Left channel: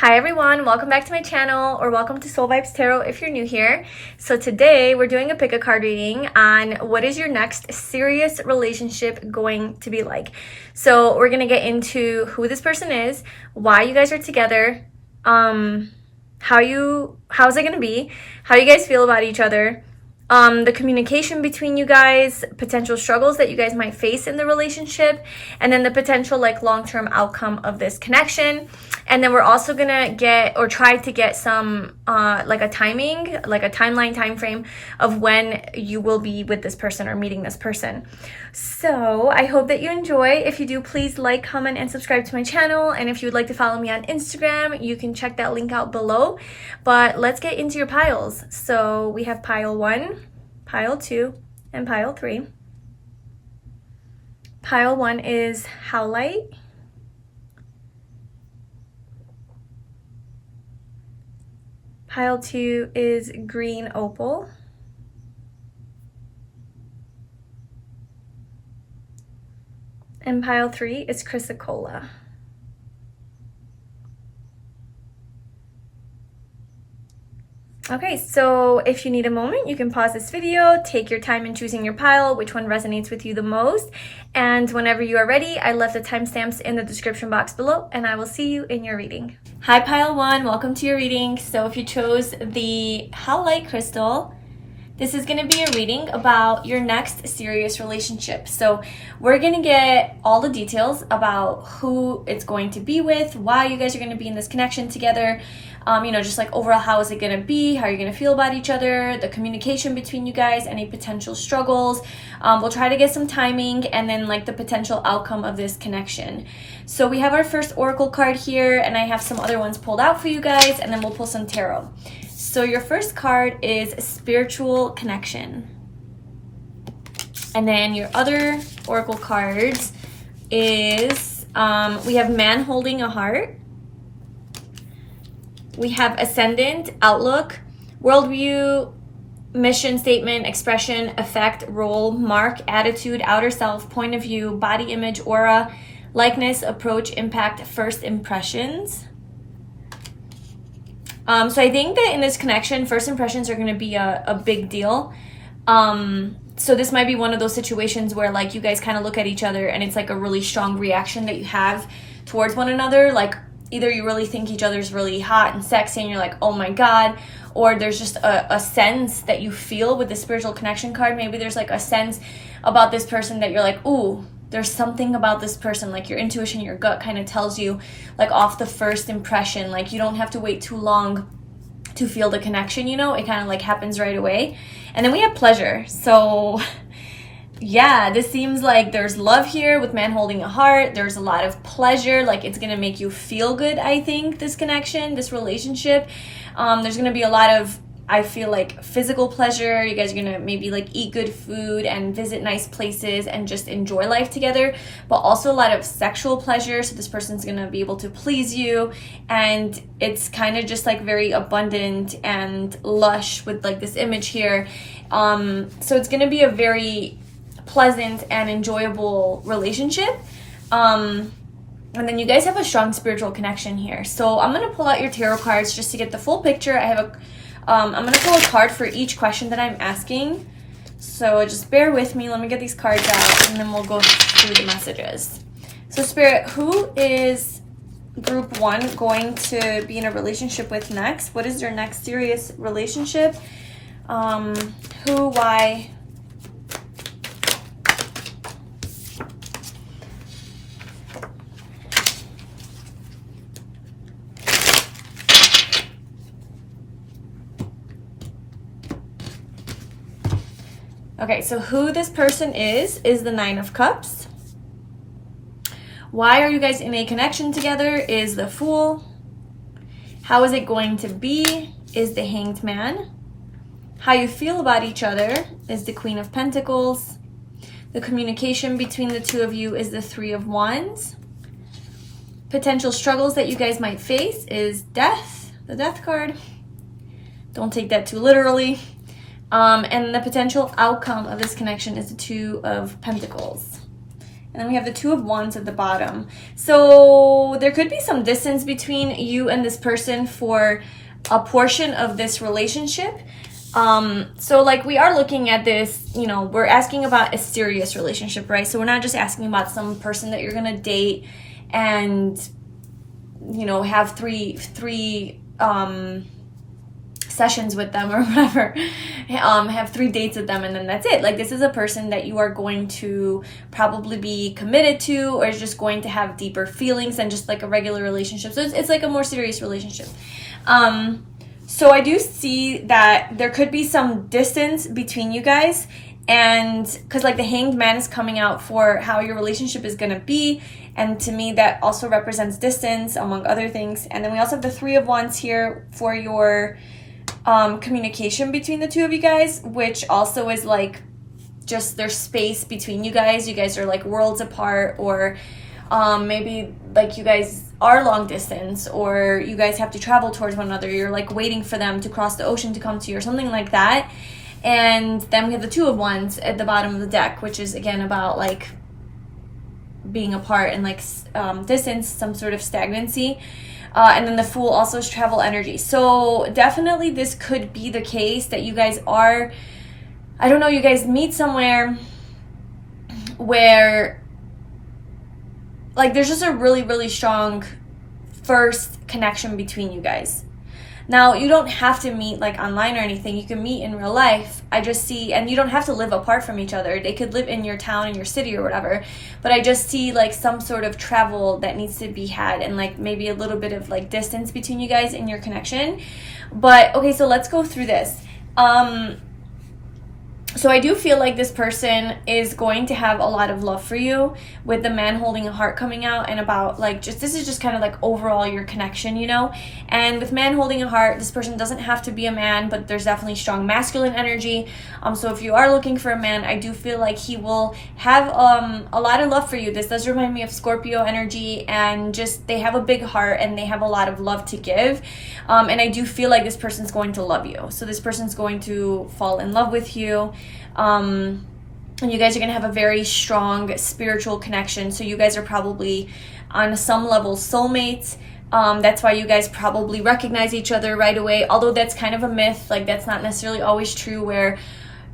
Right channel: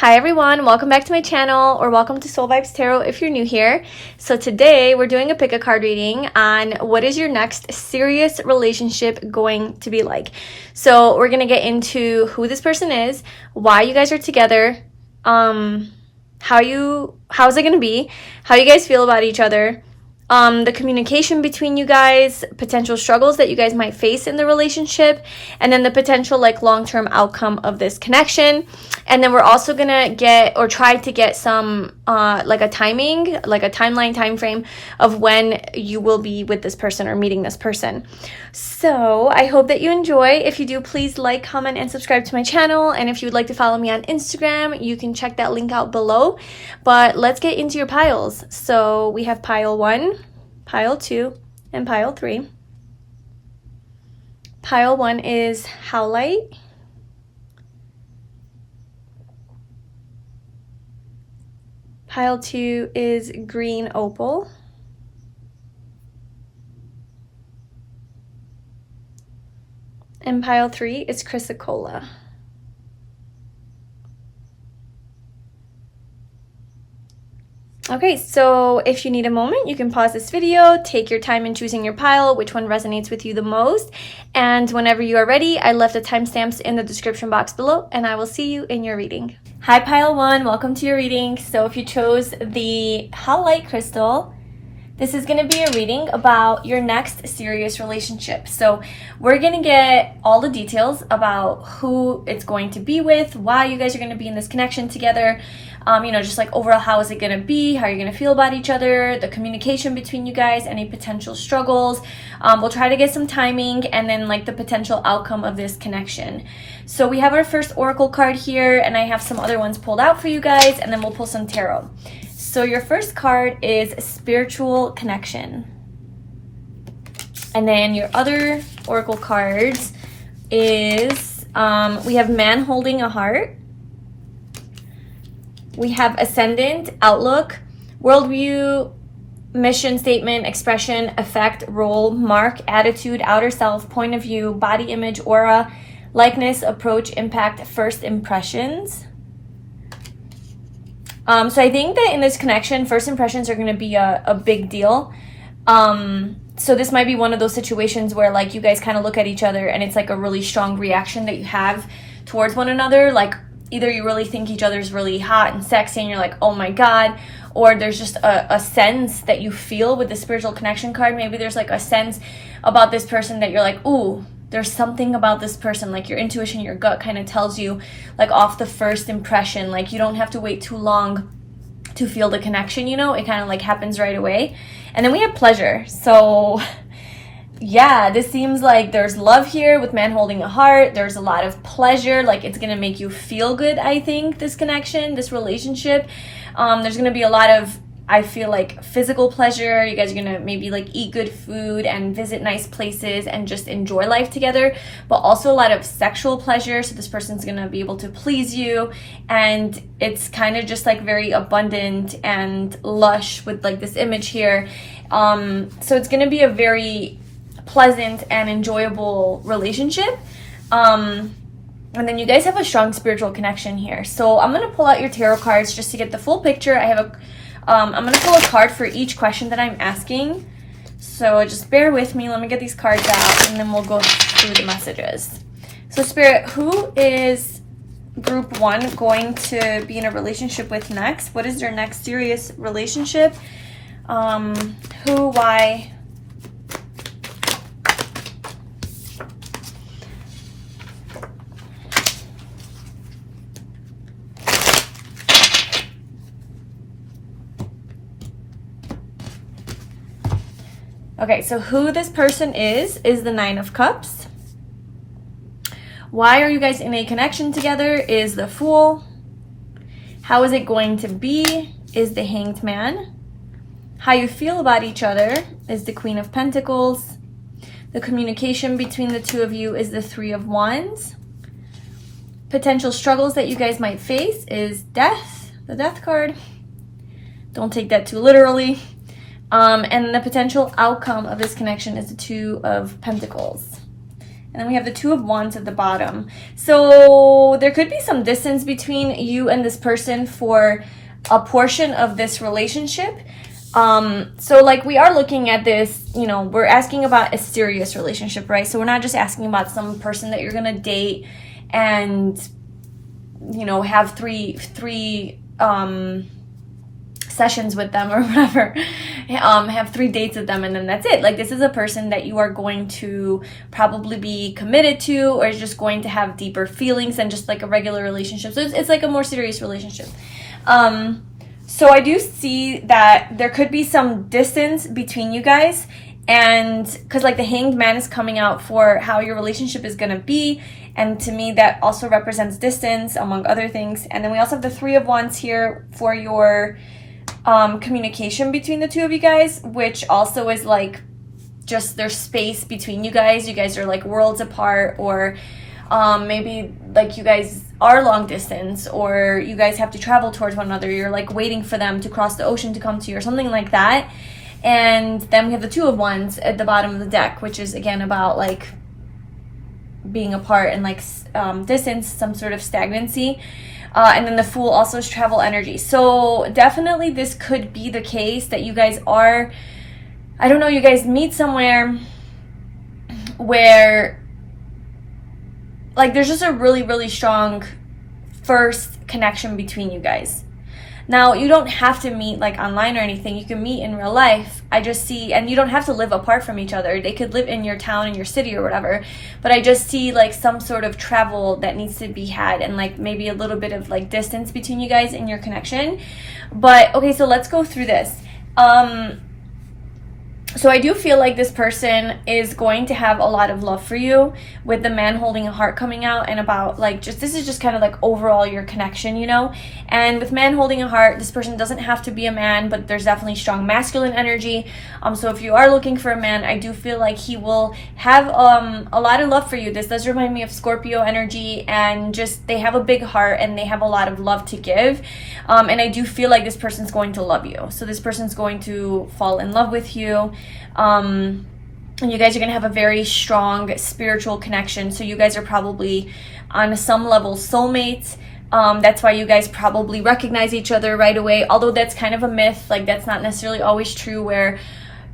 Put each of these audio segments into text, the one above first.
Hi everyone, welcome back to my channel, or welcome to Soul Vibes Tarot if you're new here. So today we're doing a pick a card reading on what is your next serious relationship going to be like. So we're going to get into who this person is, why you guys are together, how's it going to be, how you guys feel about each other, the communication between you guys, potential struggles that you guys might face in the relationship, and then the potential long-term outcome of this connection. And then we're also gonna try to get some a timeline time frame of when you will be with this person or meeting this person. So I hope that you enjoy. If you do, please like, comment, and subscribe to my channel. And if you would like to follow me on Instagram, you can check that link out below. But let's get into your piles. So we have pile 1, pile 2, and pile 3. Pile 1 is Howlite. Pile 2 is green opal. And pile 3 is Chrysocolla. Okay, so if you need a moment, you can pause this video, take your time in choosing your pile, which one resonates with you the most. And whenever you are ready, I left the timestamps in the description box below, and I will see you in your reading. Hi, pile 1, welcome to your reading. So if you chose the Howlite crystal, this is going to be a reading about your next serious relationship. So we're going to get all the details about who it's going to be with, why you guys are going to be in this connection together, just overall how is it going to be, how you're going to feel about each other, the communication between you guys, any potential struggles. We'll try to get some timing, and then the potential outcome of this connection. So we have our first oracle card here, and I have some other ones pulled out for you guys, and then we'll pull some tarot. So your first card is spiritual connection. And then your other oracle cards is, we have man holding a heart. We have ascendant, outlook, worldview, mission statement, expression, effect, role, mark, attitude, outer self, point of view, body image, aura, likeness, approach, impact, first impressions. So I think that in this connection, first impressions are going to be a big deal. So this might be one of those situations where you guys kind of look at each other and it's a really strong reaction that you have towards one another. Either you really think each other's really hot and sexy and you're like, oh my God, or there's just a sense that you feel with the spiritual connection card. Maybe there's a sense about this person that you're like, ooh, there's something about this person, your intuition, your gut kind of tells you off the first impression. You don't have to wait too long to feel the connection, it kind of happens right away. And then we have pleasure. So yeah, this seems like there's love here with man holding a heart. There's a lot of pleasure. It's going to make you feel good, I think, this connection, this relationship. There's going to be a lot of, I feel physical pleasure. You guys are going to maybe eat good food and visit nice places and just enjoy life together, but also a lot of sexual pleasure. So this person's going to be able to please you, and it's kind of just very abundant and lush with this image here. So it's going to be a very pleasant and enjoyable relationship. And then you guys have a strong spiritual connection here. So I'm going to pull out your tarot cards just to get the full picture. I have I'm going to pull a card for each question that I'm asking. So just bear with me. Let me get these cards out, and then we'll go through the messages. So Spirit, who is group 1 going to be in a relationship with next? What is their next serious relationship? Who, why? Okay, so who this person is the 9 of Cups. Why are you guys in a connection together is the Fool. How is it going to be is the Hanged Man. How you feel about each other is the Queen of Pentacles. The communication between the two of you is the 3 of Wands. Potential struggles that you guys might face is Death, the Death card. Don't take that too literally. And the potential outcome of this connection is the 2 of Pentacles. And then we have the Two of Wands at the bottom. So there could be some distance between you and this person for a portion of this relationship. So like we are looking at this, you know, we're asking about a serious relationship, right? So we're not just asking about some person that you're going to date and, you know, have three sessions with them or whatever, have 3 dates with them and then that's it. Like this is a person that you are going to probably be committed to, or is just going to have deeper feelings than just like a regular relationship. So it's like a more serious relationship. So I do see that there could be some distance between you guys, and because like the Hanged Man is coming out for how your relationship is going to be, and to me that also represents distance among other things. And then we also have the Three of Wands here for your communication between the two of you guys, which also is like just there's space between you guys. You guys are like worlds apart, or maybe like you guys are long distance, or you guys have to travel towards one another. You're like waiting for them to cross the ocean to come to you or something like that. And then we have the Two of Wands at the bottom of the deck, which is again about like being apart and like distance, some sort of stagnancy. And then the Fool also is travel energy. So definitely this could be the case that you guys are, I don't know, you guys meet somewhere where like there's just a really, really strong first connection between you guys. Now, you don't have to meet like online or anything. You can meet in real life. I just see, and you don't have to live apart from each other. They could live in your town, in your city or whatever. But I just see like some sort of travel that needs to be had, and like maybe a little bit of like distance between you guys in your connection. But okay, so let's go through this. So I do feel like this person is going to have a lot of love for you, with the Man holding a heart coming out, and about like just this is just kind of like overall your connection, you know. And with Man holding a heart, this person doesn't have to be a man, but there's definitely strong masculine energy. So if you are looking for a man, I do feel like he will have a lot of love for you. This does remind me of Scorpio energy, and just they have a big heart and they have a lot of love to give. And I do feel like this person's going to love you. So this person's going to fall in love with you. And you guys are going to have a very strong spiritual connection. So you guys are probably on some level soulmates. That's why you guys probably recognize each other right away, although that's kind of a myth. Like that's not necessarily always true, where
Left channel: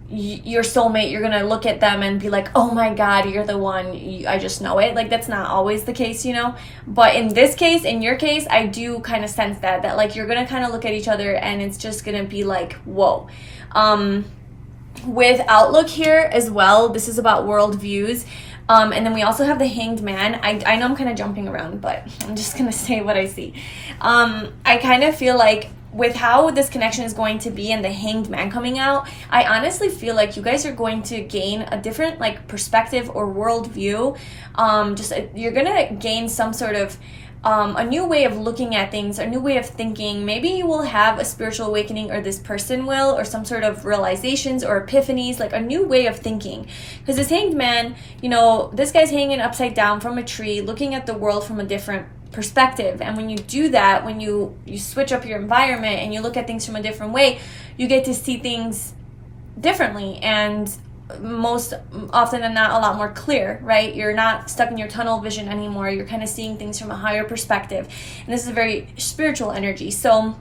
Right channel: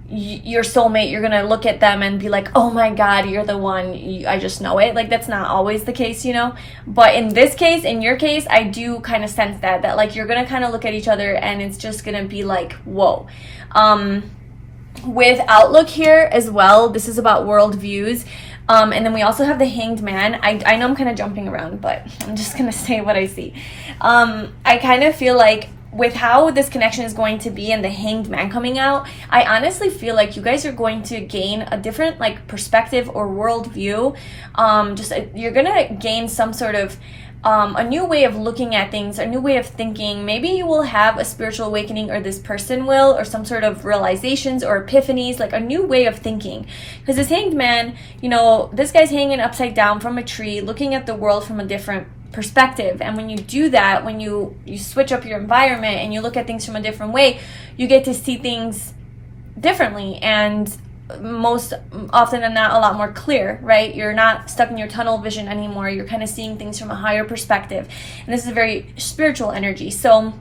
your soulmate, you're gonna look at them and be like, oh my god, you're the one, I just know it. Like that's not always the case, you know. But in this case, in your case, I do kind of sense that like you're gonna kind of look at each other and it's just gonna be like, whoa. With outlook here as well, this is about world views. And then we also have the Hanged Man. I know I'm kind of jumping around, but I'm just gonna say what I see. I kind of feel like with how this connection is going to be and the Hanged Man coming out, I honestly feel like you guys are going to gain a different like perspective or worldview. You're gonna gain some sort of a new way of looking at things, a new way of thinking. Maybe you will have a spiritual awakening, or this person will, or some sort of realizations or epiphanies, like a new way of thinking. Because this Hanged Man, you know, this guy's hanging upside down from a tree, looking at the world from a different perspective. And when you do that, when you switch up your environment and you look at things from a different way, you get to see things differently, and most often than not a lot more clear, right? You're not stuck in your tunnel vision anymore. You're kind of seeing things from a higher perspective, and this is a very spiritual energy. So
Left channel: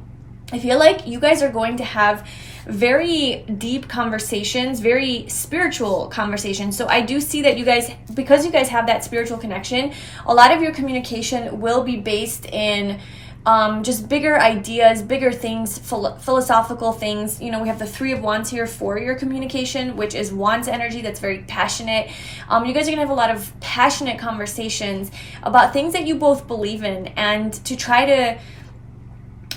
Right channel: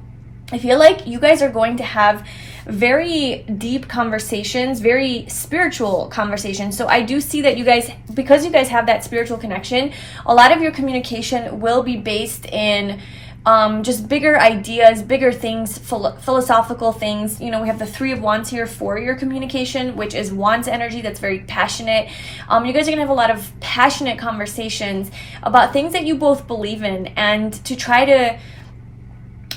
I feel like you guys are going to have very deep conversations, very spiritual conversations. So I do see that you guys, because you guys have that spiritual connection, a lot of your communication will be based in just bigger ideas, bigger things, philosophical things. You know, we have the Three of Wands here for your communication, which is Wands energy. That's very passionate. You guys are gonna have a lot of passionate conversations about things that you both believe in, and to try to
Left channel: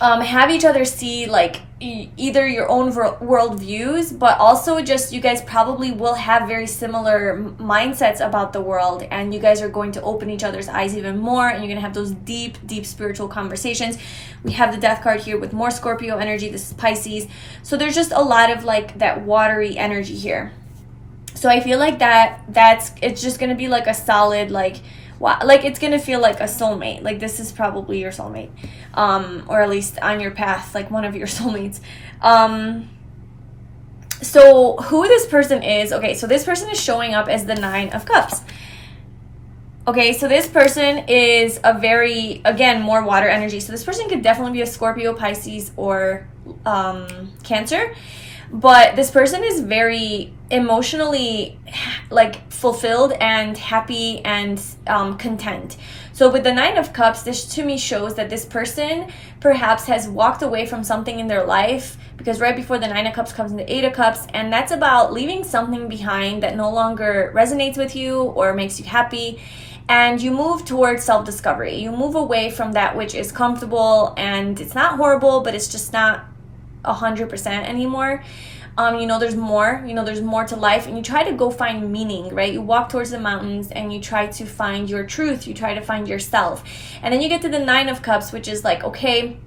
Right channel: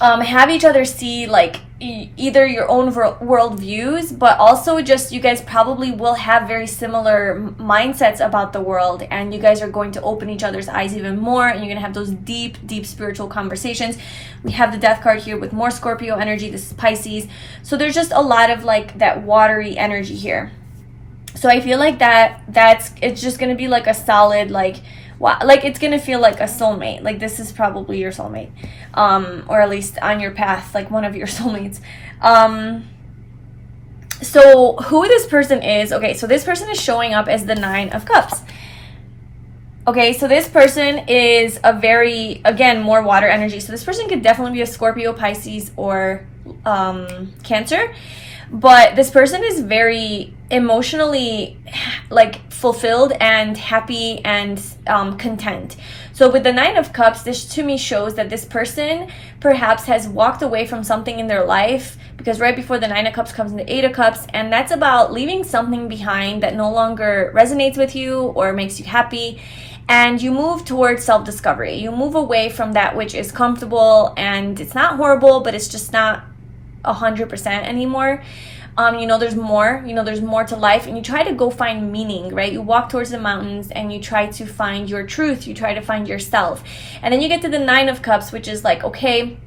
have each other see like either your own world views, but also just you guys probably will have very similar mindsets about the world, and you guys are going to open each other's eyes even more, and you're going to have those deep spiritual conversations. We have the Death card here with more Scorpio energy. This is Pisces. So there's just a lot of like that watery energy here. So I feel like it's just going to be like a solid like it's gonna feel like a soulmate. Like this is probably your soulmate, or at least on your path, like one of your soulmates. So who this person is, okay, so this person is showing up as the Nine of Cups. Okay, so this person is a very, again, more water energy. So this person could definitely be a Scorpio, Pisces, or Cancer. But this person is very emotionally like fulfilled and happy and content. So with the Nine of Cups, this to me shows that this person perhaps has walked away from something in their life, because right before the Nine of Cups comes the Eight of Cups, and that's about leaving something behind that no longer resonates with you or makes you happy. And you move towards self-discovery. You move away from that which is comfortable, and it's not horrible, but it's just not 100% anymore. You know there's more. You know there's more to life, and you try to go find meaning, right? You walk towards the mountains and you try to find your truth. You try to find yourself. And then you get to the Nine of Cups, which is like, okay,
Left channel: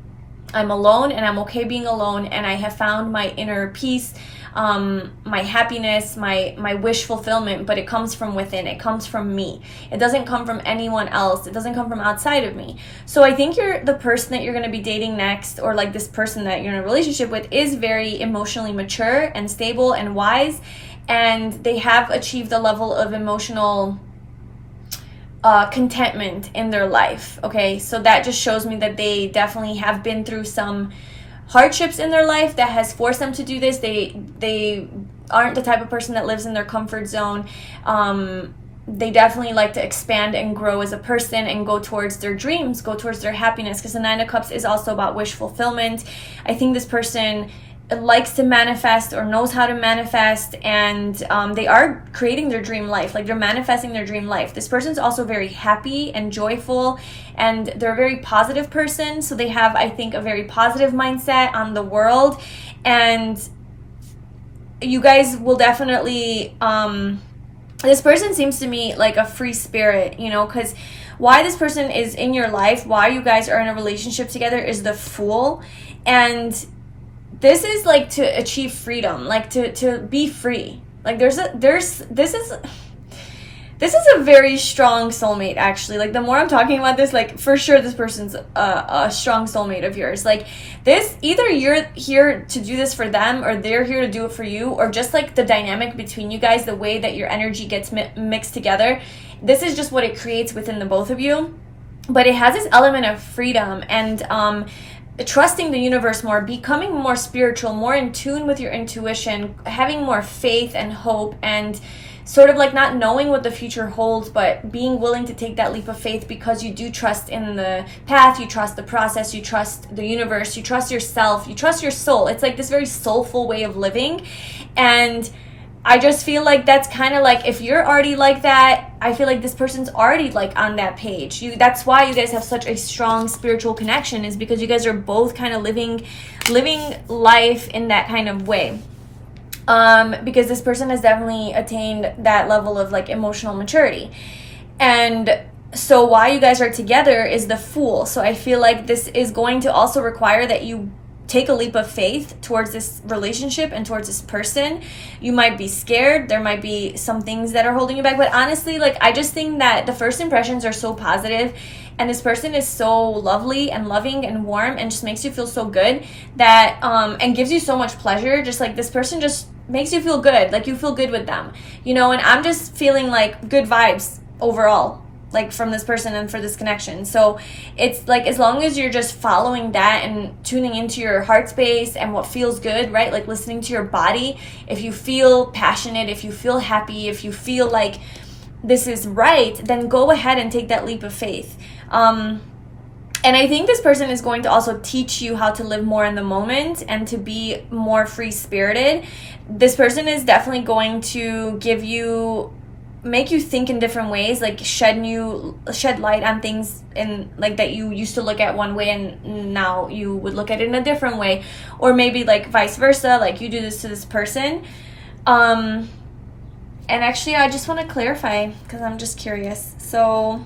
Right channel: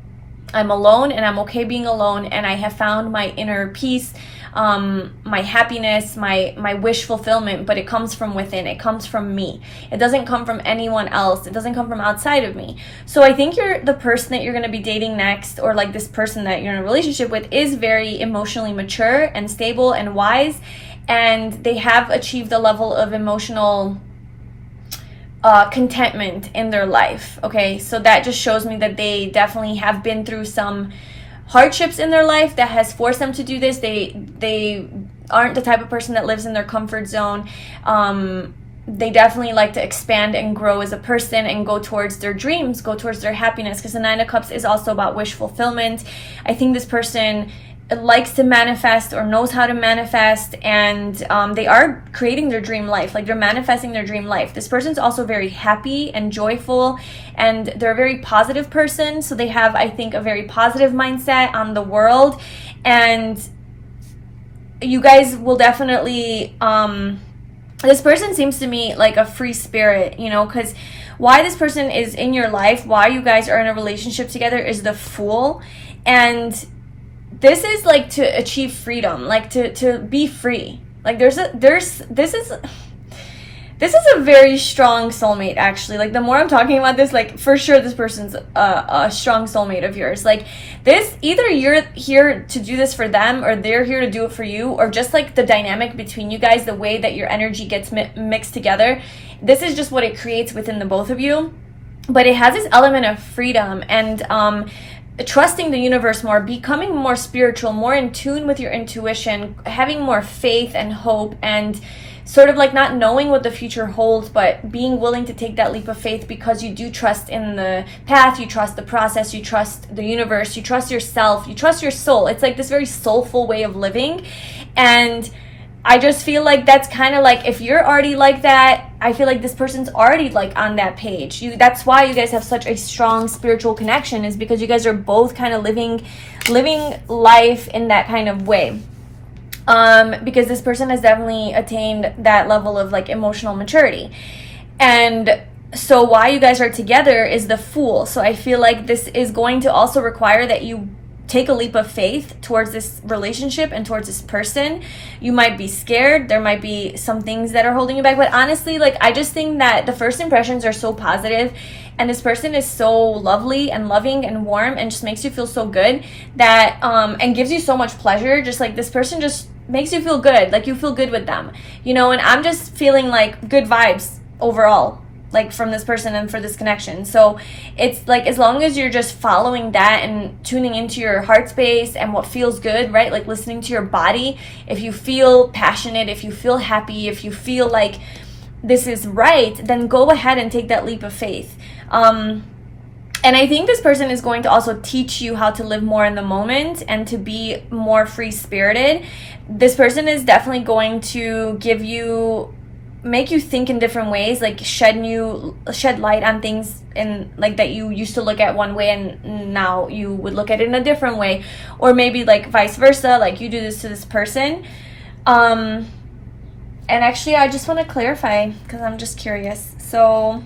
I'm alone and I'm okay being alone, and I have found my inner peace, my happiness, my wish fulfillment, but it comes from within. It comes from me. It doesn't come from anyone else. It doesn't come from outside of me. So I think the person that you're going to be dating next, or like this person that you're in a relationship with, is very emotionally mature and stable and wise, and they have achieved a level of emotional contentment in their life. Okay, so that just shows me that they definitely have been through some hardships in their life that has forced them to do this. They aren't the type of person that lives in their comfort zone. They definitely like to expand and grow as a person and go towards their dreams, go towards their happiness, because the Nine of Cups is also about wish fulfillment. I think this person likes to manifest or knows how to manifest, and they are creating their dream life. Like, they're manifesting their dream life. This person's also very happy and joyful, and they're a very positive person. So they have, I think, a very positive mindset on the world, and you guys will definitely this person seems to me like a free spirit, you know, because why this person is in your life, why you guys are in a relationship together, is the Fool. And this is like to achieve freedom, like to be free. Like this is a very strong soulmate, actually. Like, the more I'm talking about this, like, for sure this person's a strong soulmate of yours. Like, this, either you're here to do this for them, or they're here to do it for you, or just like the dynamic between you guys, the way that your energy gets mixed together, this is just what it creates within the both of you. But it has this element of freedom and trusting the universe more, becoming more spiritual, more in tune with your intuition, having more faith and hope, and sort of like not knowing what the future holds, but being willing to take that leap of faith because you do trust in the path, you trust the process, you trust the universe, you trust yourself, you trust your soul. It's like this very soulful way of living. And I just feel like that's kind of like, if you're already like that, I feel like this person's already like on that page. That's why you guys have such a strong spiritual connection, is because you guys are both kind of living life in that kind of way. Because this person has definitely attained that level of like emotional maturity. And so why you guys are together is the Fool. So I feel like this is going to also require that you take a leap of faith towards this relationship and towards this person. You might be scared. There might be some things that are holding you back. But honestly, like, I just think that the first impressions are so positive, and this person is so lovely and loving and warm and just makes you feel so good that and gives you so much pleasure. Just like, this person just makes you feel good, like you feel good with them, you know. And I'm just feeling like good vibes overall, like from this person and for this connection. So it's like, as long as you're just following that and tuning into your heart space and what feels good, right? Like listening to your body. If you feel passionate, if you feel happy, if you feel like this is right, then go ahead and take that leap of faith. And I think this person is going to also teach you how to live more in the moment and to be more free-spirited. This person is definitely going to make you think in different ways, like shed light on things in like that you used to look at one way and now you would look at it in a different way, or maybe like vice versa, like you do this to this person. And actually, I just want to clarify because I'm just curious. So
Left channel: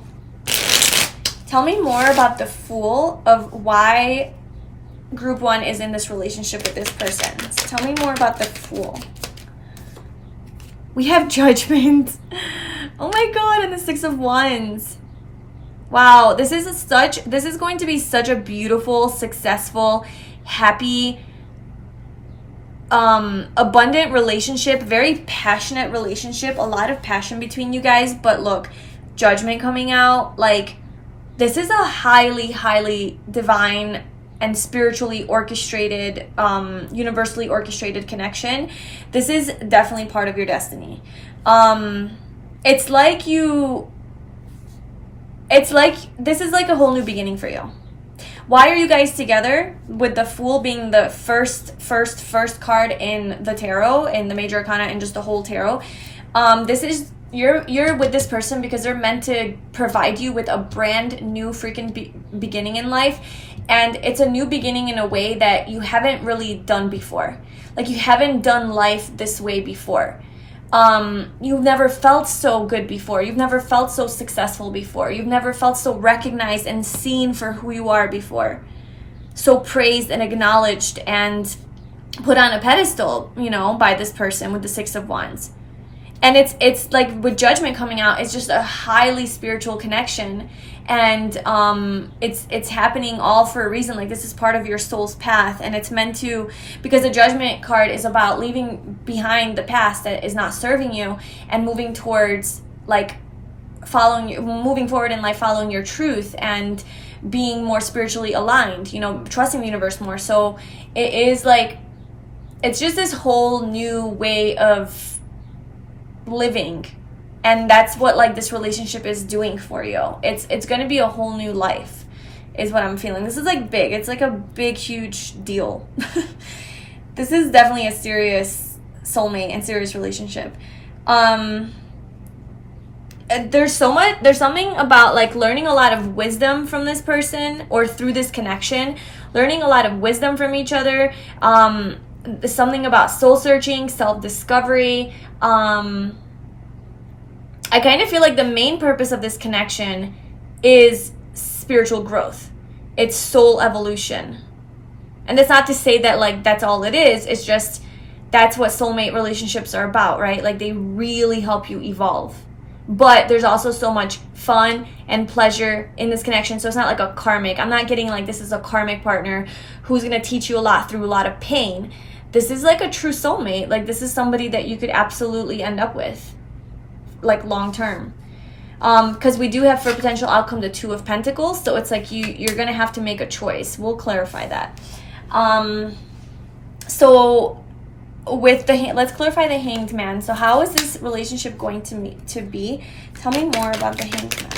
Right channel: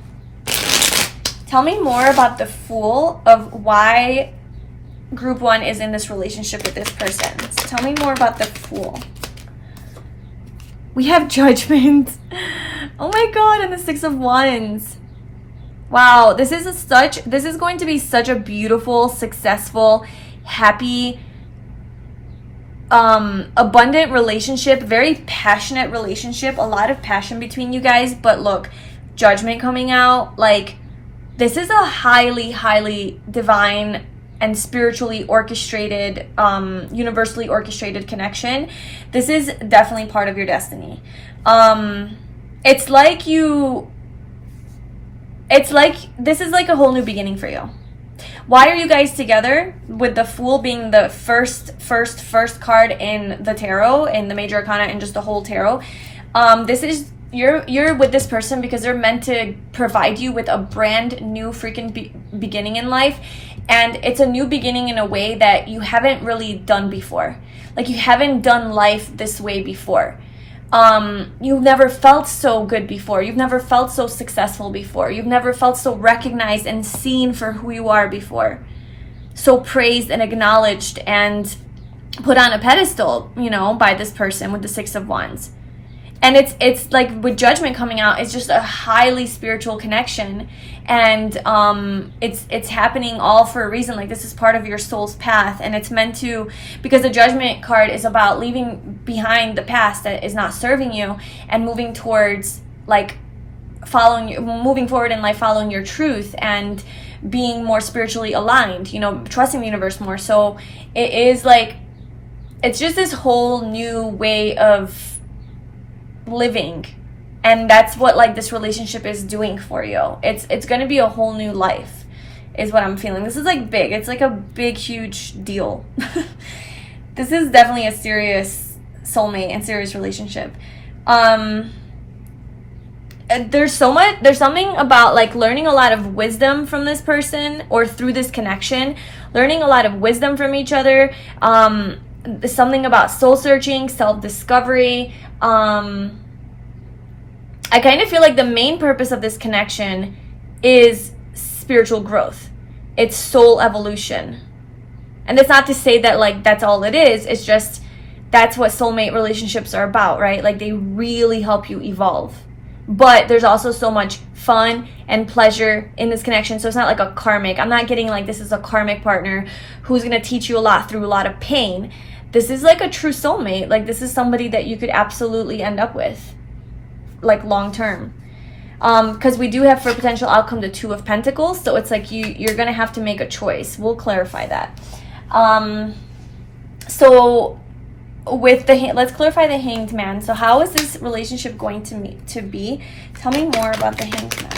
tell me more about the Fool, of why group 1 is in this relationship with this person. So tell me more about the Fool. We have Judgment. Oh my god, and the Six of Wands. Wow, this is going to be such a beautiful, successful, happy, abundant relationship, very passionate relationship, a lot of passion between you guys. But look, Judgment coming out, like, this is a highly, highly divine and spiritually orchestrated, universally orchestrated connection. This is definitely part of your destiny. It's like this is like a whole new beginning for you. Why are you guys together? With the Fool being the first card in the tarot, in the major arcana, and just the whole tarot. This is, you're with this person because they're meant to provide you with a brand new freaking beginning in life. And it's a new beginning in a way that you haven't really done before. Like, you haven't done life this way before. You've never felt so good before. You've never felt so successful before. You've never felt so recognized and seen for who you are before. So praised and acknowledged and put on a pedestal, you know, by this person with the Six of Wands. And it's like, with Judgment coming out, it's just a highly spiritual connection. And it's happening all for a reason. Like, this is part of your soul's path, and it's meant to, because the Judgment card is about leaving behind the past that is not serving you and moving towards, like, moving forward in life, following your truth and being more spiritually aligned, you know, trusting the universe more. So it is like, it's just this whole new way of living. And that's what, like, this relationship is doing for you. It's going to be a whole new life, is what I'm feeling. This is, like, big. It's, like, a big, huge deal. This is definitely a serious soulmate and serious relationship. There's something about, like, learning a lot of wisdom from this person, or through this connection, learning a lot of wisdom from each other. Something about soul searching, self-discovery. I kind of feel like the main purpose of this connection is spiritual growth. It's soul evolution. And that's not to say that, like, that's all it is. It's just, that's what soulmate relationships are about, right? Like, they really help you evolve. But there's also so much fun and pleasure in this connection. So it's not like a karmic. I'm not getting like this is a karmic partner who's going to teach you a lot through a lot of pain. This is like a true soulmate. Like, this is somebody that you could absolutely end up with, like, long term. Because we do have for potential outcome the Two of Pentacles. So it's like you're going to have to make a choice. We'll clarify that. So with the, let's clarify the Hanged Man. So how is this relationship going to be? Tell me more about the Hanged Man.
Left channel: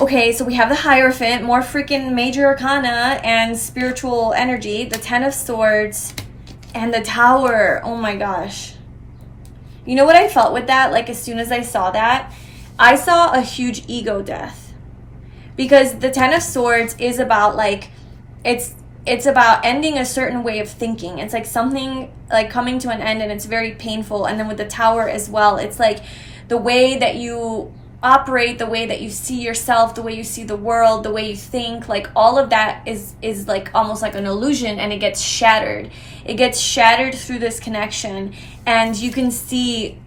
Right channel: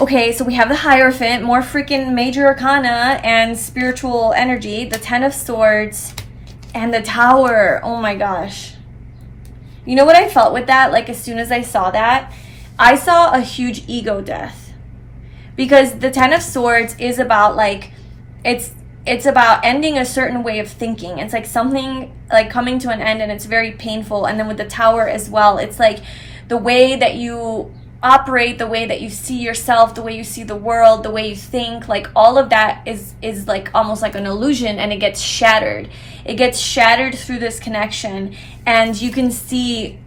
Okay, so we have the Hierophant, more freaking major arcana and spiritual energy, the Ten of Swords, and the Tower. Oh my gosh. You know what I felt with that? Like, as soon as I saw that, I saw a huge ego death. Because the Ten of Swords is about, like, it's about ending a certain way of thinking. It's like something like coming to an end, and it's very painful. And then with the Tower as well, it's like the way that you operate, the way that you see yourself, the way you see the world, the way you think, like all of that is like almost like an illusion, and it gets shattered. It gets shattered through this connection, and you can see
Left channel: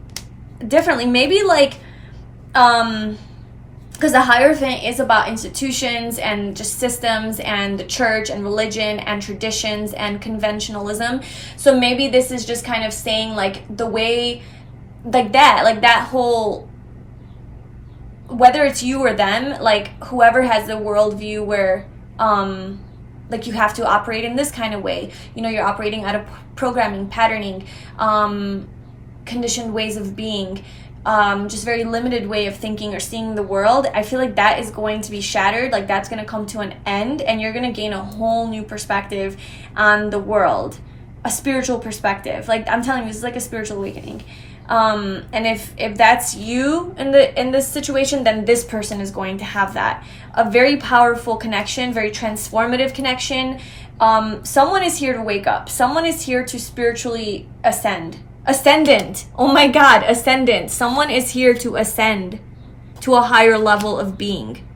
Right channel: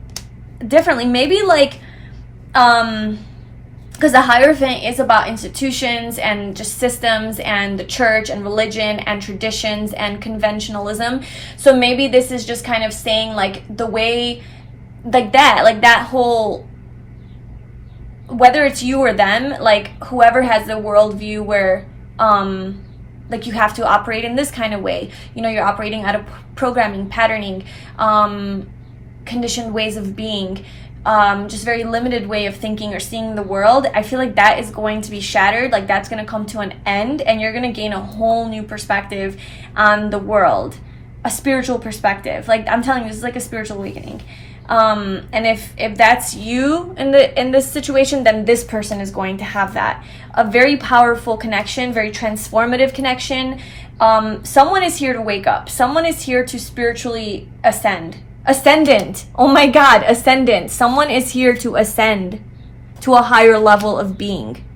differently. Maybe like because the Hierophant is about institutions and just systems and the church and religion and traditions and conventionalism. So maybe this is just kind of saying like the way, like that whole, whether it's you or them, like whoever has the worldview where like you have to operate in this kind of way. You know, you're operating out of programming, patterning, conditioned ways of being, just very limited way of thinking or seeing the world. I feel like that is going to be shattered. Like that's going to come to an end, and you're going to gain a whole new perspective on the world, a spiritual perspective. Like I'm telling you, this is like a spiritual awakening. And if that's you in this situation, then this person is going to have that. A very powerful connection, very transformative connection. Someone is here to wake up. Someone is here to spiritually ascend. Ascendant. Oh my God, ascendant. Someone is here to ascend to a higher level of being,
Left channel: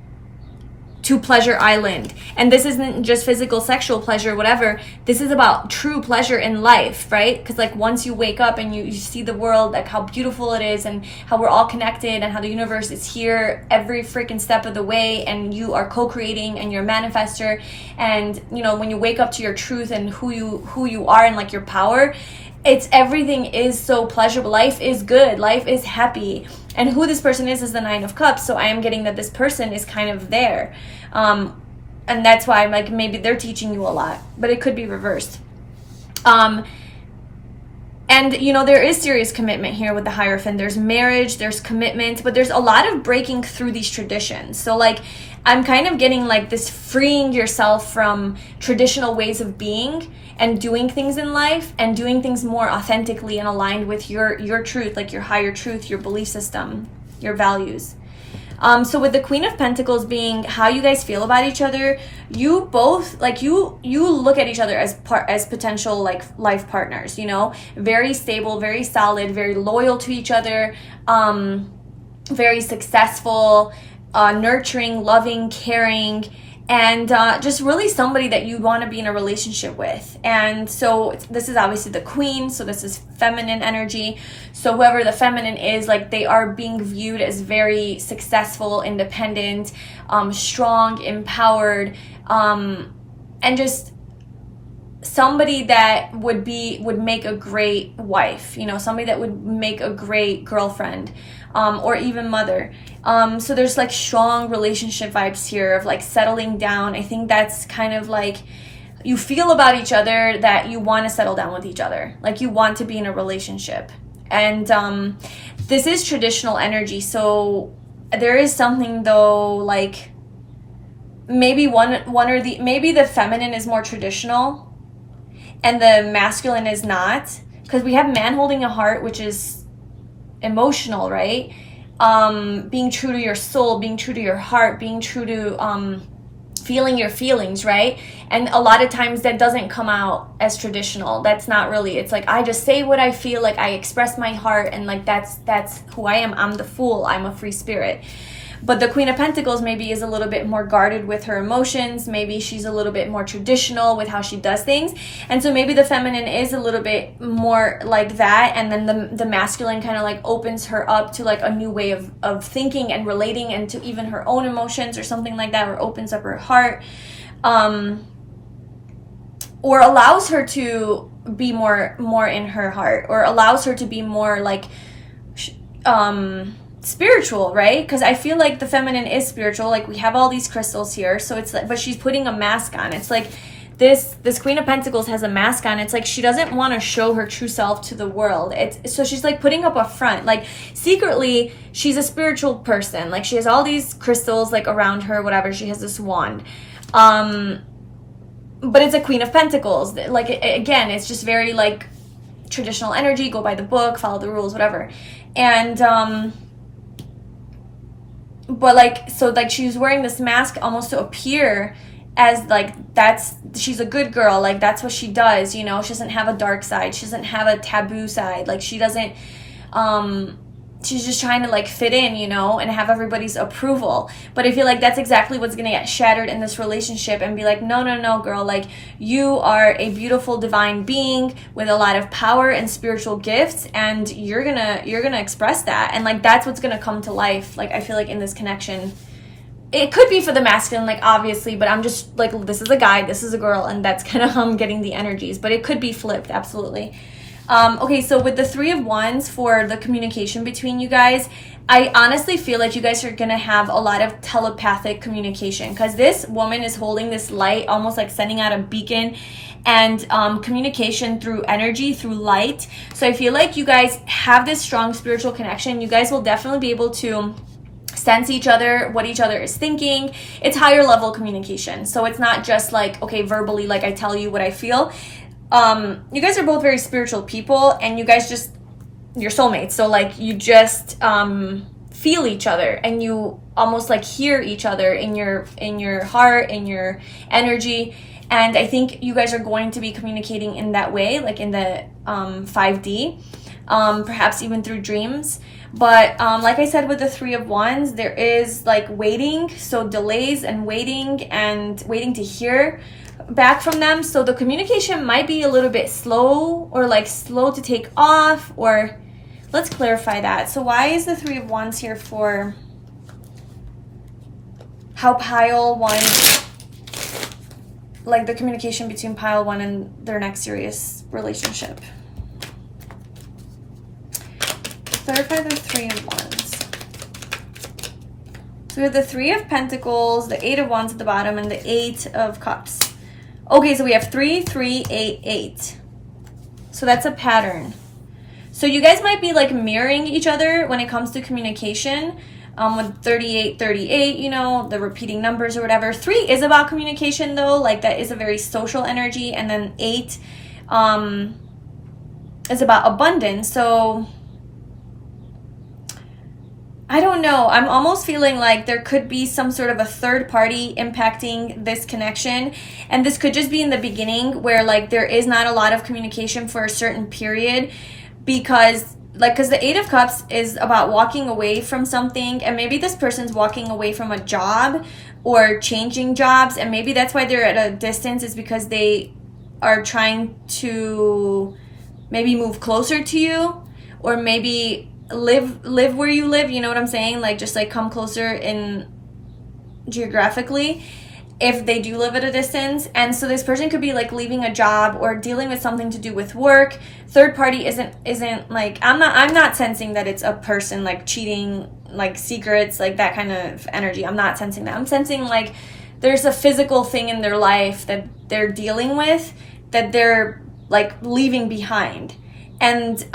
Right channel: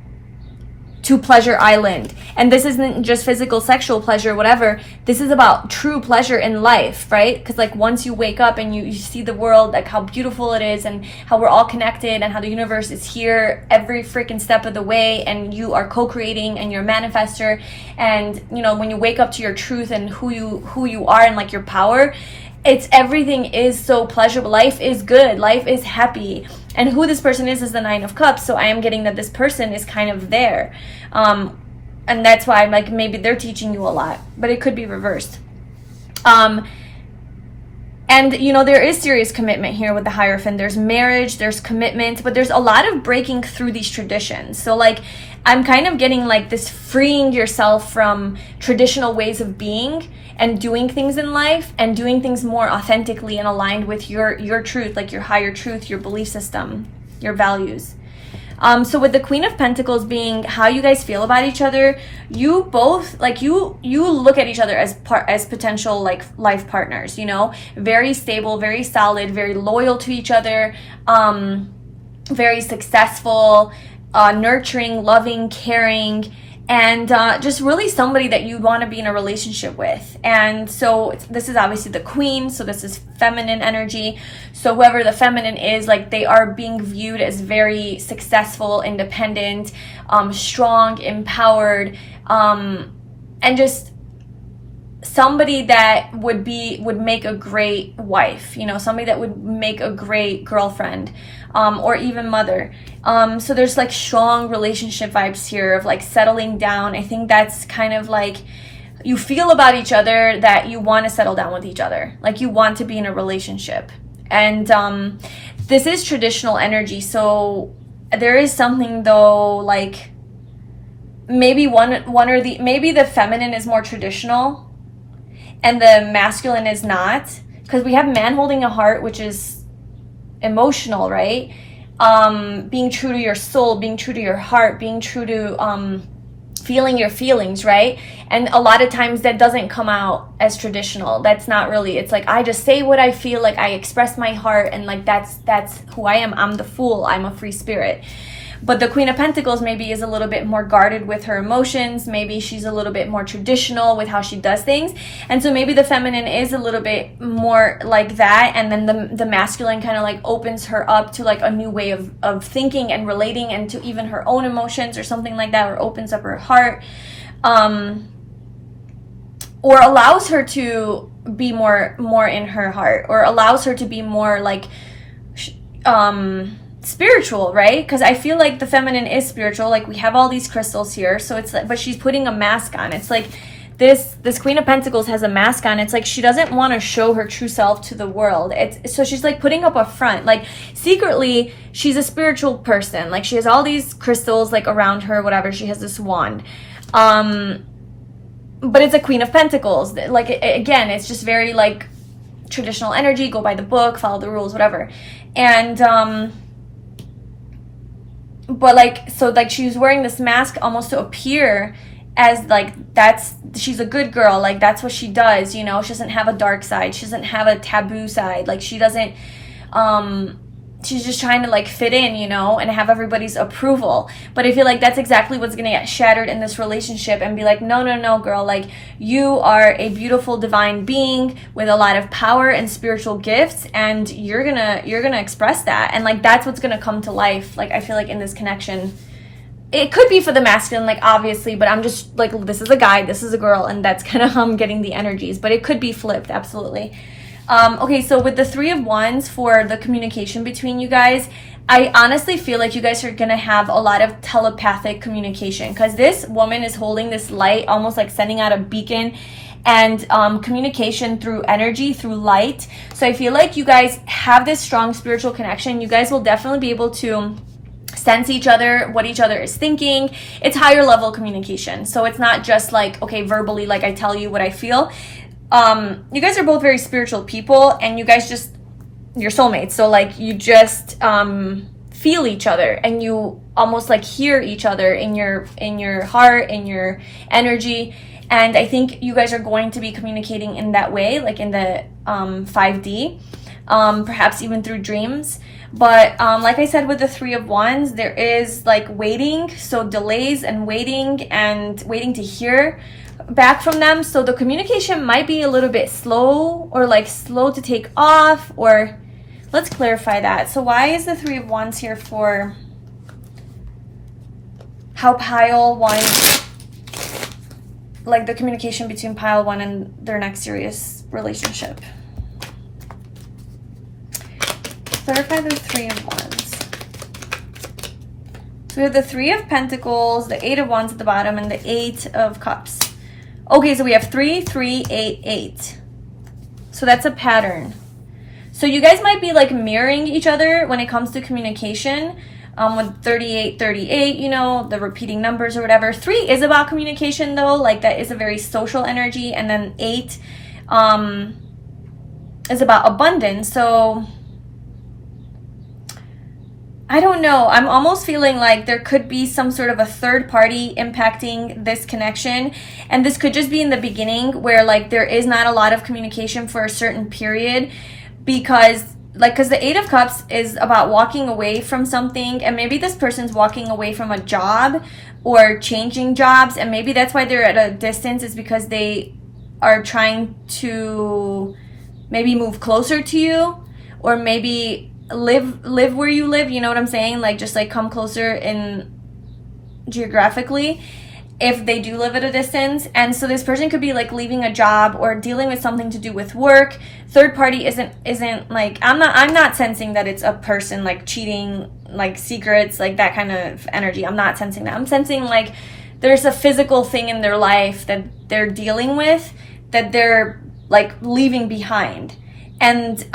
to Pleasure Island. And this isn't just physical, sexual pleasure, whatever. This is about true pleasure in life, right? Because like once you wake up and you see the world, like how beautiful it is and how we're all connected and how the universe is here every freaking step of the way, and you are co-creating and you're a manifester, and you know, when you wake up to your truth and who you are and like your power, everything is so pleasurable. Life is good. Life is happy. And who this person is the Nine of Cups. So I am getting that this person is kind of there. And that's why I'm like, maybe they're teaching you a lot, but it could be reversed. And, you know, there is serious commitment here with the Hierophant. There's marriage, there's commitment, but there's a lot of breaking through these traditions. So, like, I'm kind of getting, like, this freeing yourself from traditional ways of being and doing things in life and doing things more authentically and aligned with your truth, like your higher truth, your belief system, your values. So with the Queen of Pentacles being how you guys feel about each other, you both, like, you look at each other as potential, like, life partners, you know, very stable, very solid, very loyal to each other, very successful, nurturing, loving, caring, and just really somebody that you want to be in a relationship with. And so this is obviously the Queen, so this is feminine energy. So whoever the feminine is, like, they are being viewed as very successful, independent, strong, empowered, and just somebody that would make a great wife, you know, somebody that would make a great girlfriend, or even mother. So there's, like, strong relationship vibes here of, like, settling down. I think that's kind of like you feel about each other that you want to settle down with each other, like you want to be in a relationship. And this is traditional energy, so there is something, though, like maybe maybe the feminine is more traditional and the masculine is not, because we have man holding a heart, which is emotional, right? Being true to your soul, being true to your heart, being true to feeling your feelings, right? And a lot of times that doesn't come out as traditional. That's not really, it's like I just say what I feel, like I express my heart, and like that's who I am. I'm the fool, I'm a free spirit. But the Queen of Pentacles maybe is a little bit more guarded with her emotions. Maybe she's a little bit more traditional with how she does things. And so maybe the feminine is a little bit more like that. And then the masculine kind of like opens her up to like a new way of thinking and relating, and to even her own emotions or something like that, or opens up her heart. Or allows her to be more in her heart, or allows her to be more like spiritual, right? Because I feel like the feminine is spiritual. Like we have all these crystals here, so it's like, but she's putting a mask on. It's like this Queen of Pentacles has a mask on. It's like she doesn't want to show her true self to the world. So she's like putting up a front. Like secretly she's a spiritual person. Like she has all these crystals like around her, whatever. She has this wand. But it's a Queen of Pentacles. Like again, it's just very like traditional energy, go by the book, follow the rules, whatever. And but like, so like she's wearing this mask almost to appear as like she's a good girl, like that's what she does, you know. She doesn't have a dark side, she doesn't have a taboo side, like she doesn't she's just trying to like fit in, you know, and have everybody's approval. But I feel like that's exactly what's gonna get shattered in this relationship, and be like, no girl, like you are a beautiful divine being with a lot of power and spiritual gifts, and you're gonna express that, and like that's what's gonna come to life. Like I feel like in this connection, it could be for the masculine, like obviously, but I'm just like, this is a guy, this is a girl, and that's kind of how I'm getting the energies, but it could be flipped, absolutely. Okay, so with the Three of Wands for the communication between you guys, I honestly feel like you guys are going to have a lot of telepathic communication, because this woman is holding this light, almost like sending out a beacon, and communication through energy, through light. So I feel like you guys have this strong spiritual connection. You guys will definitely be able to sense each other, what each other is thinking. It's higher level communication. So it's not just like, okay, verbally, like I tell you what I feel. You guys are both very spiritual people, and you guys just, you're soulmates. So like you just feel each other, and you almost like hear each other in your heart, in your energy. And I think you guys are going to be communicating in that way, like in the 5D, perhaps even through dreams. But like I said, with the Three of Wands, there is like waiting, so delays and waiting to hear back from them. So the communication might be a little bit slow, or like slow to take off, or let's clarify that. So why is the Three of Wands here for how Pile 1, like the communication between Pile 1 and their next serious relationship? clarify the Three of Wands. So we have the Three of Pentacles, the Eight of Wands at the bottom, and the Eight of Cups. Okay, so we have 3, 3, 8, 8. So that's a pattern. So you guys might be like mirroring each other when it comes to communication. With 38, 38, you know, the repeating numbers or whatever. 3 is about communication though, like that is a very social energy. And then 8 is about abundance. So I don't know. I'm almost feeling like there could be some sort of a third party impacting this connection. And this could just be in the beginning where like there is not a lot of communication for a certain period, because the Eight of Cups is about walking away from something, and maybe this person's walking away from a job or changing jobs, and maybe that's why they're at a distance, is because they are trying to maybe move closer to you, or maybe live where you live, you know what I'm saying? Like just like come closer in geographically, if they do live at a distance. And so this person could be like leaving a job or dealing with something to do with work. Third party isn't like, I'm not sensing that it's a person like cheating, like secrets, like that kind of energy. I'm not sensing that. I'm sensing like there's a physical thing in their life that they're dealing with, that they're like leaving behind, and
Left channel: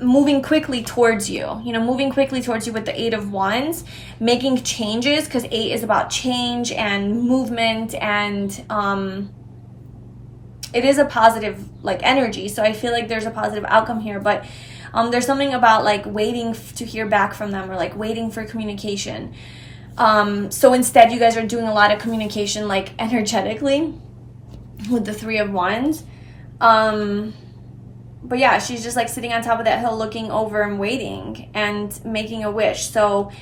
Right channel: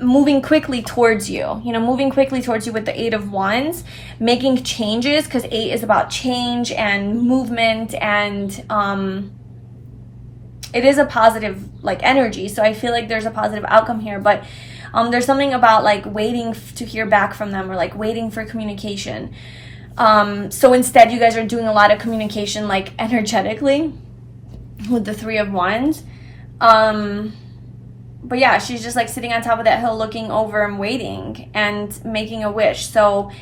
moving quickly towards you, moving quickly towards you with the Eight of Wands, making changes, because 8 is about change and movement, and it is a positive like energy. So I feel like there's a positive outcome here, but there's something about like waiting to hear back from them, or like waiting for communication. So instead you guys are doing a lot of communication like energetically with the Three of Wands. But yeah, she's just like sitting on top of that hill looking over and waiting and making a wish. So,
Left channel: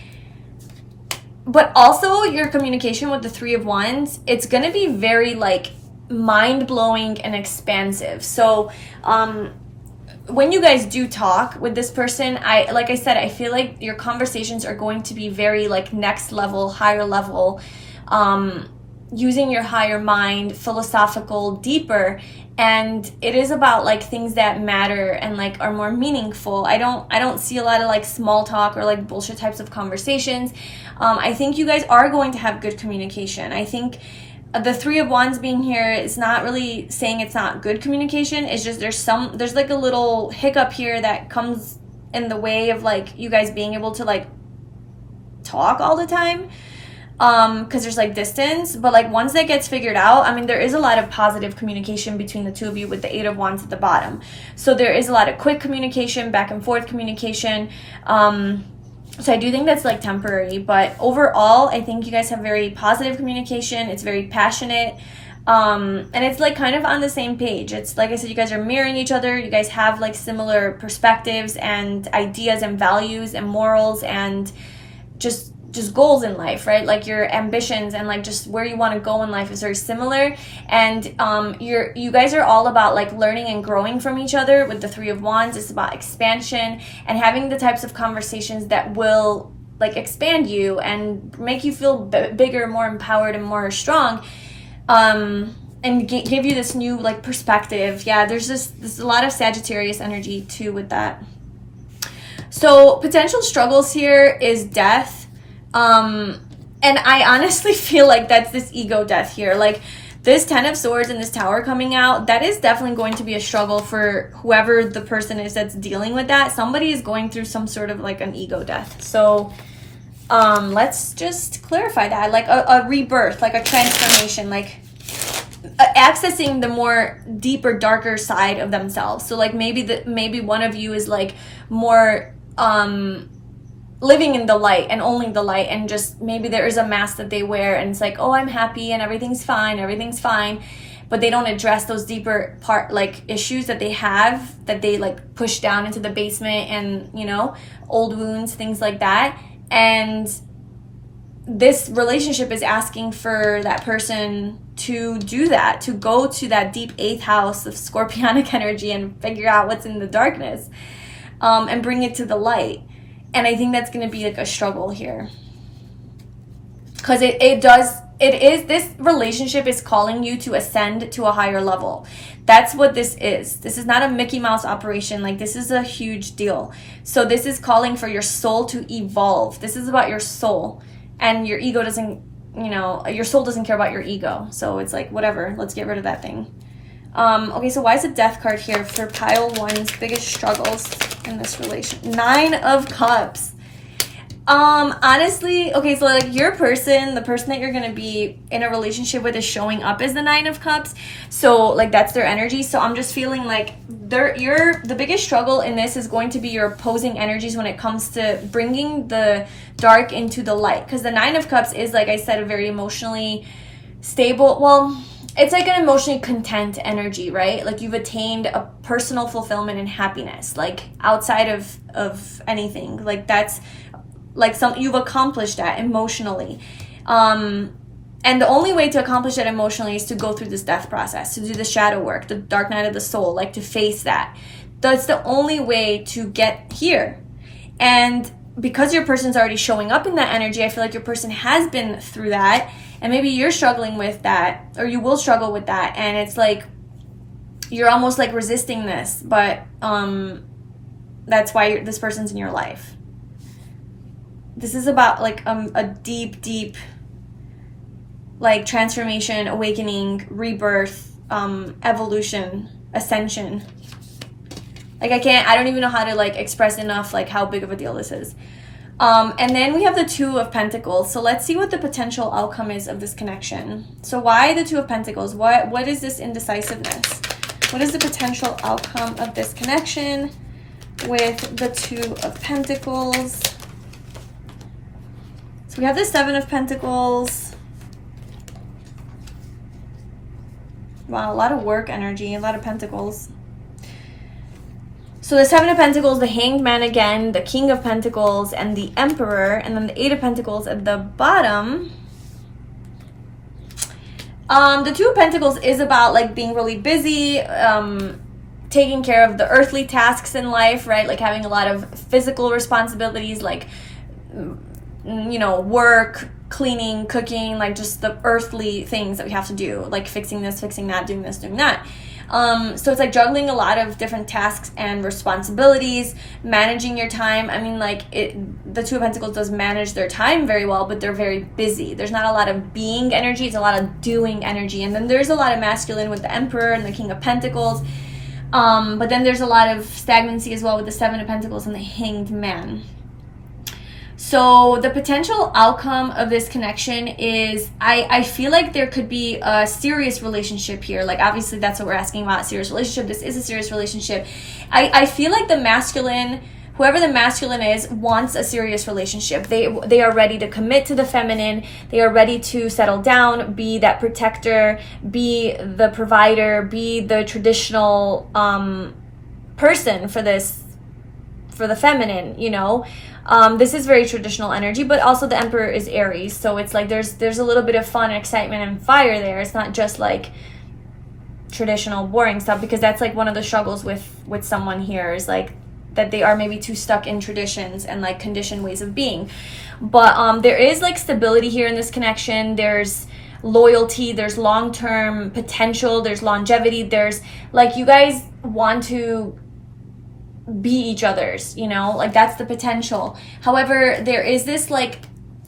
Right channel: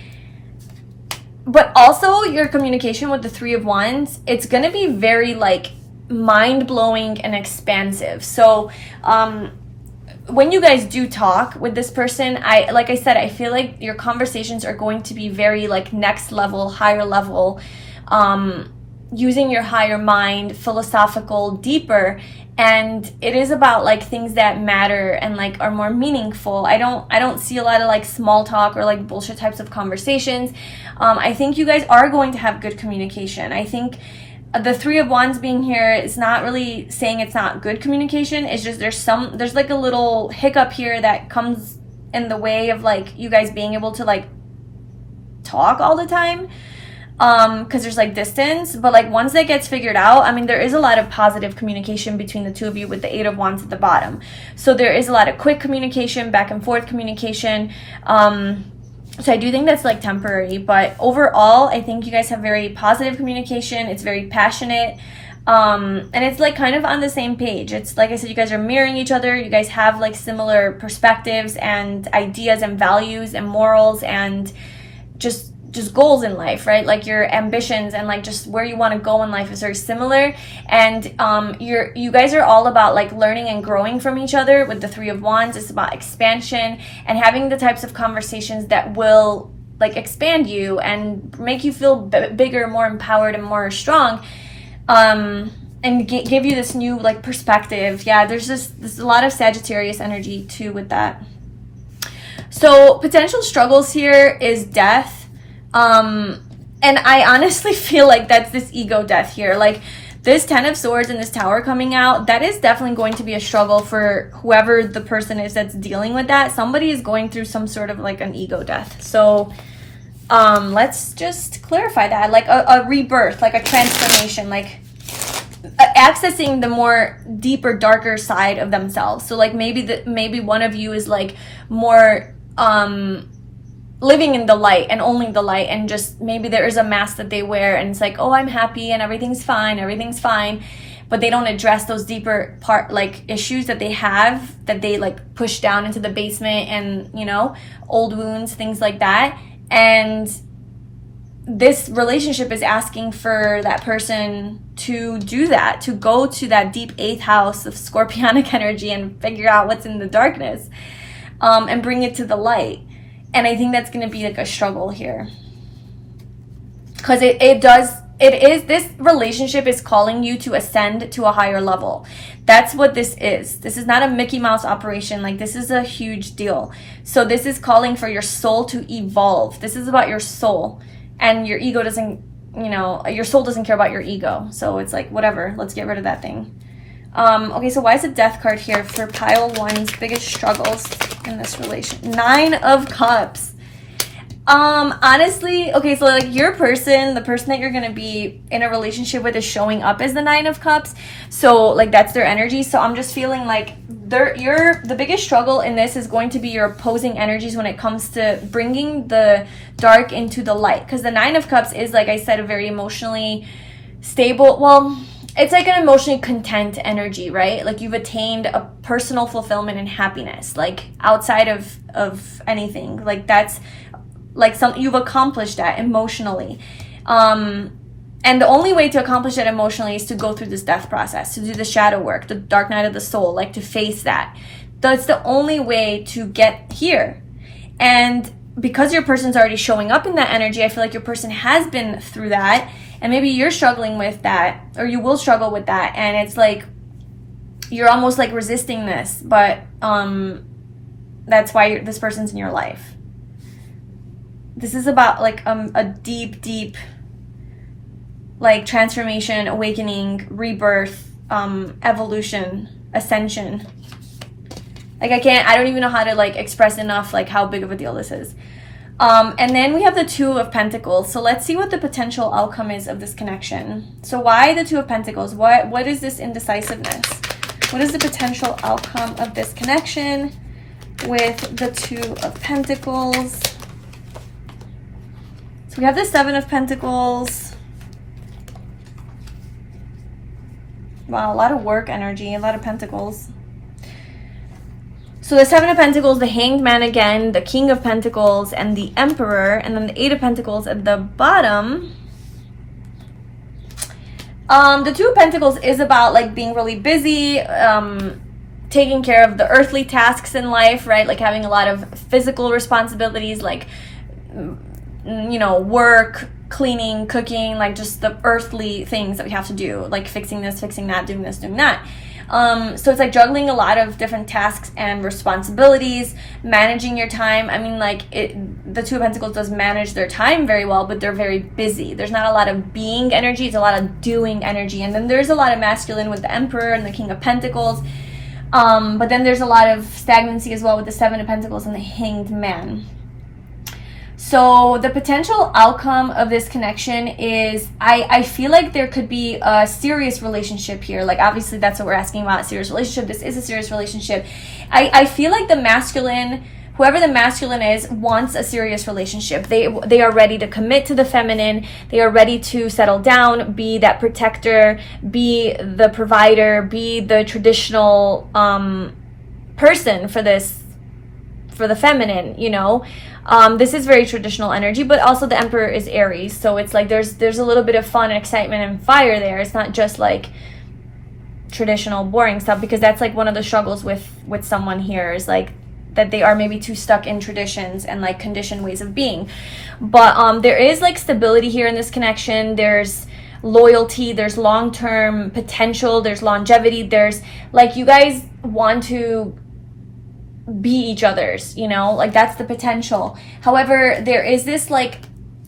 but also your communication with the Three of Wands, it's going to be very like mind-blowing and expansive. So when you guys do talk with this person, like I said, I feel like your conversations are going to be very like next level, higher level, using your higher mind, philosophical, deeper. And it is about like things that matter and like are more meaningful. I don't see a lot of like small talk or like bullshit types of conversations. I think you guys are going to have good communication. I think the Three of Wands being here is not really saying it's not good communication. It's just there's like a little hiccup here that comes in the way of like you guys being able to like talk all the time. Because there's like distance, but like once that gets figured out, I mean, there is a lot of positive communication between the two of you with the Eight of Wands at the bottom. So there is a lot of quick communication, back and forth communication. So I do think that's like temporary, but overall, I think you guys have very positive communication. It's very passionate. And it's like kind of on the same page. It's like I said, you guys are mirroring each other. You guys have like similar perspectives and ideas and values and morals and just goals in life, right? Like your ambitions and like just where you want to go in life is very similar. And you guys are all about like learning and growing from each other with the Three of Wands. It's about expansion and having the types of conversations that will like expand you and make you feel bigger, more empowered, and more strong, and give you this new like perspective. Yeah, there's a lot of Sagittarius energy too with that. So potential struggles here is death. And I honestly feel like that's this ego death here. Like this Ten of Swords and this Tower coming out, that is definitely going to be a struggle for whoever the person is that's dealing with that. Somebody is going through some sort of like an ego death. So let's just clarify that. Like a rebirth, like a transformation, like accessing the more deeper, darker side of themselves. So like maybe one of you is like more living in the light and only the light, and just maybe there is a mask that they wear and it's like, oh, I'm happy and everything's fine, but they don't address those deeper issues that they have, that they like push down into the basement, and old wounds, things like that. And this relationship is asking for that person to do that, to go to that deep 8th house of Scorpionic energy and figure out what's in the darkness, and bring it to the light. And I think that's going to be like a struggle here, because it does this relationship is calling you to ascend to a higher level. That's what this is. This is not a Mickey Mouse operation. Like, this is a huge deal. So this is calling for your soul to evolve. This is about your soul, and your ego doesn't, you know, your soul doesn't care about your ego. So it's like, whatever, let's get rid of that thing. Okay, so why is the Death card here for pile one's biggest struggles in this relation? 9 of Cups. Honestly, okay, so like your person, the person that you're gonna be in a relationship with is showing up as the 9 of Cups. So like that's their energy. So I'm just feeling like the biggest struggle in this is going to be your opposing energies when it comes to bringing the dark into the light. Because the 9 of Cups is, like I said, a very emotionally stable, well, it's like an emotionally content energy, right? Like you've attained a personal fulfillment and happiness, like outside of anything. Like that's like you've accomplished that emotionally. And the only way to accomplish that emotionally is to go through this death process, to do the shadow work, the dark night of the soul, like to face that. That's the only way to get here. And because your person's already showing up in that energy, I feel like your person has been through that, and maybe you're struggling with that, or you will struggle with that, and it's like you're almost like resisting this, but that's why this person's in your life. This is about like a deep like transformation, awakening, rebirth, evolution, ascension. Like I don't even know how to like express enough like how big of a deal this is. And then we have the 2 of Pentacles. So let's see what the potential outcome is of this connection. So why the 2 of Pentacles? What is this indecisiveness? What is the potential outcome of this connection with the 2 of Pentacles? So we have the 7 of Pentacles. Wow, a lot of work energy, a lot of Pentacles. So the 7 of Pentacles, the Hanged Man again, the King of Pentacles, and the Emperor, and then the 8 of Pentacles at the bottom. The 2 of Pentacles is about like being really busy, taking care of the earthly tasks in life, right? Like having a lot of physical responsibilities, like, you know, work, cleaning, cooking, like just the earthly things that we have to do, like fixing this, fixing that, doing this, doing that. So it's like juggling a lot of different tasks and responsibilities, managing your time. I mean, like the 2 of Pentacles does manage their time very well, but they're very busy. There's not a lot of being energy, it's a lot of doing energy. And then there's a lot of masculine with the Emperor and the King of Pentacles. But then there's a lot of stagnancy as well with the 7 of Pentacles and the Hanged Man. So the potential outcome of this connection is, I feel like there could be a serious relationship here. Like obviously that's what we're asking about, a serious relationship. This is a serious relationship. I feel like the masculine, whoever the masculine is, wants a serious relationship. They are ready to commit to the feminine. They are ready to settle down, be that protector, be the provider, be the traditional person for the feminine, you know. This is very traditional energy, but also the Emperor is Aries, so it's like there's a little bit of fun and excitement and fire there. It's not just like traditional boring stuff, because that's like one of the struggles with someone here, is like that they are maybe too stuck in traditions and like conditioned ways of being. But there is like stability here in this connection. There's loyalty, there's long-term potential, there's longevity, there's like you guys want to be each other's, you know, like that's the potential. However, there is this like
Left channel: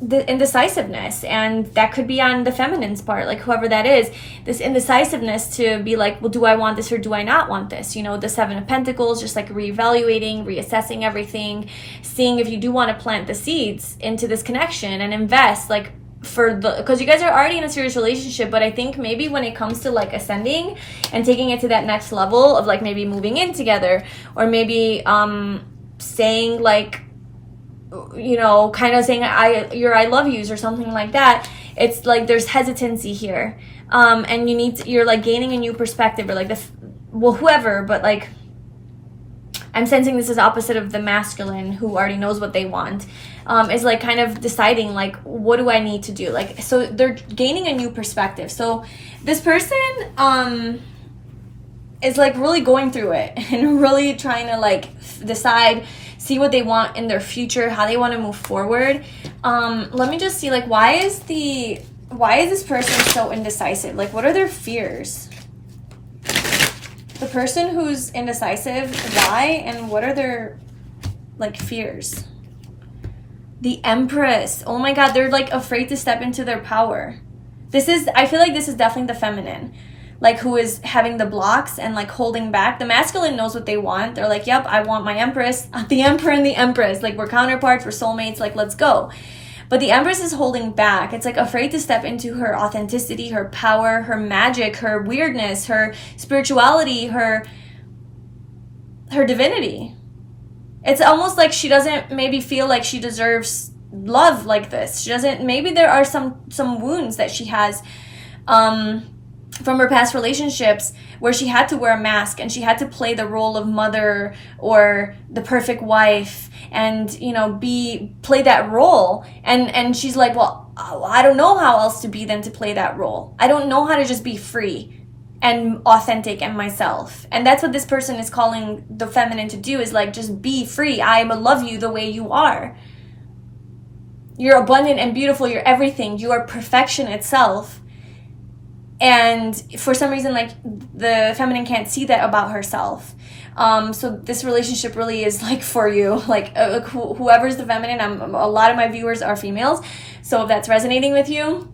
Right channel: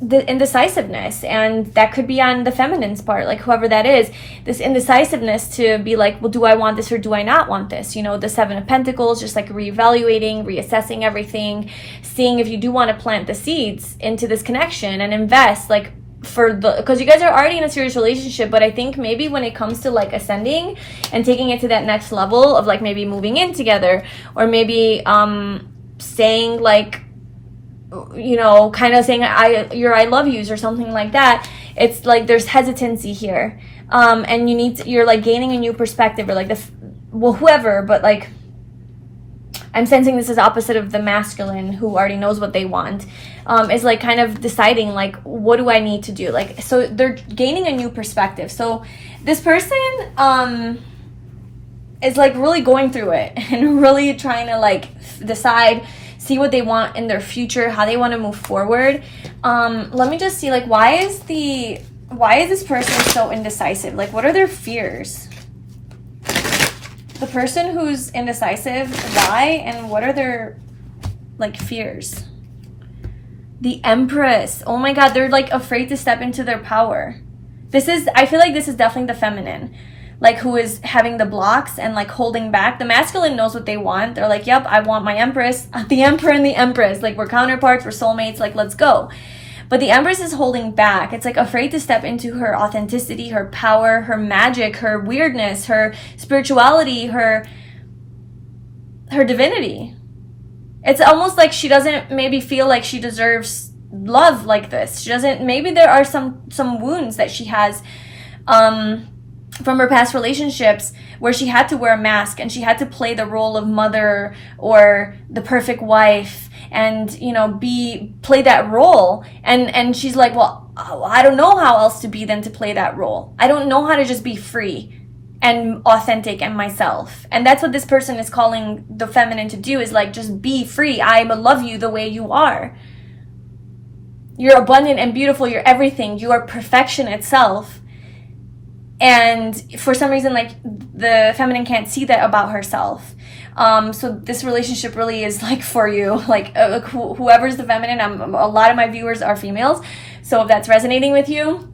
the indecisiveness, and that could be on the feminine's part, like whoever that is, this indecisiveness to be like, well, do I want this or do I not want this? You know, the 7 of Pentacles, just like reevaluating, reassessing everything, seeing if you do want to plant the seeds into this connection and invest, like because you guys are already in a serious relationship. But I think maybe when it comes to like ascending and taking it to that next level of like maybe moving in together, or maybe saying like, you know, kind of saying I love yous or something like that, it's like there's hesitancy here, and you're like gaining a new perspective, or like whoever, but like I'm sensing this is opposite of the masculine who already knows what they want, is like kind of deciding like, what do I need to do? Like, so they're gaining a new perspective. So this person is like really going through it and really trying to like decide, see what they want in their future, how they want to move forward. Let me just see, like, why is the why is this person so indecisive? Like, what are their fears? The person who's indecisive, why, and what are their, like, fears? The Empress. Oh my God, they're, like, afraid to step into their power. I feel like this is definitely the feminine, like, who is having the blocks and, like, holding back. The masculine knows what they want. They're like, yep, I want my Empress, the Emperor and the Empress. Like, we're counterparts, we're soulmates, like, let's go. But the Empress is holding back. It's like afraid to step into her authenticity, her power, her magic, her weirdness, her spirituality, her divinity. It's almost like she doesn't maybe feel like she deserves love like this. She doesn't, maybe there are some wounds that she has from her past relationships where she had to wear a mask and she had to play the role of mother or the perfect wife and, you know, play that role. And she's like, well, I don't know how else to be than to play that role. I don't know how to just be free and authentic and myself. And that's what this person is calling the feminine to do, is like, just be free. I love you the way you are. You're abundant and beautiful. You're everything. You are perfection itself. And for some reason, like, the feminine can't see that about herself. So this relationship really is, like, for you. Like, whoever's the feminine, a lot of my viewers are females. So if that's resonating with you,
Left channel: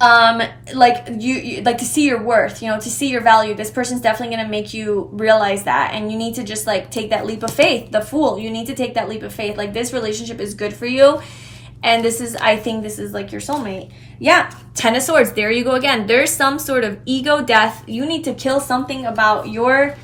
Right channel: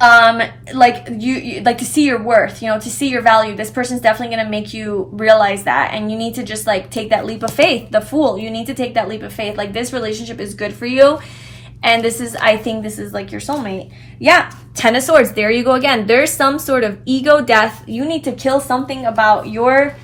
like, you like to see your worth, you know, to see your value. This person's definitely going to make you realize that. And you need to just, like, take that leap of faith. The Fool. You need to take that leap of faith. Like, this relationship is good for you. And I think this is, like, your soulmate. Yeah, Ten of Swords. There you go again. There's some sort of ego death. You need to kill something about your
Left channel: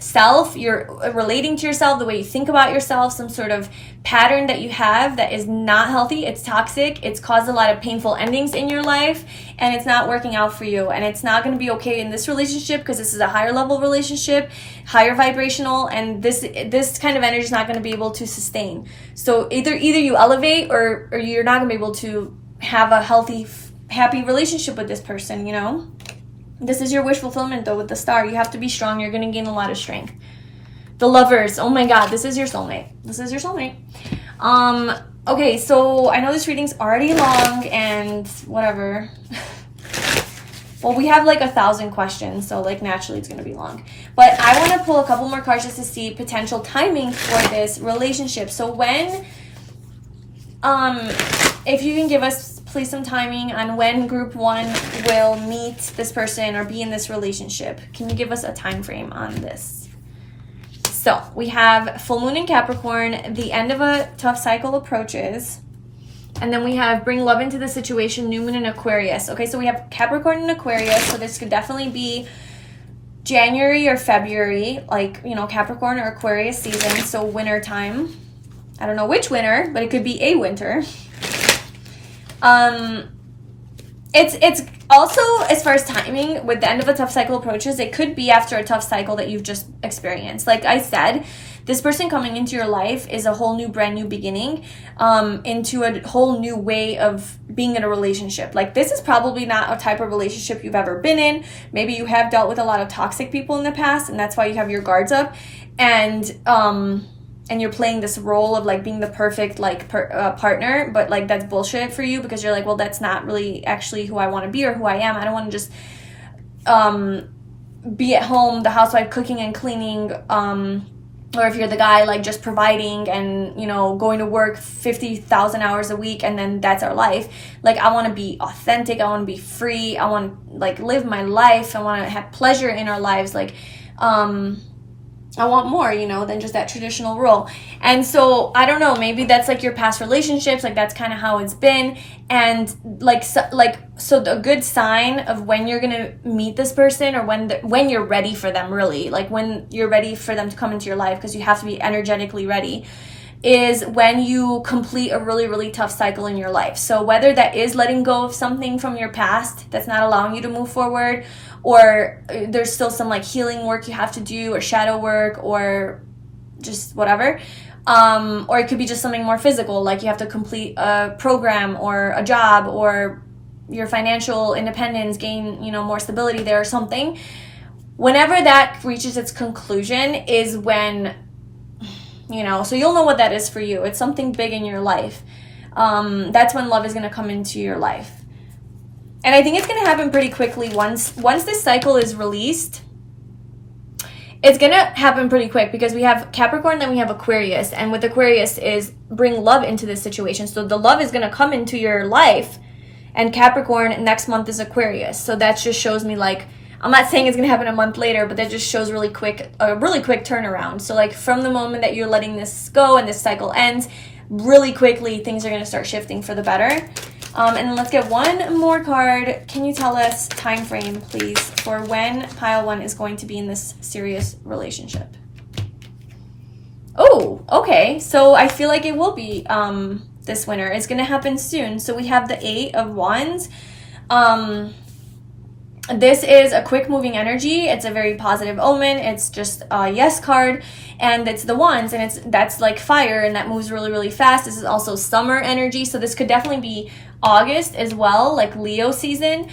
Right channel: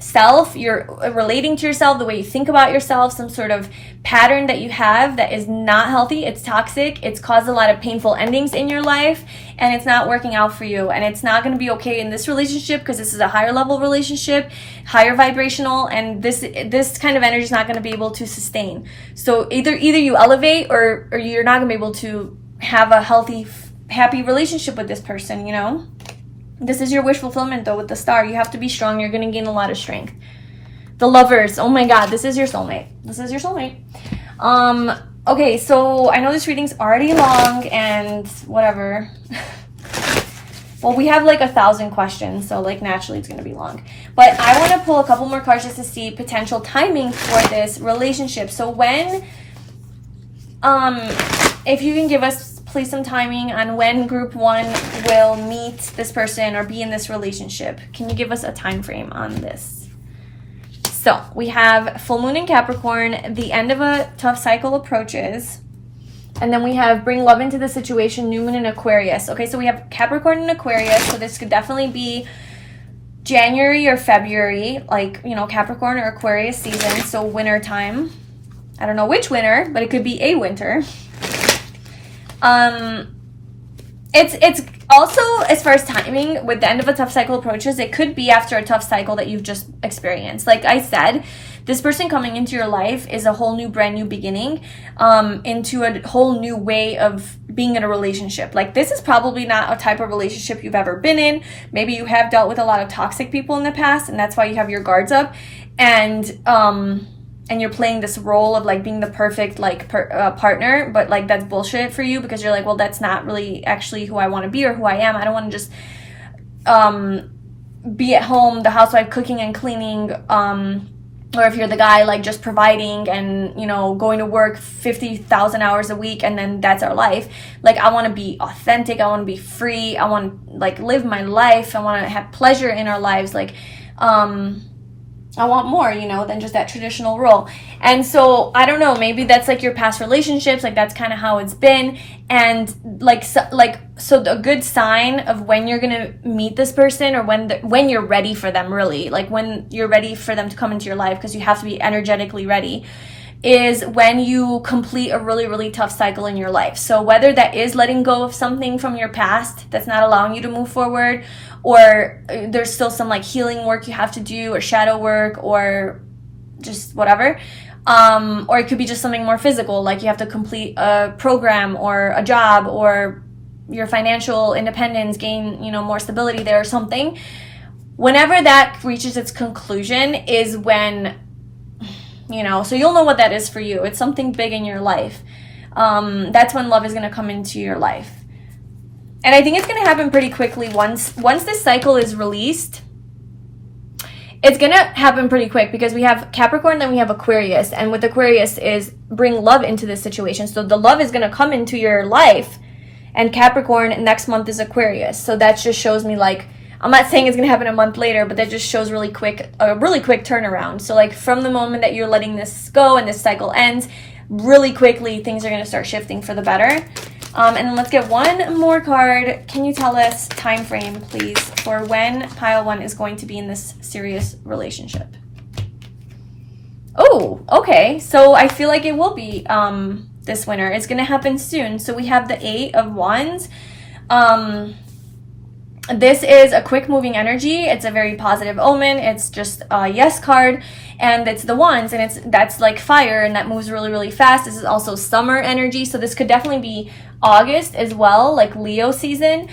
self. You're relating to yourself, the way you think about yourself, some sort of pattern that you have that is not healthy. It's toxic. It's caused a lot of painful endings in your life, and it's not working out for you. And it's not going to be okay in this relationship, because this is a higher level relationship, higher vibrational, and this kind of energy is not going to be able to sustain. So either you elevate, or you're not going to be able to have a healthy, happy relationship with this person, you know? This is your wish fulfillment, though, with the Star. You have to be strong. You're going to gain a lot of strength. The Lovers. Oh my God, this is your soulmate. This is your soulmate. Okay, so I know this reading's already long and whatever. Well, we have like 1,000 questions, so like naturally it's going to be long. But I want to pull a couple more cards just to see potential timing for this relationship. So when, if you can give us please some timing on when group 1 will meet this person or be in this relationship. Can you give us a time frame on this? So we have full moon in Capricorn, the end of a tough cycle approaches, and then we have bring love into the situation, new moon in Aquarius. Okay, so we have Capricorn and Aquarius, so this could definitely be January or February, like, you know, Capricorn or Aquarius season, so winter time. I don't know which winter, but it could be a winter. It's also, as far as timing, with the end of a tough cycle approaches, it could be after a tough cycle that you've just experienced. Like I said, this person coming into your life is a whole new, brand new beginning, into a whole new way of being in a relationship. Like, this is probably not a type of relationship you've ever been in. Maybe you have dealt with a lot of toxic people in the past, and that's why you have your guards up. And you're playing this role of like being the perfect like partner, but like that's bullshit for you, because you're like, well, that's not really actually who I want to be or who I am. I don't want to just be at home, the housewife, cooking and cleaning, or if you're the guy, like just providing and, you know, going to work 50,000 hours a week and then that's our life. Like, I want to be authentic. I want to be free. I want to like live my life. I want to have pleasure in our lives. Like, I want more, you know, than just that traditional role. And so, I don't know, maybe that's like your past relationships, like that's kind of how it's been. And so a good sign of when you're going to meet this person, or when you're ready for them, really, like when you're ready for them to come into your life, because you have to be energetically ready, is when you complete a really, really tough cycle in your life. So whether that is letting go of something from your past that's not allowing you to move forward, or there's still some like healing work you have to do, or shadow work, or just whatever. Or it could be just something more physical, like you have to complete a program or a job, or your financial independence, gain, you know, more stability there or something. Whenever that reaches its conclusion is when, you know, so you'll know what that is for you. It's something big in your life. That's when love is going to come into your life. And I think it's going to happen pretty quickly once this cycle is released. It's going to happen pretty quick because we have Capricorn, then we have Aquarius. And with Aquarius is bring love into this situation. So the love is going to come into your life. And Capricorn next month is Aquarius. So that just shows me like, I'm not saying it's going to happen a month later, but that just shows a really quick turnaround. So like from the moment that you're letting this go and this cycle ends, really quickly things are going to start shifting for the better. And then let's get one more card. Can you tell us time frame, please, for when pile 1 is going to be in this serious relationship? Oh, okay. So I feel like it will be this winter. It's going to happen soon. So we have the 8 of Wands. This is a quick moving energy. It's a very positive omen. It's just a yes card, and it's the Wands, and that's like fire, and that moves really, really fast. This is also summer energy, so this could definitely be August as well, like Leo season.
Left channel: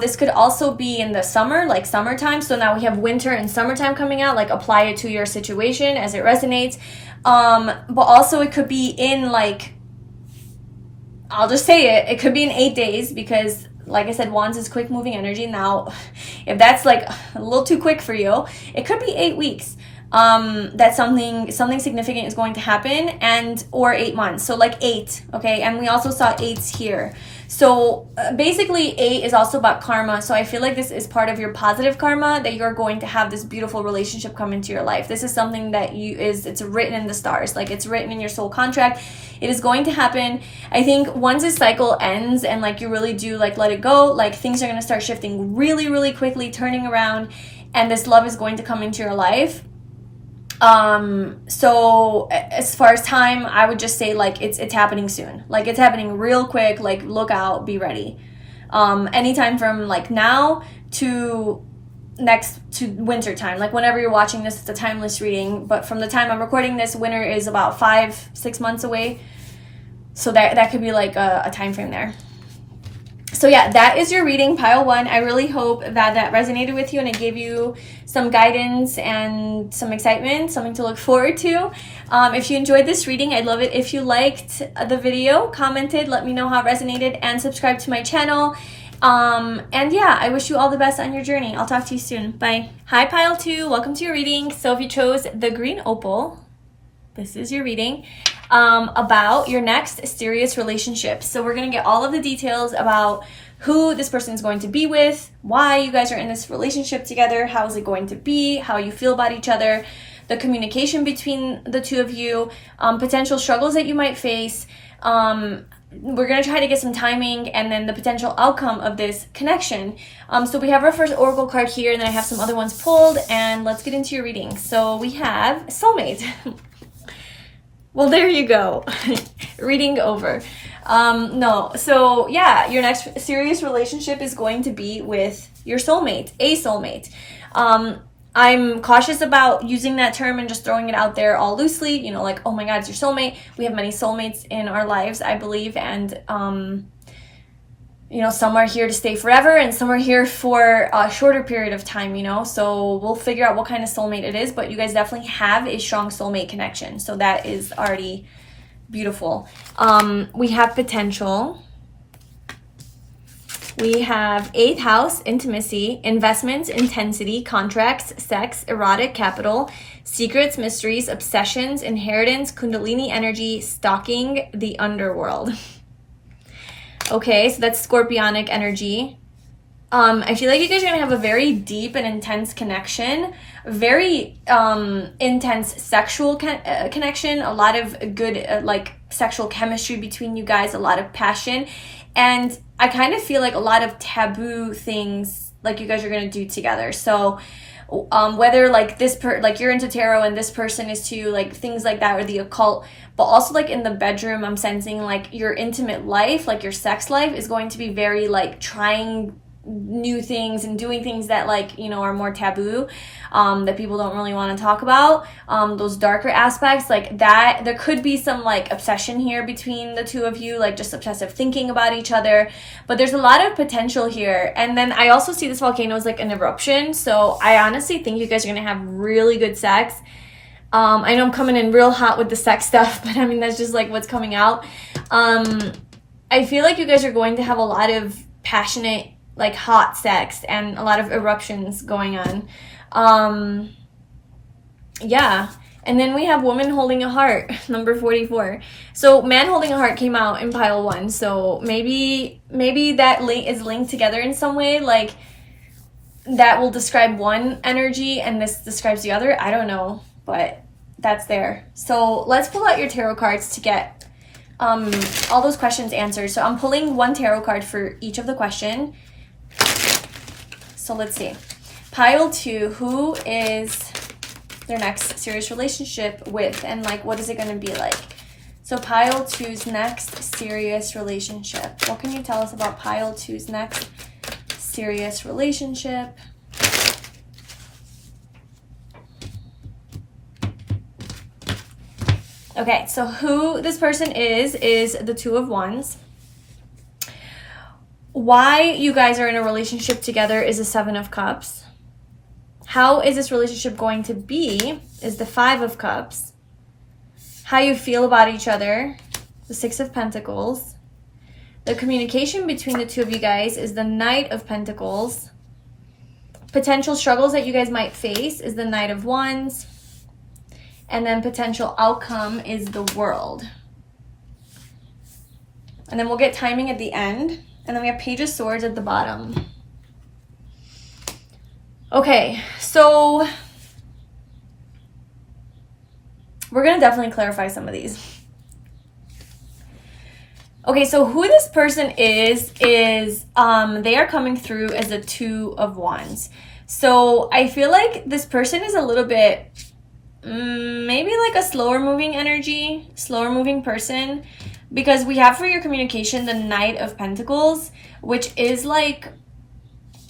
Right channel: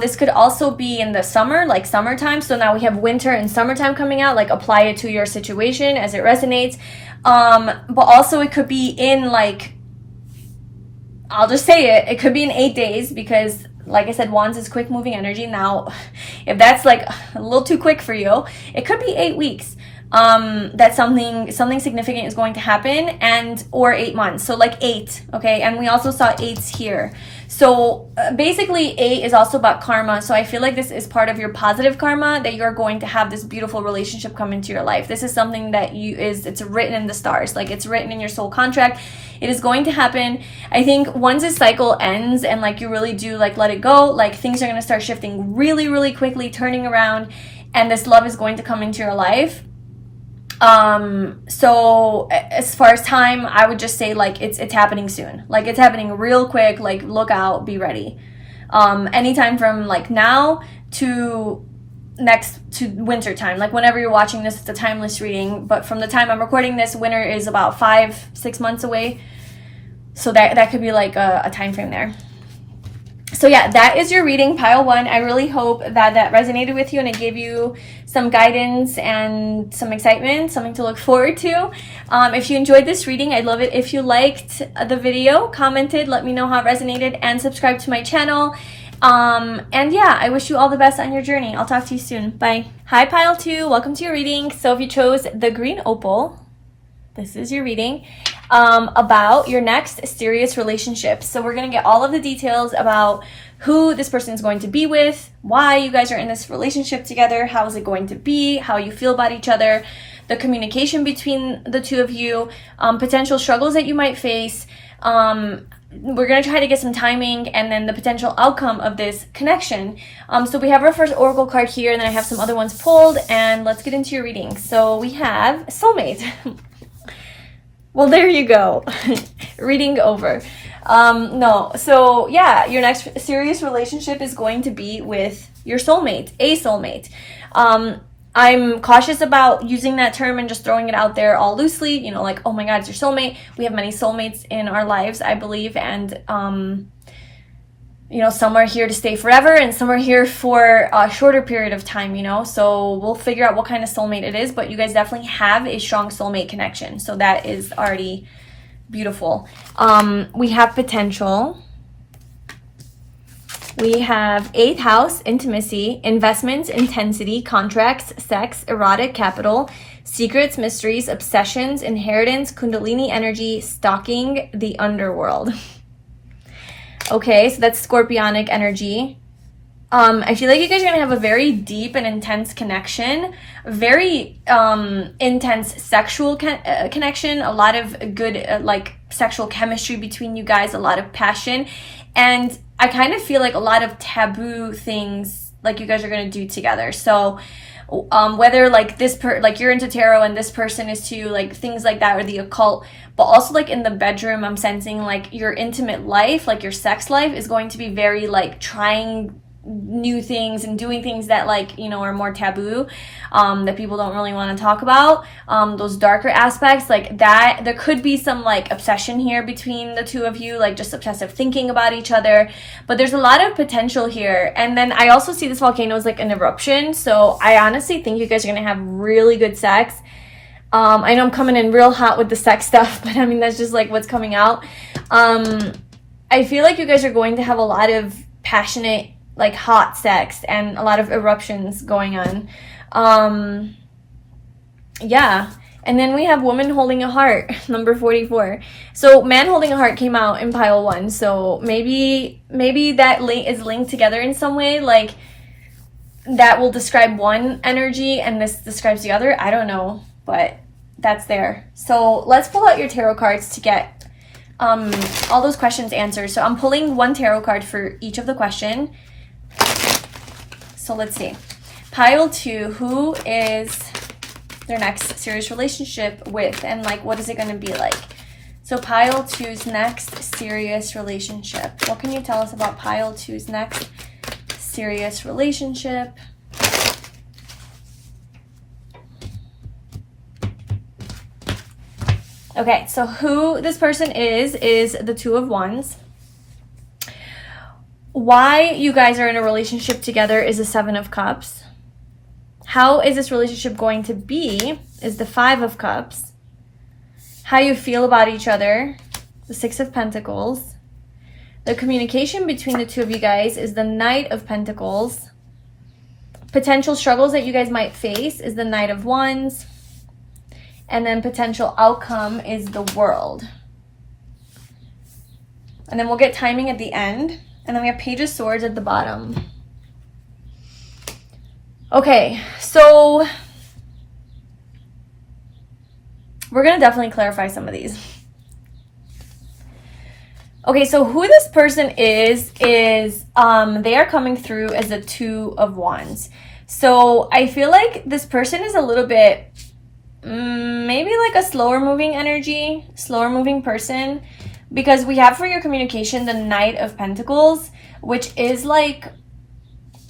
This could also be in the summer, like summertime. So now we have winter and summertime coming out. Like apply it to your situation as it resonates. But also it could be in like, I'll just say it. It could be in 8 days because, like I said, Wands is quick moving energy. Now, if that's like a little too quick for you, it could be 8 weeks. That something significant is going to happen, or 8 months. So like 8, okay? And we also saw 8s here. So basically 8 is also about karma. So I feel like this is part of your positive karma, that you're going to have this beautiful relationship come into your life. This is something that it's written in the stars. Like it's written in your soul contract. It is going to happen. I think once this cycle ends and like you really do like let it go, like things are going to start shifting really, really quickly, turning around, and this love is going to come into your life. So as far as time, I would just say like it's happening soon. Like it's happening real quick. Like look out, be ready. Anytime from like now to winter time. Like whenever you're watching this, it's a timeless reading, but from the time I'm recording this, winter is about 5-6 months away. So that could be like a time frame there. So yeah, that is your reading, pile 1. I really hope that resonated with you and it gave you some guidance and some excitement, something to look forward to. If you enjoyed this reading, I'd love it if you liked the video, commented, let me know how it resonated, and subscribe to my channel. And yeah, I wish you all the best on your journey. I'll talk to you soon. Bye. Hi, pile 2. Welcome to your reading. So if you chose the green opal, this is your reading about your next serious relationship. So we're going to get all of the details about who this person is going to be with, why you guys are in this relationship together, how is it going to be, how you feel about each other, the communication between the two of you, potential struggles that you might face. We're going to try to get some timing and then the potential outcome of this connection. So we have our first oracle card here, and then I have some other ones pulled, and let's get into your reading. So we have soulmate. Well, there you go. Reading over. No, so yeah, your next serious relationship is going to be with your soulmate, a soulmate. I'm cautious about using that term and just throwing it out there all loosely, you know, like, oh my God, it's your soulmate. We have many soulmates in our lives, I believe, and you know, some are here to stay forever and some are here for a shorter period of time, you know, so we'll figure out what kind of soulmate it is, but you guys definitely have a strong soulmate connection, so that is already beautiful. We have potential. We have 8th house, intimacy, investments, intensity, contracts, sex, erotic, capital, secrets, mysteries, obsessions, inheritance, kundalini energy, stalking, the underworld. Okay, so that's scorpionic energy. I feel like you guys are going to have a very deep and intense connection, very intense sexual connection, a lot of good like sexual chemistry between you guys, a lot of passion, and I kind of feel like a lot of taboo things like you guys are going to do together. So whether like like you're into tarot and this person is too, like things like that, or the occult, but also like in the bedroom, I'm sensing like your intimate life, like your sex life is going to be very like trying new things and doing things that like, you know, are more taboo, that people don't really want to talk about, those darker aspects like that. There could be some like obsession here between the two of you, like just obsessive thinking about each other, but there's a lot of potential here. And then I also see this volcano as like an eruption, so I honestly think you guys are gonna have really good sex. I know I'm coming in real hot with the sex stuff, but I mean that's just like what's coming out. I feel like you guys are going to have a lot of passionate, like hot sex and a lot of eruptions going on. Yeah. And then we have woman holding a heart, number 44. So man holding a heart came out in pile 1. So maybe that is linked together in some way. Like that will describe one energy and this describes the other. I don't know, but that's there. So let's pull out your tarot cards to get all those questions answered. So I'm pulling one tarot card for each of the question. So let's see. Pile 2, who is their next serious relationship with, and like what is it going to be like? So pile 2's next serious relationship. What can you tell us about pile 2's next serious relationship? Okay, so who this person is the Two of Wands. Why you guys are in a relationship together is the Seven of Cups. How is this relationship going to be is the Five of Cups. How you feel about each other, the Six of Pentacles. The communication between the two of you guys is the Knight of Pentacles. Potential struggles that you guys might face is the Knight of Wands. And then potential outcome is the World. And then we'll get timing at the end. And then we have Page of Swords at the bottom. Okay, so we're going to definitely clarify some of these. Okay, so who this person is they are coming through as a Two of Wands. So I feel like this person is a little bit, maybe like a slower moving energy, slower moving person, because we have for your communication the Knight of Pentacles, which is like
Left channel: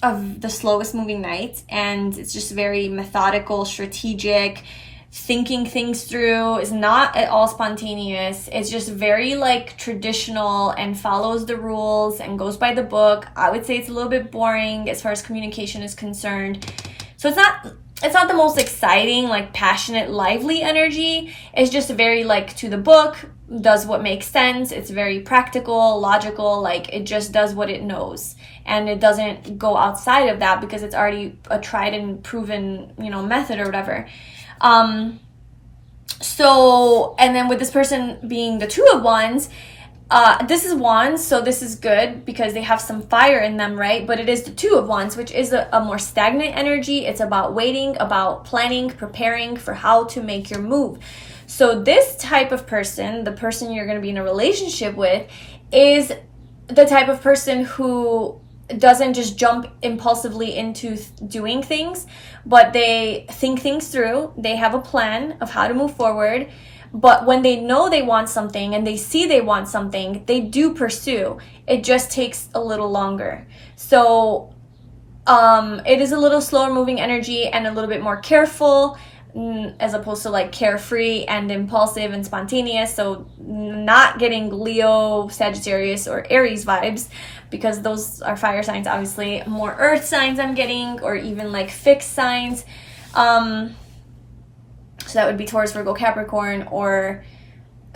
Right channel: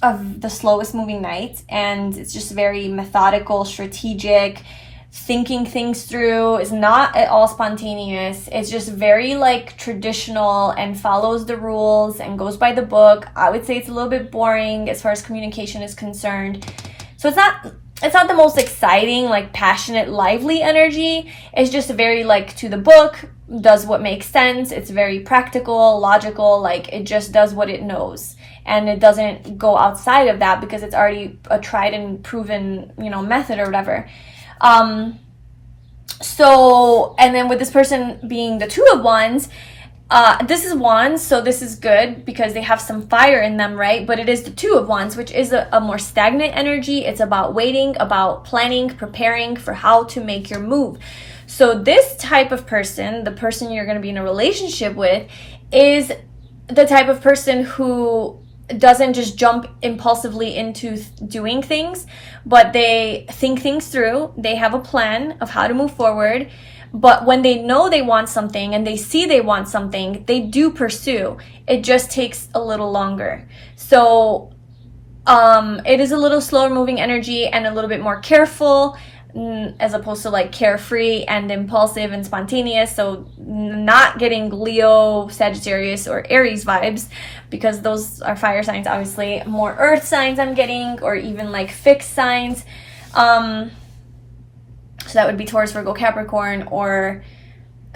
of the slowest moving knight, and it's just very methodical, strategic, thinking things through. Is not at all spontaneous. It's just very like traditional and follows the rules and goes by the book. I would say it's a little bit boring as far as communication is concerned. So it's not the most exciting, like passionate, lively energy. It's just very like to the book, does what makes sense. It's very practical, logical, like it just does what it knows. And it doesn't go outside of that because it's already a tried and proven, method or whatever. So, and then with this person being the Two of Wands, this is Wands, so this is good because they have some fire in them, right? But it is the Two of Wands, which is a more stagnant energy. It's about waiting, about planning, preparing for how to make your move. So this type of person, the person you're going to be in a relationship with, is the type of person who doesn't just jump impulsively into doing things, but they think things through. They have a plan of how to move forward. But when they know they want something and they see they want something, they do pursue. It just takes a little longer. So it is a little slower moving energy and a little bit more careful, as opposed to like carefree and impulsive and spontaneous. So not getting Leo, Sagittarius, or Aries vibes, because those are fire signs. Obviously more earth signs I'm getting, or even like fixed signs. So that would be Taurus, Virgo, Capricorn, or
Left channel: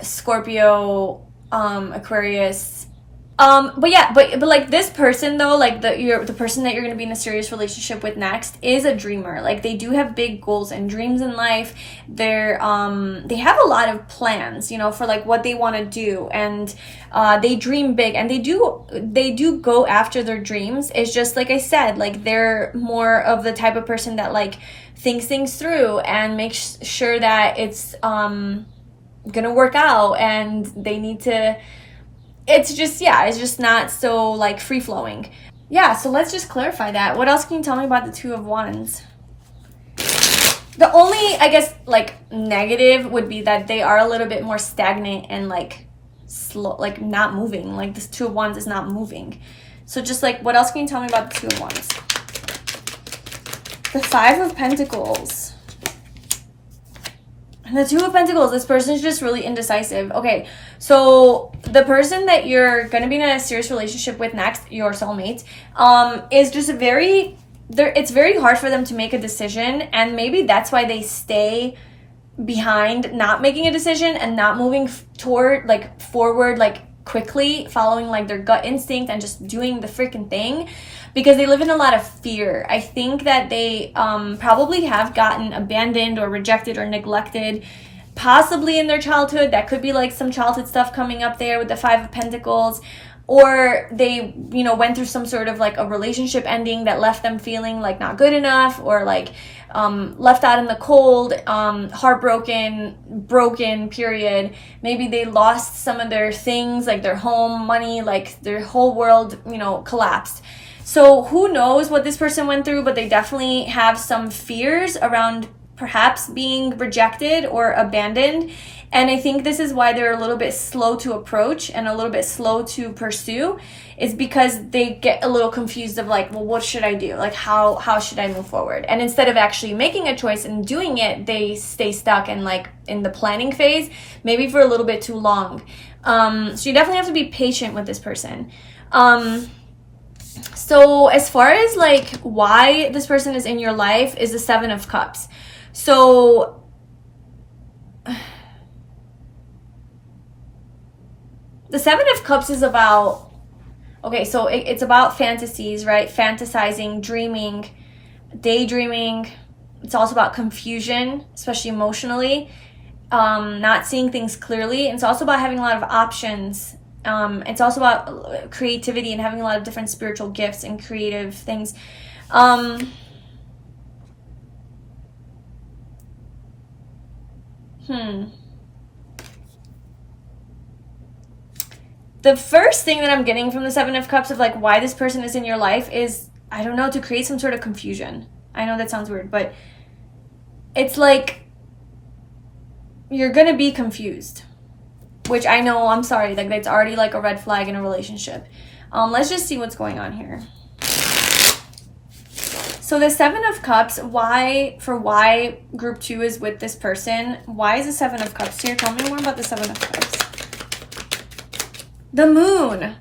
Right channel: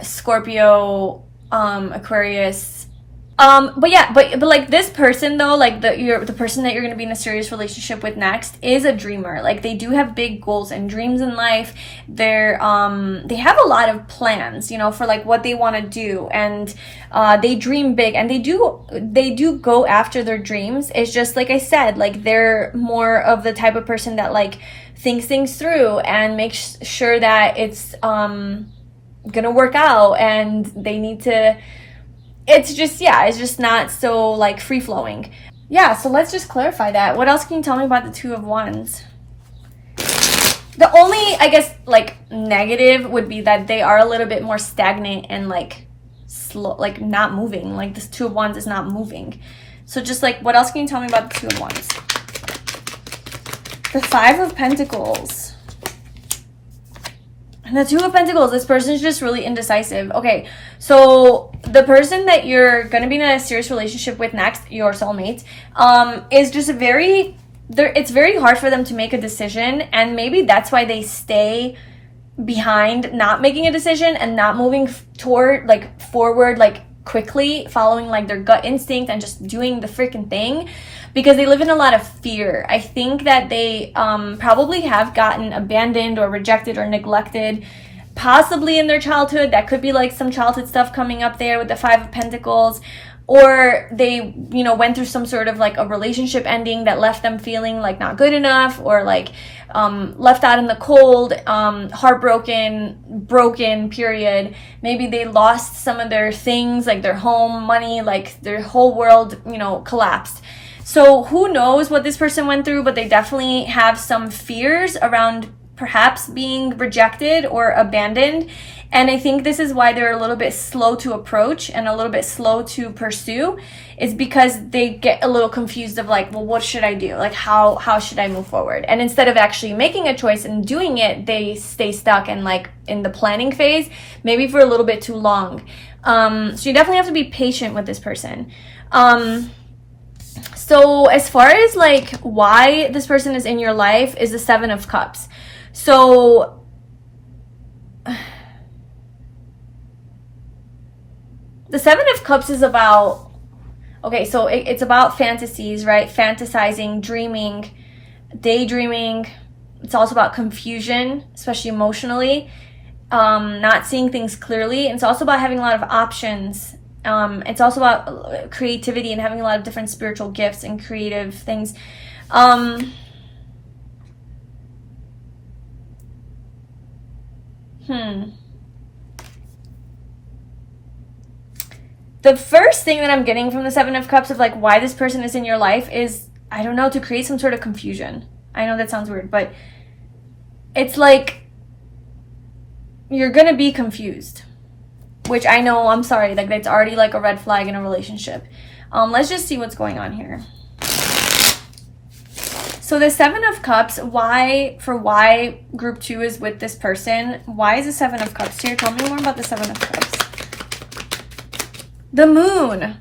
Scorpio, Aquarius. But like this person though, like the person that you're going to be in a serious relationship with next is a dreamer. Like they do have big goals and dreams in life. They have a lot of plans, for like what they want to do, and they dream big, and they do go after their dreams. It's just like I said, like they're more of the type of person that like thinks things through and makes sure that it's gonna work out, and they need to. It's just not so like free-flowing. Yeah, so let's just clarify that. What else can you tell me about the Two of Wands? The only, I guess, like negative would be that they are a little bit more stagnant and like slow, like not moving. Like this Two of Wands is not moving. So just like, what else can you tell me about the Two of Wands? The Five of Pentacles. And the Two of Pentacles, this person's just really indecisive. Okay, so the person that you're going to be in a serious relationship with next, your soulmate, is just it's very hard for them to make a decision, and maybe that's why they stay behind, not making a decision and not moving forward, like quickly, following like their gut instinct and just doing the freaking thing, because they live in a lot of fear. I think that they probably have gotten abandoned or rejected or neglected, possibly in their childhood. That could be like some childhood stuff coming up there with the Five of Pentacles. Or they, you know, went through some sort of like a relationship ending that left them feeling like not good enough, or like left out in the cold, heartbroken, broken, period. Maybe they lost some of their things, like their home, money, like their whole world, you know, collapsed. So who knows what this person went through, but they definitely have some fears around perhaps being rejected or abandoned. And I think this is why they're a little bit slow to approach and a little bit slow to pursue, is because they get a little confused of like, well, what should I do? Like, how should I move forward? And instead of actually making a choice and doing it, they stay stuck in like in the planning phase, maybe for a little bit too long. So you definitely have to be patient with this person. So as far as like why this person is in your life is the Seven of Cups. So the Seven of Cups is about, okay, so it's about fantasies, right? Fantasizing, dreaming, daydreaming. It's also about confusion, especially emotionally, not seeing things clearly. And it's also about having a lot of options. It's also about creativity and having a lot of different spiritual gifts and creative things. The first thing that I'm getting from the Seven of Cups of like why this person is in your life is, I don't know, to create some sort of confusion. I know that sounds weird, but it's like you're gonna be confused, which I know, I'm sorry, like that's already like a red flag in a relationship. Let's just see what's going on here. So the Seven of Cups, why group 2 is with this person. Why is the Seven of Cups here? Tell me more about the Seven of Cups. The Moon.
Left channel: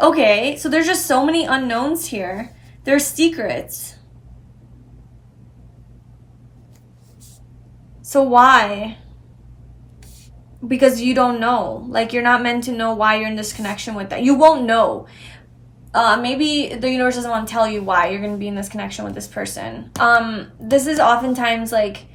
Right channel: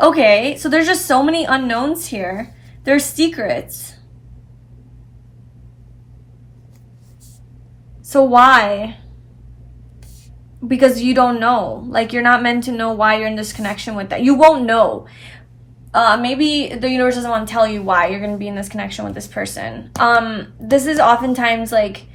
Okay, so there's just so many unknowns here. There's secrets. So why? Because you don't know. Like, you're not meant to know why you're in this connection with that. You won't know. Maybe the universe doesn't want to tell you why you're going to be in this connection with this person. This is oftentimes like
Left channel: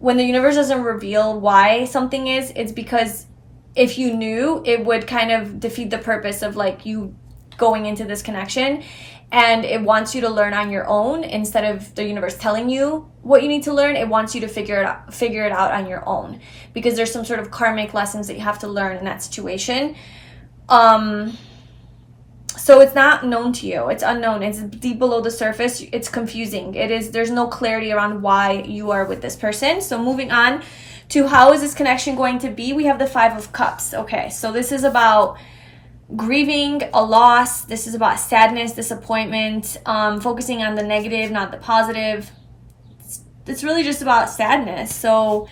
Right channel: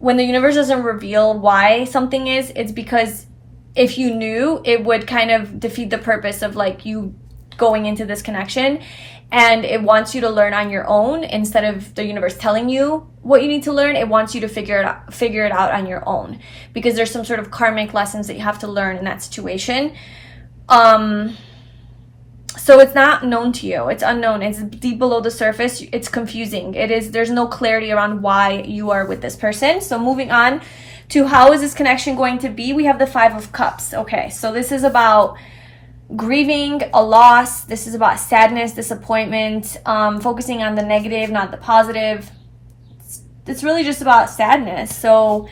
when the universe doesn't reveal why something is, it's because if you knew, it would kind of defeat the purpose of like you going into this connection, and it wants you to learn on your own instead of the universe telling you what you need to learn. It wants you to figure it out on your own, because there's some sort of karmic lessons that you have to learn in that situation. So it's not known to you. It's unknown. It's deep below the surface. It's confusing. There's no clarity around why you are with this person. So moving on to how is this connection going to be, we have the Five of Cups. Okay, so this is about grieving a loss. This is about sadness, disappointment, focusing on the negative, not the positive. It's really just about sadness. So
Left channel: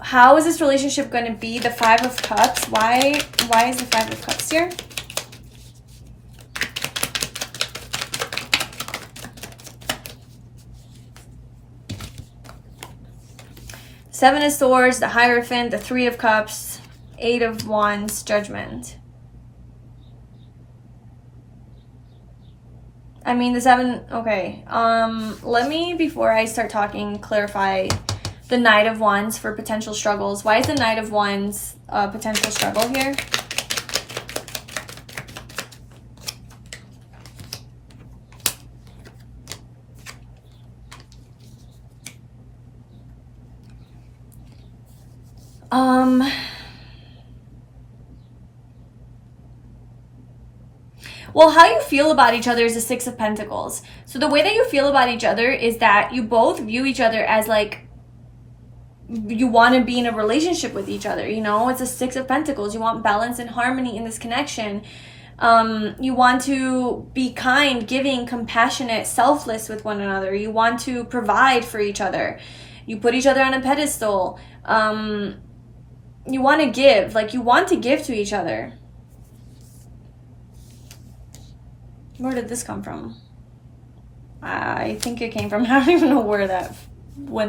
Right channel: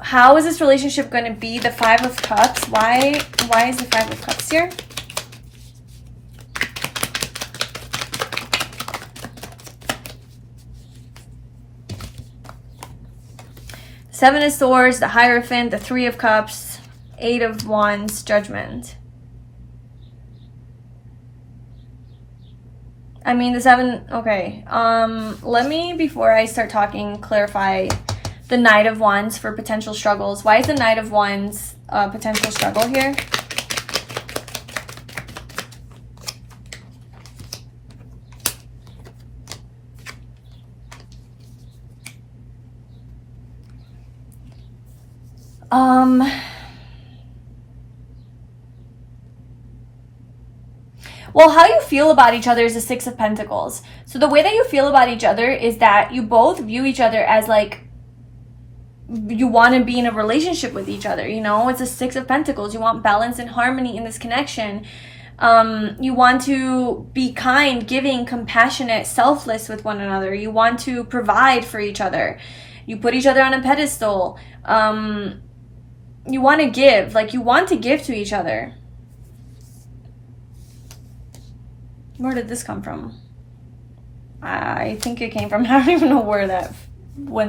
how is this relationship going to be? The Five of Cups. Why is the Five of Cups here? Seven of Swords, the Hierophant, the Three of Cups, Eight of Wands, Judgment. I mean, the seven, okay. Let me, before I start talking, clarify the Knight of Wands for potential struggles. Why is the Knight of Wands a potential struggle here? Well, how you feel about each other is the Six of Pentacles. So the way that you feel about each other is that you both view each other as like you want to be in a relationship with each other. You know, it's a Six of Pentacles. You want balance and harmony in this connection. You want to be kind, giving, compassionate, selfless with one another. You want to provide for each other. You put each other on a pedestal. You want to give, like you want to give to each other. Where did this come from? I think it came from, I don't even know when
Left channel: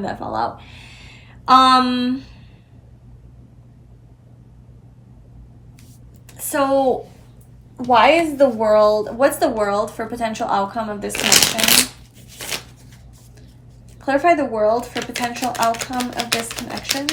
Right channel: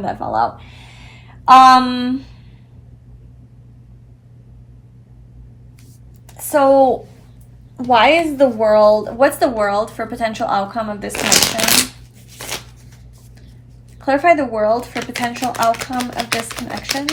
that fell out. So why is the world, what's the world for potential outcome of this connection? Clarify the world for potential outcome of this connection.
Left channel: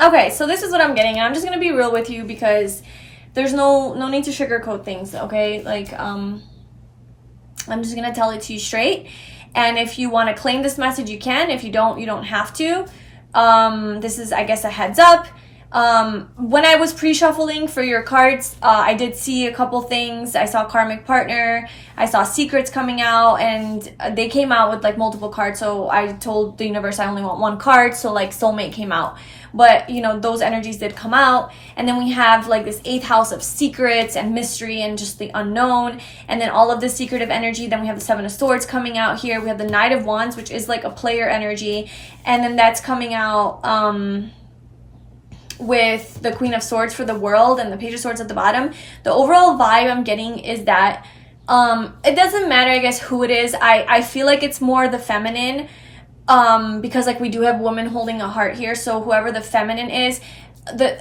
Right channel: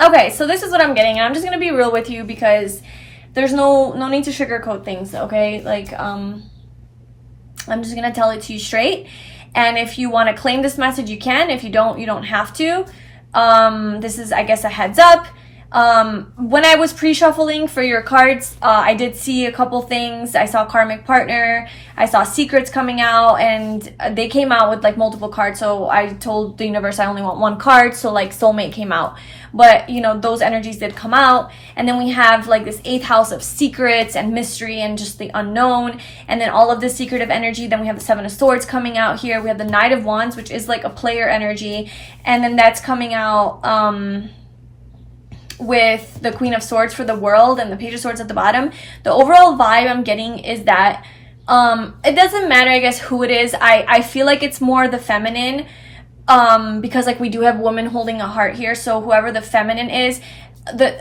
Okay, so this is what I'm getting, and I'm just gonna be real with you because there's no need to sugarcoat things, okay? Like, I'm just gonna tell it to you straight, and if you want to claim this message, you can. If you don't, you don't have to. This is, I guess, a heads up. When I was pre-shuffling for your cards, I did see a couple things. I saw karmic partner, I saw secrets coming out, and they came out with like multiple cards. So I told the universe I only want one card, so like soulmate came out. But you know, those energies did come out. And then we have like this 8th house of secrets and mystery and just the unknown, and then all of the secretive energy. Then we have the 7 of Swords coming out here. We have the Knight of Wands, which is like a player energy, and then that's coming out with the Queen of Swords for the world and the Page of Swords at the bottom. The overall vibe I'm getting is that it doesn't matter, I guess, who it is. I feel like it's more the feminine, because like we do have woman holding a heart here, so whoever the feminine is, but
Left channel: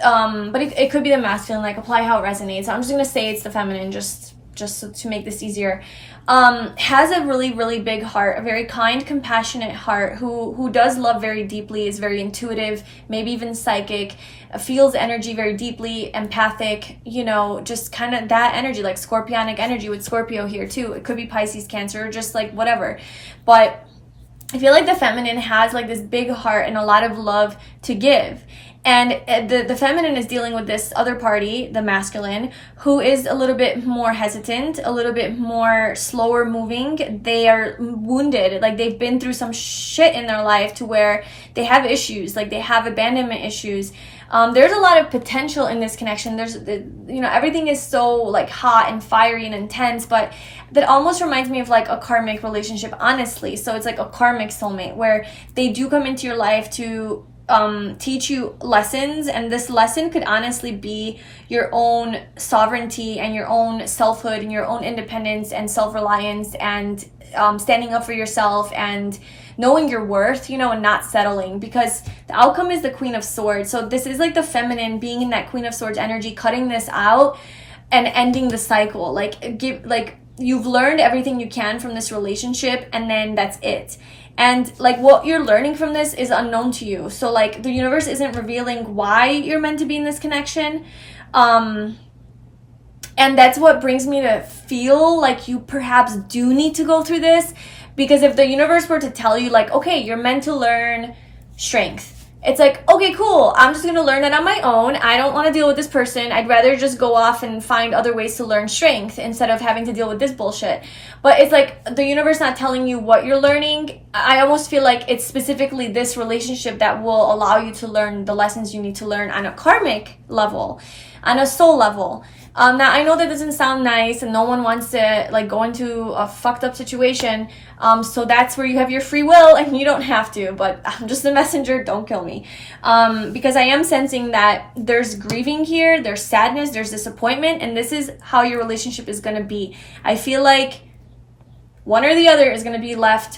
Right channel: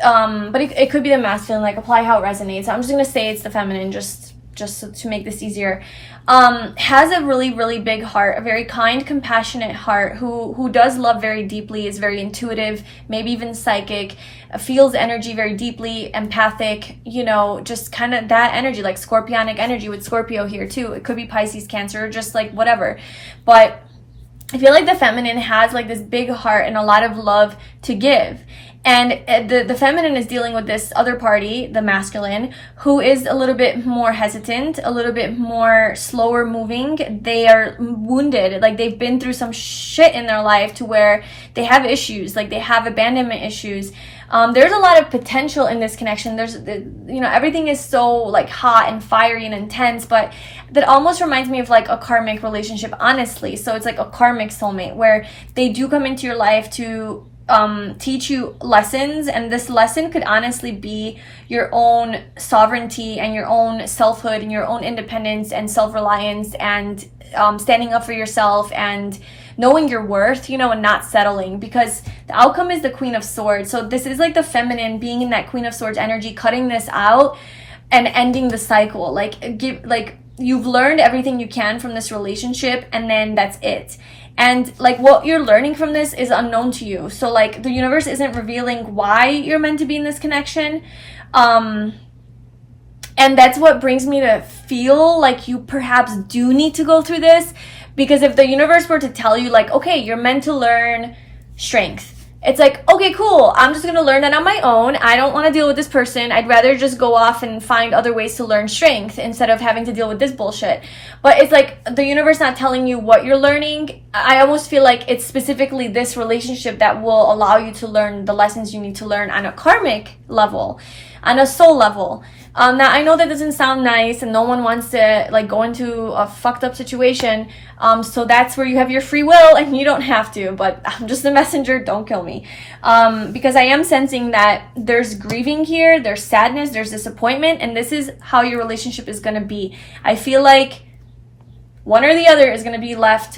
it could be the masculine. Like, apply how it resonates. I'm just gonna say it's the feminine, just to make this easier. Has a really big heart, a very kind, compassionate heart, who does love very deeply, is very intuitive, maybe even psychic, feels energy very deeply, empathic, you know, just kind of that energy, like scorpionic energy with Scorpio here too. It could be Pisces, Cancer, just like whatever. But I feel like the feminine has like this big heart and a lot of love to give. And the feminine is dealing with this other party, the masculine, who is a little bit more hesitant, a little bit more slower moving. They are wounded, like they've been through some shit in their life to where they have issues, like they have abandonment issues. There's a lot of potential in this connection. There's, you know, everything is so like hot and fiery and intense, but that almost reminds me of like a karmic relationship, honestly. So it's like a karmic soulmate where they do come into your life to teach you lessons, and this lesson could honestly be your own sovereignty and your own selfhood and your own independence and self-reliance and standing up for yourself and knowing your worth, you know, and not settling, because the outcome is the Queen of Swords. So this is like the feminine being in that Queen of Swords energy, cutting this out and ending the cycle. Like, you've learned everything you can from this relationship, and then that's it. And like what you're learning from this is unknown to you. So like the universe isn't revealing why you're meant to be in this connection. And that's what brings me to feel like you perhaps do need to go through this. Because if the universe were to tell you like, okay, you're meant to learn strength, it's like, okay, cool, I'm just gonna learn that on my own. I don't want to deal with this person. I'd rather just go off and find other ways to learn strength instead of having to deal with this bullshit. But it's like the universe not telling you what you're learning. I almost feel like it's specifically this relationship that will allow you to learn the lessons you need to learn on a karmic level, on a soul level. Now, I know that doesn't sound nice, and no one wants to like go into a fucked up situation. So that's where you have your free will, and you don't have to. But I'm just a messenger. Don't kill me, because I am sensing that there's grieving here, there's sadness, there's disappointment, and this is how your relationship is gonna be. I feel like one or the other is gonna be left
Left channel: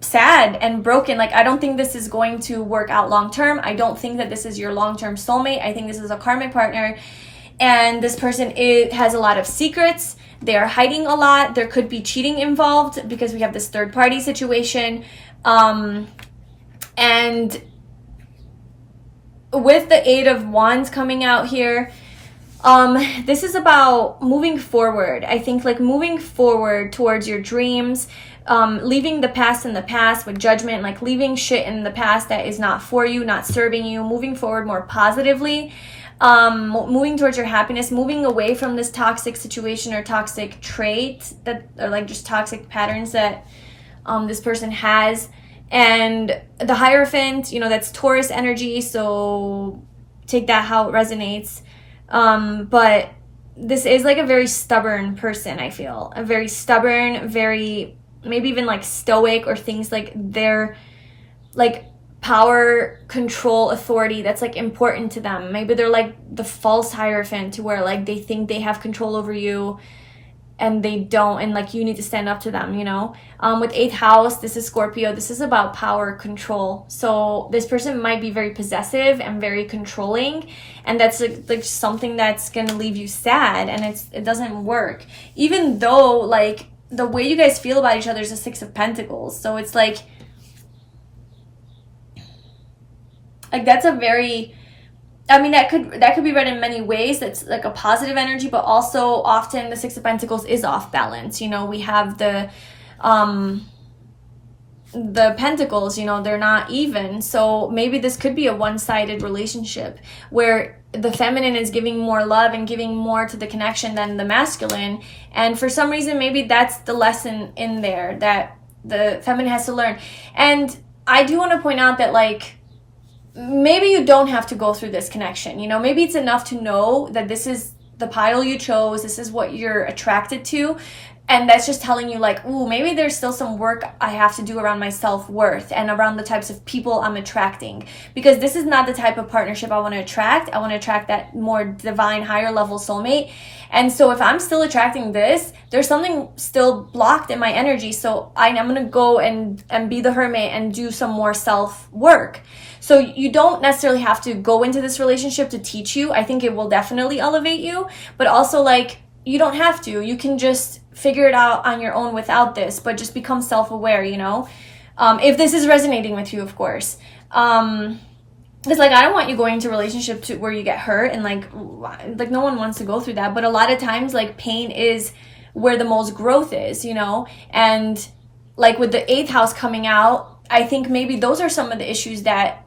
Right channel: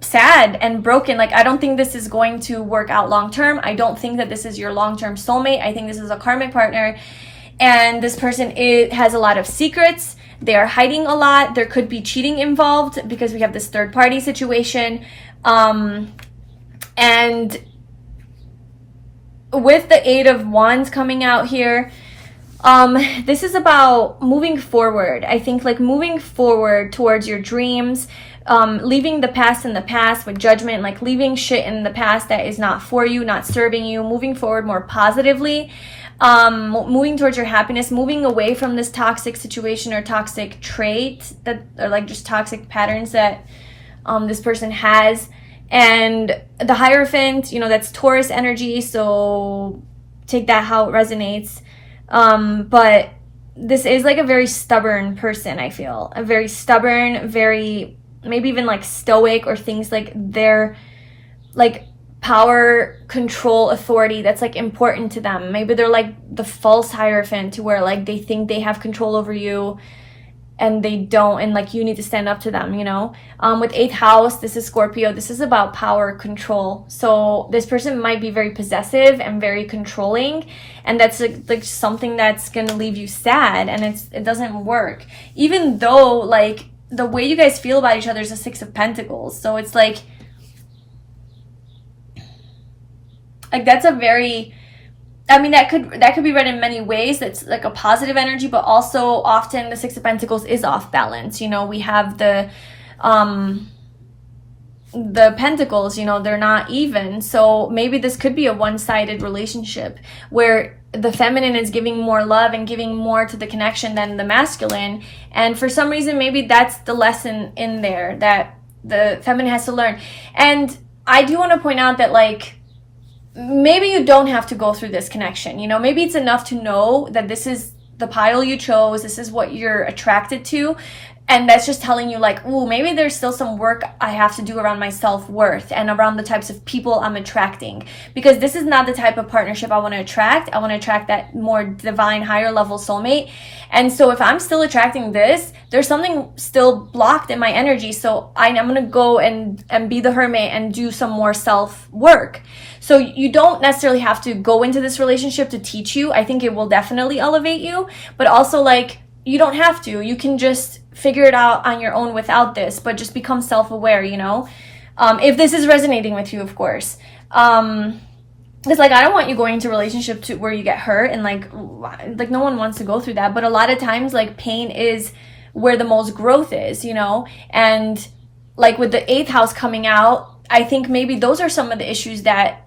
sad and broken. Like, I don't think this is going to work out long term. I don't think that this is your long-term soulmate. I think this is a karmic partner. And this person has a lot of secrets. They are hiding a lot. There could be cheating involved because we have this third party situation. And with the 8 of Wands coming out here, this is about moving forward. I think like moving forward towards your dreams, leaving the past in the past with judgment, like leaving shit in the past that is not for you, not serving you, moving forward more positively. Moving towards your happiness, moving away from this toxic situation or toxic trait that are like just toxic patterns that this person has. And the Hierophant, you know, that's Taurus energy, so take that how it resonates. But this is like a very stubborn person, I feel. A very stubborn, very, maybe even like stoic, or things like they're like power, control, authority that's like important to them. Maybe they're like the false Hierophant, to where like they think they have control over you, and they don't, and like you need to stand up to them, you know. With 8th house, this is Scorpio. This is about power, control. So this person might be very possessive and very controlling, and that's like something that's gonna leave you sad, and it doesn't work. Even though like the way you guys feel about each other is a 6 of Pentacles, so it's like that's a very, I mean, that could be read in many ways. That's like a positive energy, but also often the 6 of Pentacles is off balance. You know, we have the pentacles, you know, they're not even. So maybe this could be a one-sided relationship where the feminine is giving more love and giving more to the connection than the masculine. And for some reason, maybe that's the lesson in there that the feminine has to learn. And I do want to point out that like, maybe you don't have to go through this connection, you know. Maybe it's enough to know that this is the pile you chose, this is what you're attracted to, and that's just telling you like, ooh, maybe there's still some work I have to do around my self-worth and around the types of people I'm attracting, because this is not the type of partnership I want to attract. I want to attract that more divine, higher level soulmate. And so if I'm still attracting this, there's something still blocked in my energy. So I'm going to go and be the hermit and do some more self-work. So you don't necessarily have to go into this relationship to teach you. I think it will definitely elevate you, but also like, you don't have to. You can just figure it out on your own without this, but just become self-aware, you know, if this is resonating with you, of course. It's like, I don't want you going into a relationship to where you get hurt, and like no one wants to go through that. But a lot of times, like, pain is where the most growth is, you know. And like with the 8th house coming out, I think maybe those are some of the issues that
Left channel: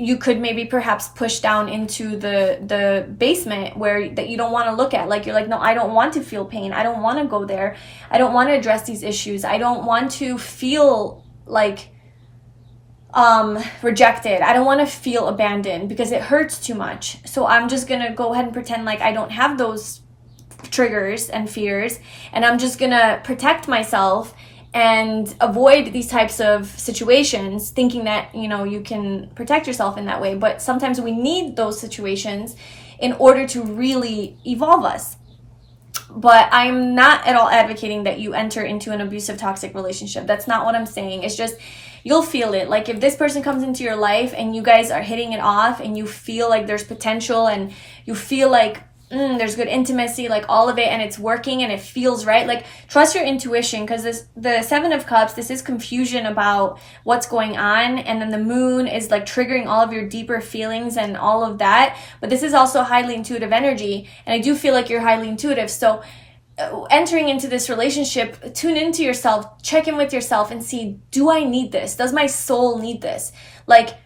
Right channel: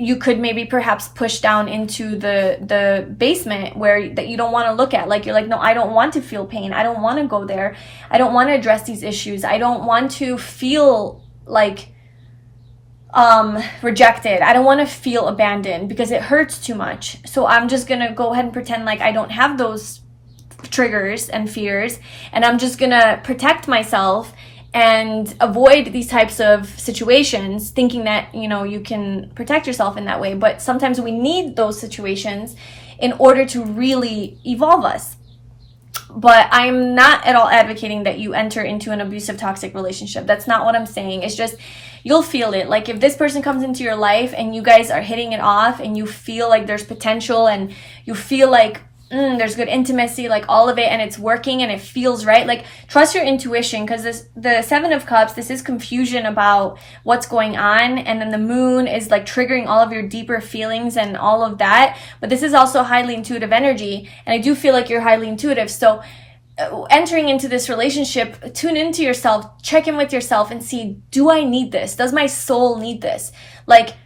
you could maybe perhaps push down into the basement where that you don't want to look at. Like, you're like, no, I don't want to feel pain. I don't want to go there. I don't want to address these issues. I don't want to feel like rejected. I don't want to feel abandoned because it hurts too much. So I'm just going to go ahead and pretend like I don't have those triggers and fears, and I'm just going to protect myself and avoid these types of situations, thinking that, you know, you can protect yourself in that way. But sometimes we need those situations in order to really evolve us. But I'm not at all advocating that you enter into an abusive, toxic relationship. That's not what I'm saying. It's just, you'll feel it. Like, if this person comes into your life and you guys are hitting it off and you feel like there's potential and you feel like there's good intimacy, like all of it, and it's working and it feels right, like, trust your intuition, because the 7 of Cups, this is confusion about what's going on, and then the moon is like triggering all of your deeper feelings and all of that. But this is also highly intuitive energy, and I do feel like you're highly intuitive. So entering into this relationship, tune into yourself, check in with yourself and see, do I need this? Does my soul need this? Like,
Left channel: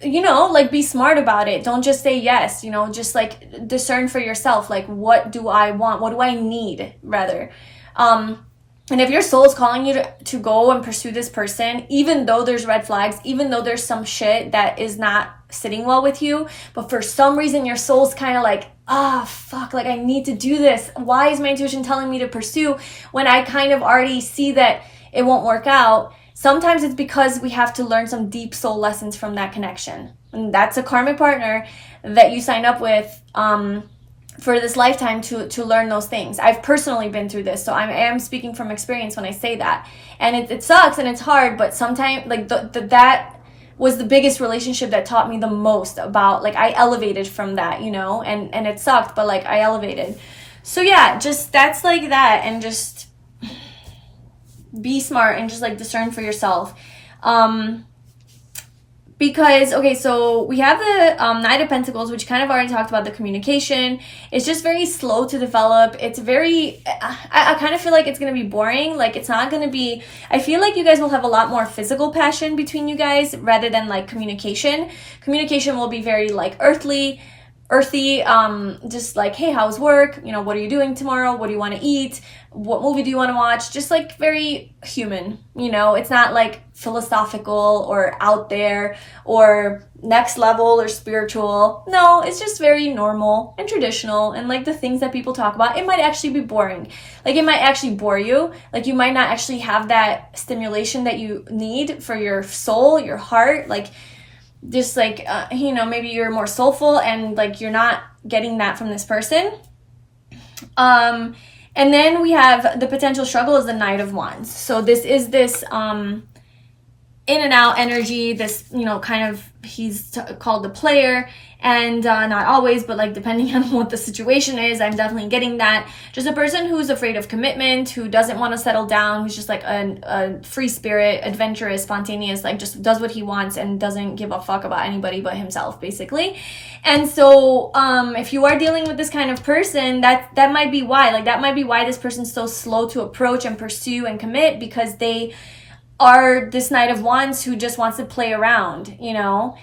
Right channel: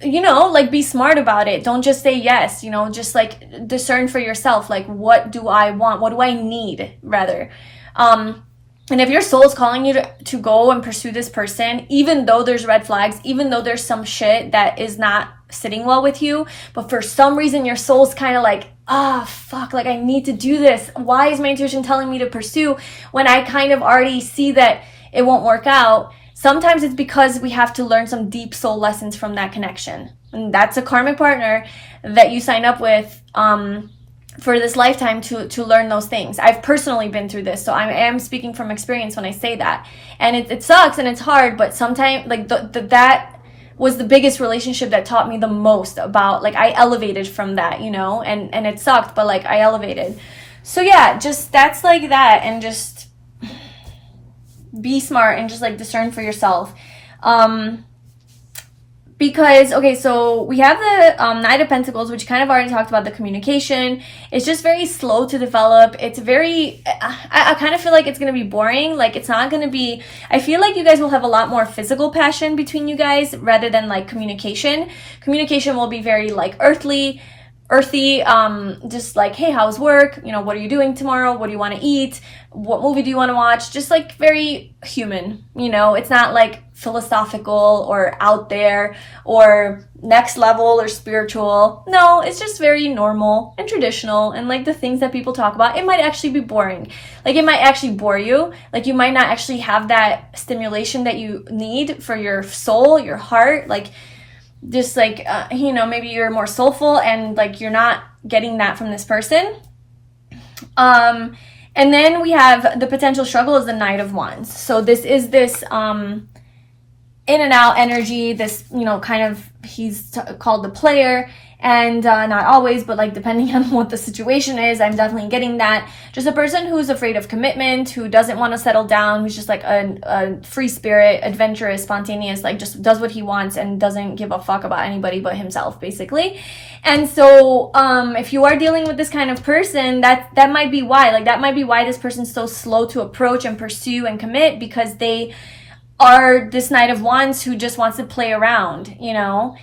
you know, like, be smart about it. Don't just say yes, you know, just like discern for yourself. Like, what do I want? What do I need, rather? And if your soul's calling you to go and pursue this person, even though there's red flags, even though there's some shit that is not sitting well with you, but for some reason your soul's kind of like, fuck, like, I need to do this. Why is my intuition telling me to pursue when I kind of already see that it won't work out? Sometimes it's because we have to learn some deep soul lessons from that connection. And that's a karmic partner that you sign up with for this lifetime to learn those things. I've personally been through this, so I am speaking from experience when I say that. And it sucks and it's hard, but sometimes, like, that was the biggest relationship that taught me the most about, like, I elevated from that, you know, and it sucked, but like, I elevated. So yeah, just, that's like that, and just be smart and just like discern for yourself. Because, okay, so we have the Knight of Pentacles, which kind of already talked about the communication. It's just very slow to develop. It's very, I kind of feel like it's going to be boring. Like, it's not going to be, I feel like you guys will have a lot more physical passion between you guys rather than like communication. Communication will be very like earthy, just like, hey, how's work? You know, what are you doing tomorrow? What do you want to eat? What movie do you want to watch? Just like very human, you know. It's not like philosophical or out there or next level or spiritual. No, it's just very normal and traditional, and like the things that people talk about. It might actually be boring. Like, it might actually bore you. Like, you might not actually have that stimulation that you need for your soul, your heart. Like, just like, you know, maybe you're more soulful and like you're not getting that from this person. And then we have the potential struggle is the Knight of Wands. So this is this in and out energy, this, you know, kind of, he's called the player, and not always, but like depending on what the situation is, I'm definitely getting that. Just a person who's afraid of commitment, who doesn't want to settle down, who's just like a free spirit, adventurous, spontaneous, like just does what he wants and doesn't give a fuck about anybody but himself, basically. And so if you are dealing with this kind of person, that might be why, like that might be why this person's so slow to approach and pursue and commit, because they are this Knight of Wands who just wants to play around, you know.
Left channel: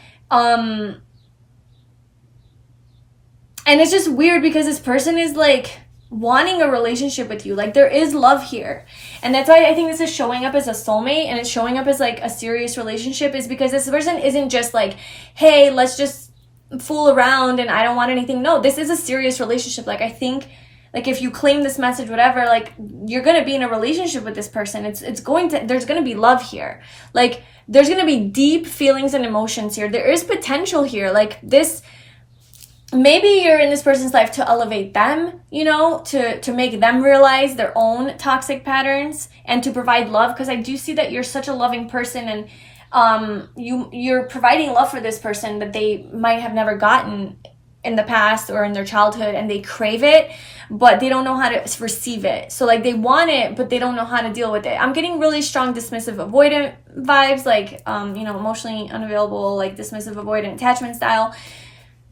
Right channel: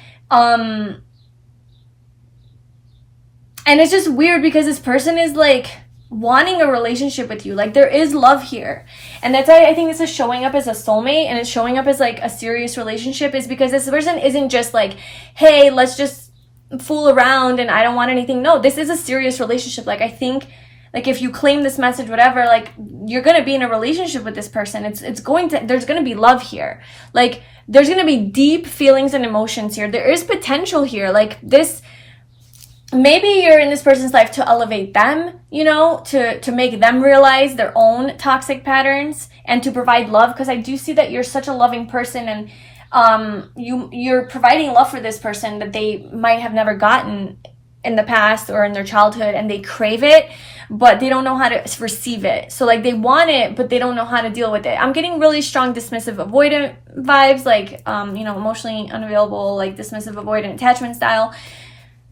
And it's just weird because this person is like wanting a relationship with you. Like there is love here. And that's why I think this is showing up as a soulmate and it's showing up as like a serious relationship, is because this person isn't just like, hey, let's just fool around and I don't want anything. No, this is a serious relationship. Like I think, like if you claim this message, whatever, like you're going to be in a relationship with this person. There's going to be love here. Like there's going to be deep feelings and emotions here. There is potential here. Like this, maybe you're in this person's life to elevate them, you know, to make them realize their own toxic patterns and to provide love. Because I do see that you're such a loving person, and you're providing love for this person that they might have never gotten in the past or in their childhood, and they crave it, but they don't know how to receive it. So like they want it, but they don't know how to deal with it. I'm getting really strong dismissive avoidant vibes, like you know, emotionally unavailable, like dismissive avoidant attachment style.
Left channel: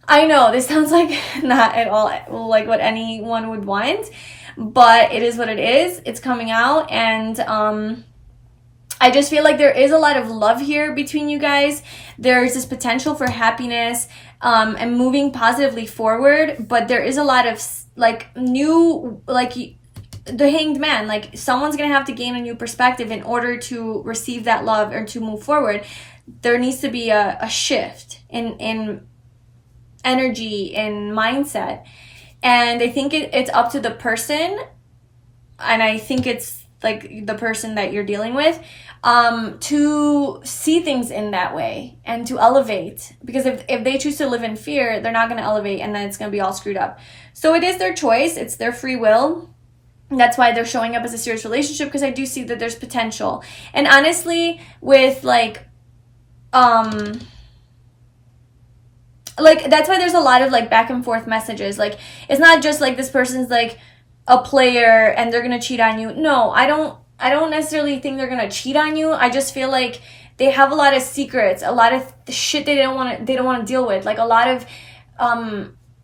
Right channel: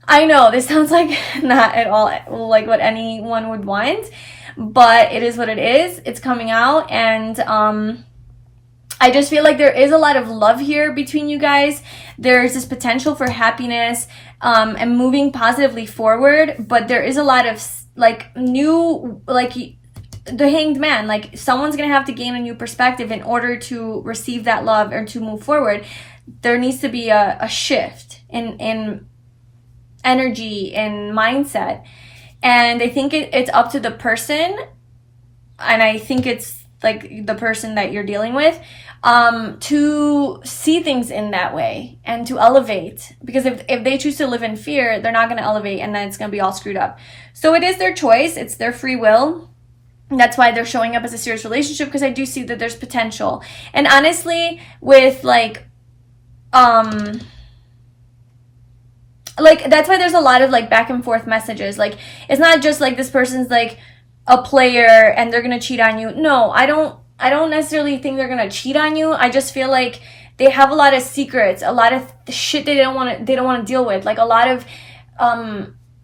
I know this sounds like not at all like what anyone would want, but it is what it is. It's coming out, and I just feel like there is a lot of love here between you guys. There's this potential for happiness and moving positively forward, but there is a lot of like new, like the Hanged Man, like someone's gonna have to gain a new perspective in order to receive that love or to move forward. There needs to be a shift in energy and mindset, and I think it's up to the person, and I think it's like the person that you're dealing with to see things in that way and to elevate, because if they choose to live in fear, they're not going to elevate, and then it's going to be all screwed up. So it is their choice, it's their free will, and that's why they're showing up as a serious relationship, because I do see that there's potential. And honestly, with like that's why there's a lot of like back and forth messages. Like it's not just like this person's like a player and they're gonna cheat on you. No, I don't necessarily think they're gonna cheat on you. I just feel like they have a lot of secrets, a lot of shit they don't want to deal with, like a lot of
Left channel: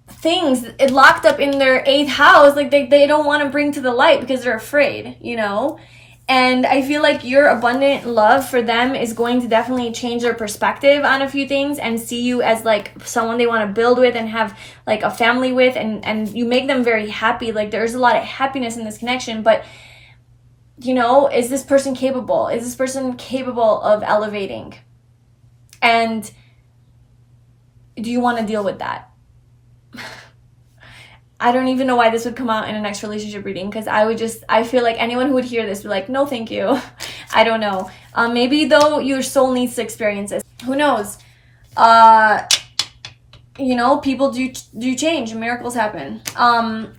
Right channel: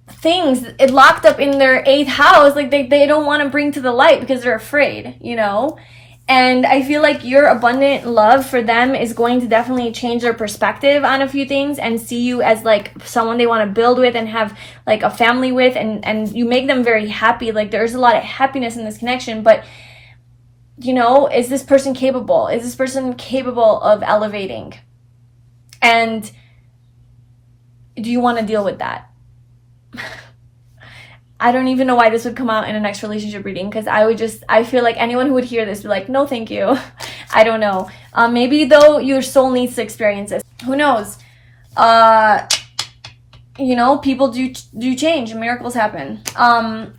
things it locked up in their 8th house, like they don't want to bring to the light because they're afraid, you know. And I feel like your abundant love for them is going to definitely change their perspective on a few things and see you as like someone they want to build with and have like a family with, and you make them very happy. Like there's a lot of happiness in this connection, but you know, is this person capable? Is this person capable of elevating? And do you want to deal with that? I don't even know why this would come out in a next relationship reading, because I feel like anyone who would hear this would be like, no, thank you. I don't know. Maybe though your soul needs to experience this. Who knows? You know, people do change and miracles happen.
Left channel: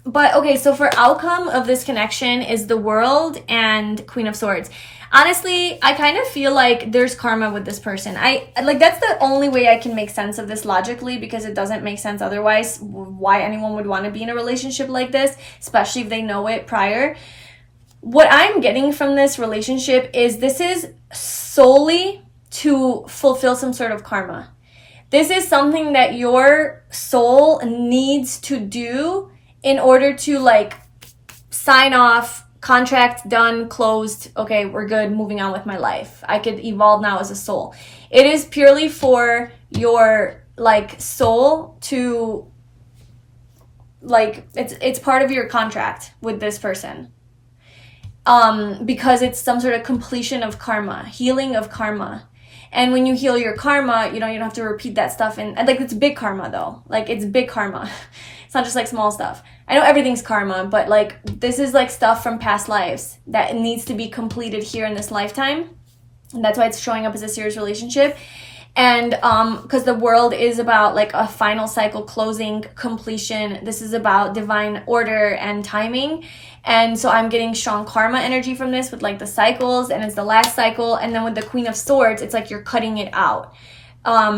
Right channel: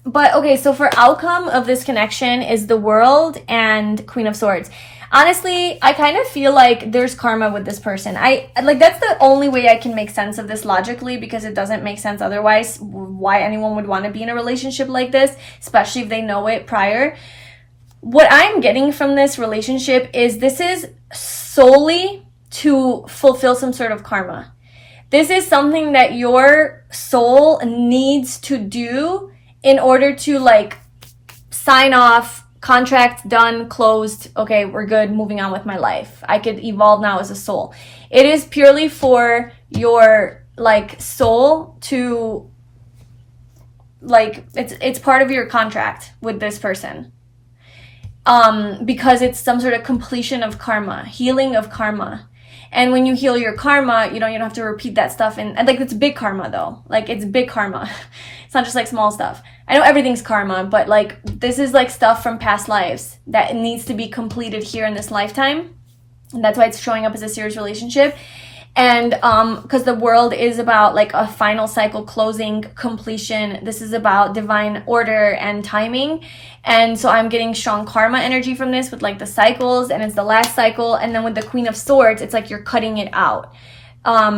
But okay, so for outcome of this connection is the World and Queen of Swords. Honestly, I kind of feel like there's karma with this person. That's the only way I can make sense of this logically, because it doesn't make sense otherwise why anyone would want to be in a relationship like this, especially if they know it prior. What I'm getting from this relationship is this is solely to fulfill some sort of karma. This is something that your soul needs to do in order to like sign off, contract done, closed, okay, we're good, moving on with my life. I could evolve now as a soul. It is purely for your like soul to like, it's part of your contract with this person. Because it's some sort of completion of karma, healing of karma. And when you heal your karma, you don't have to repeat that stuff. And like, it's big karma though. Like, it's big karma. It's not just like small stuff. I know everything's karma, but like, this is like stuff from past lives that needs to be completed here in this lifetime. And that's why it's showing up as a serious relationship. And because the world is about like a final cycle closing, completion. This is about divine order and timing. And so I'm getting strong karma energy from this with like the cycles, and it's the last cycle. And then with the Queen of Swords, it's like you're cutting it out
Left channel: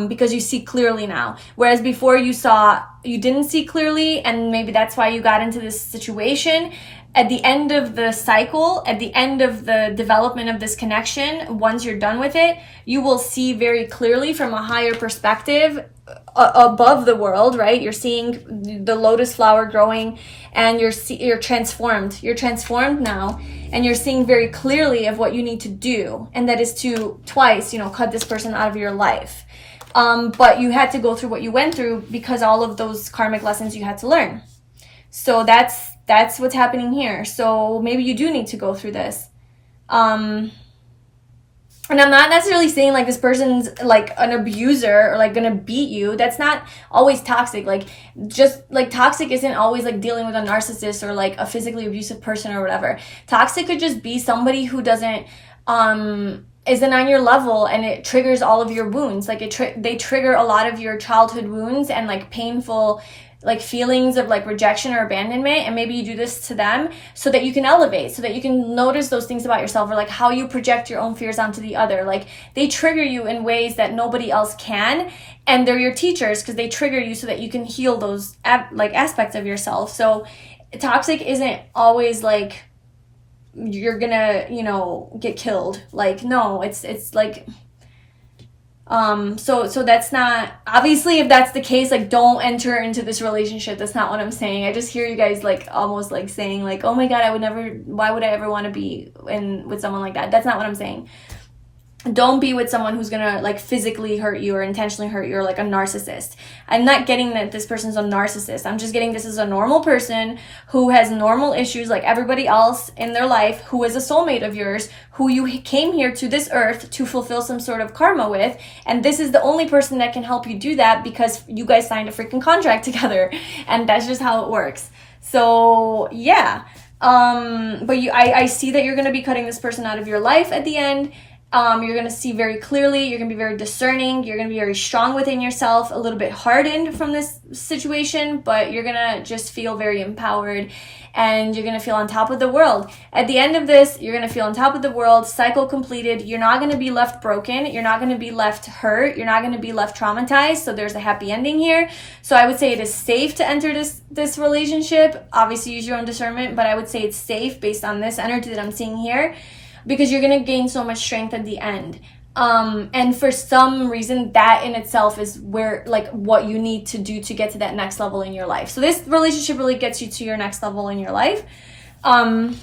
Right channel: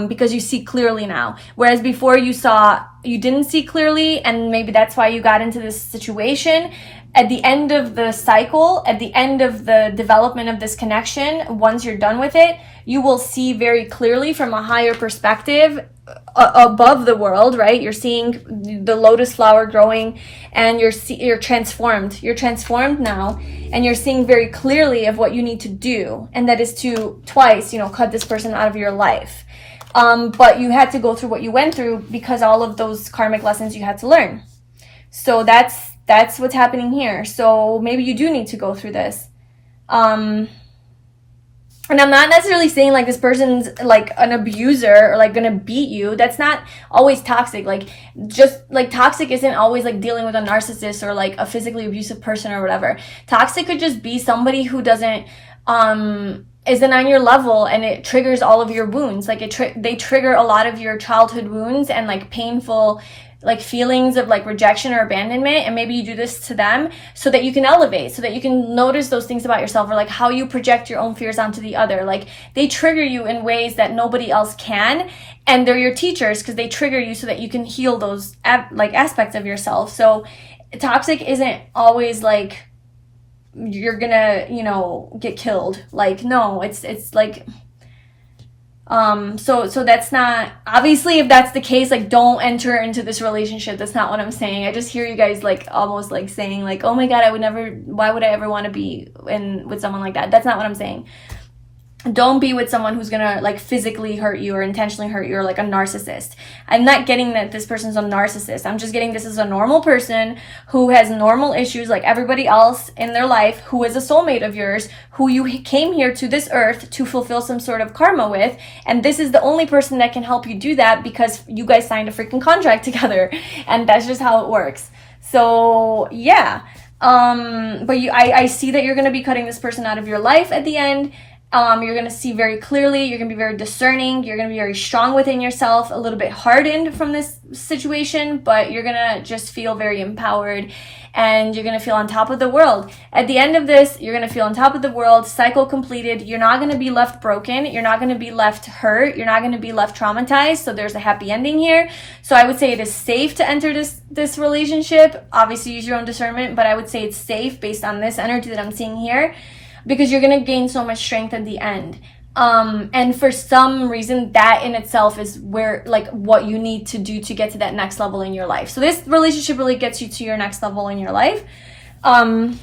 because you see clearly now. Whereas before you didn't see clearly, and maybe that's why you got into this situation. At the end of the cycle, at the end of the development of this connection, once you're done with it, you will see very clearly from a higher perspective above the world, right? You're seeing the lotus flower growing, and you're transformed. You're transformed now, and you're seeing very clearly of what you need to do, and that is to twice, cut this person out of your life. But you had to go through what you went through because all of those karmic lessons you had to learn. So that's what's happening here. So maybe you do need to go through this. And I'm not necessarily saying like this person's like an abuser or like gonna beat you. That's not always toxic. Like just like toxic isn't always like dealing with a narcissist or like a physically abusive person or whatever. Toxic could just be somebody who isn't on your level, and it triggers all of your wounds. Like they trigger a lot of your childhood wounds and like painful like feelings of like rejection or abandonment, and maybe you do this to them so that you can elevate, so that you can notice those things about yourself, or like how you project your own fears onto the other. Like they trigger you in ways that nobody else can, and they're your teachers because they trigger you so that you can heal those like aspects of yourself. So toxic isn't always like you're gonna get killed. Like no, it's like so that's not, obviously if that's the case, like don't enter into this relationship. That's not what I'm saying. I just hear you guys like almost like saying like, oh my god, why would I ever want to be with someone like that? That's not what I'm saying. Don't be with someone who's gonna like physically hurt you or intentionally hurt you, or like a narcissist. I'm not getting that this person's a narcissist. I'm just getting this is a normal person who has normal issues like everybody else in their life, who is a soulmate of yours, who you came here to this earth to fulfill some sort of karma with. And this is the only person that can help you do that because you guys signed a freaking contract together. And that's just how it works. So yeah. But I see that you're gonna be cutting this person out of your life at the end. You're going to see very clearly, you're going to be very discerning, you're going to be very strong within yourself, a little bit hardened from this situation, but you're going to just feel very empowered, and you're going to feel on top of the world. At the end of this, you're going to feel on top of the world, cycle completed. You're not going to be left broken, you're not going to be left hurt, you're not going to be left traumatized, so there's a happy ending here. So I would say it is safe to enter this relationship. Obviously use your own discernment, but I would say it's safe based on this energy that I'm seeing here, because you're going to gain so much strength at the end. And for some reason, that in itself is where, like, what you need to do to get to that next level in your life. So this relationship really gets you to your next level in your life. And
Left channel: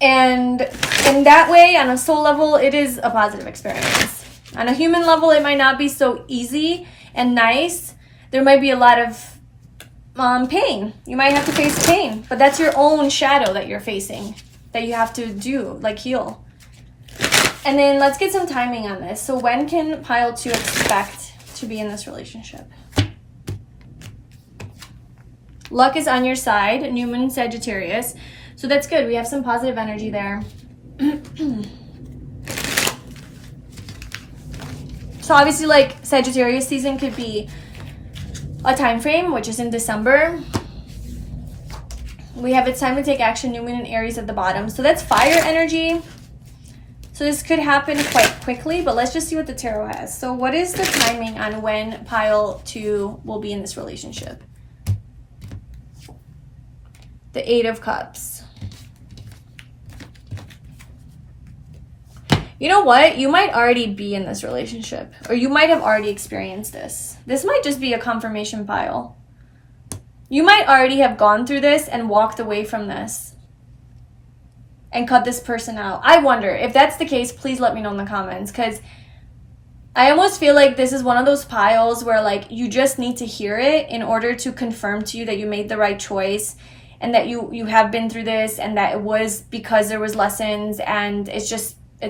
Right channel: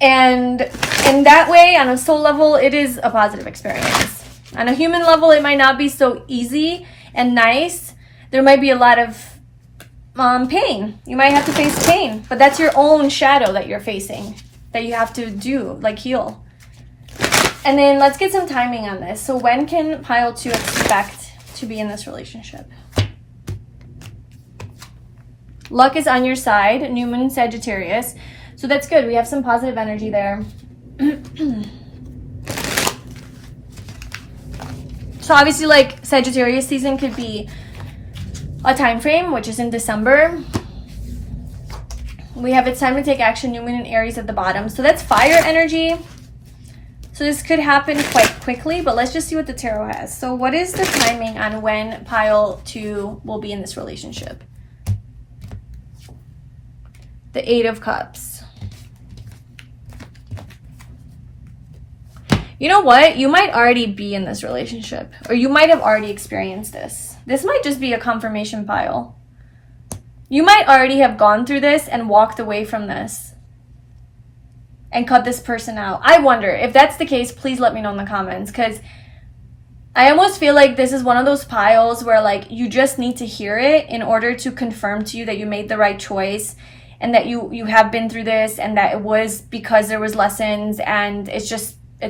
in that way, on a soul level, it is a positive experience. On a human level, it might not be so easy and nice. There might be a lot of pain. You might have to face pain, but that's your own shadow that you're facing, that you have to do, like heal. And then let's get some timing on this. So when can pile 2 expect to be in this relationship? Luck is on your side, new moon Sagittarius. So that's good. We have some positive energy there. So obviously like Sagittarius season could be a time frame, which is in December. We have it's time to take action, new moon in Aries at the bottom. So that's fire energy. So this could happen quite quickly, but let's just see what the tarot has. So what is the timing on when pile 2 will be in this relationship? The 8 of Cups. You know what? You might already be in this relationship, or you might have already experienced this. This might just be a confirmation pile. You might already have gone through this and walked away from this and cut this person out. I wonder if that's the case. Please let me know in the comments, because I almost feel like this is one of those piles where like you just need to hear it in order to confirm to you that you made the right choice, and that you have been through this, and that it was because there was lessons, and it's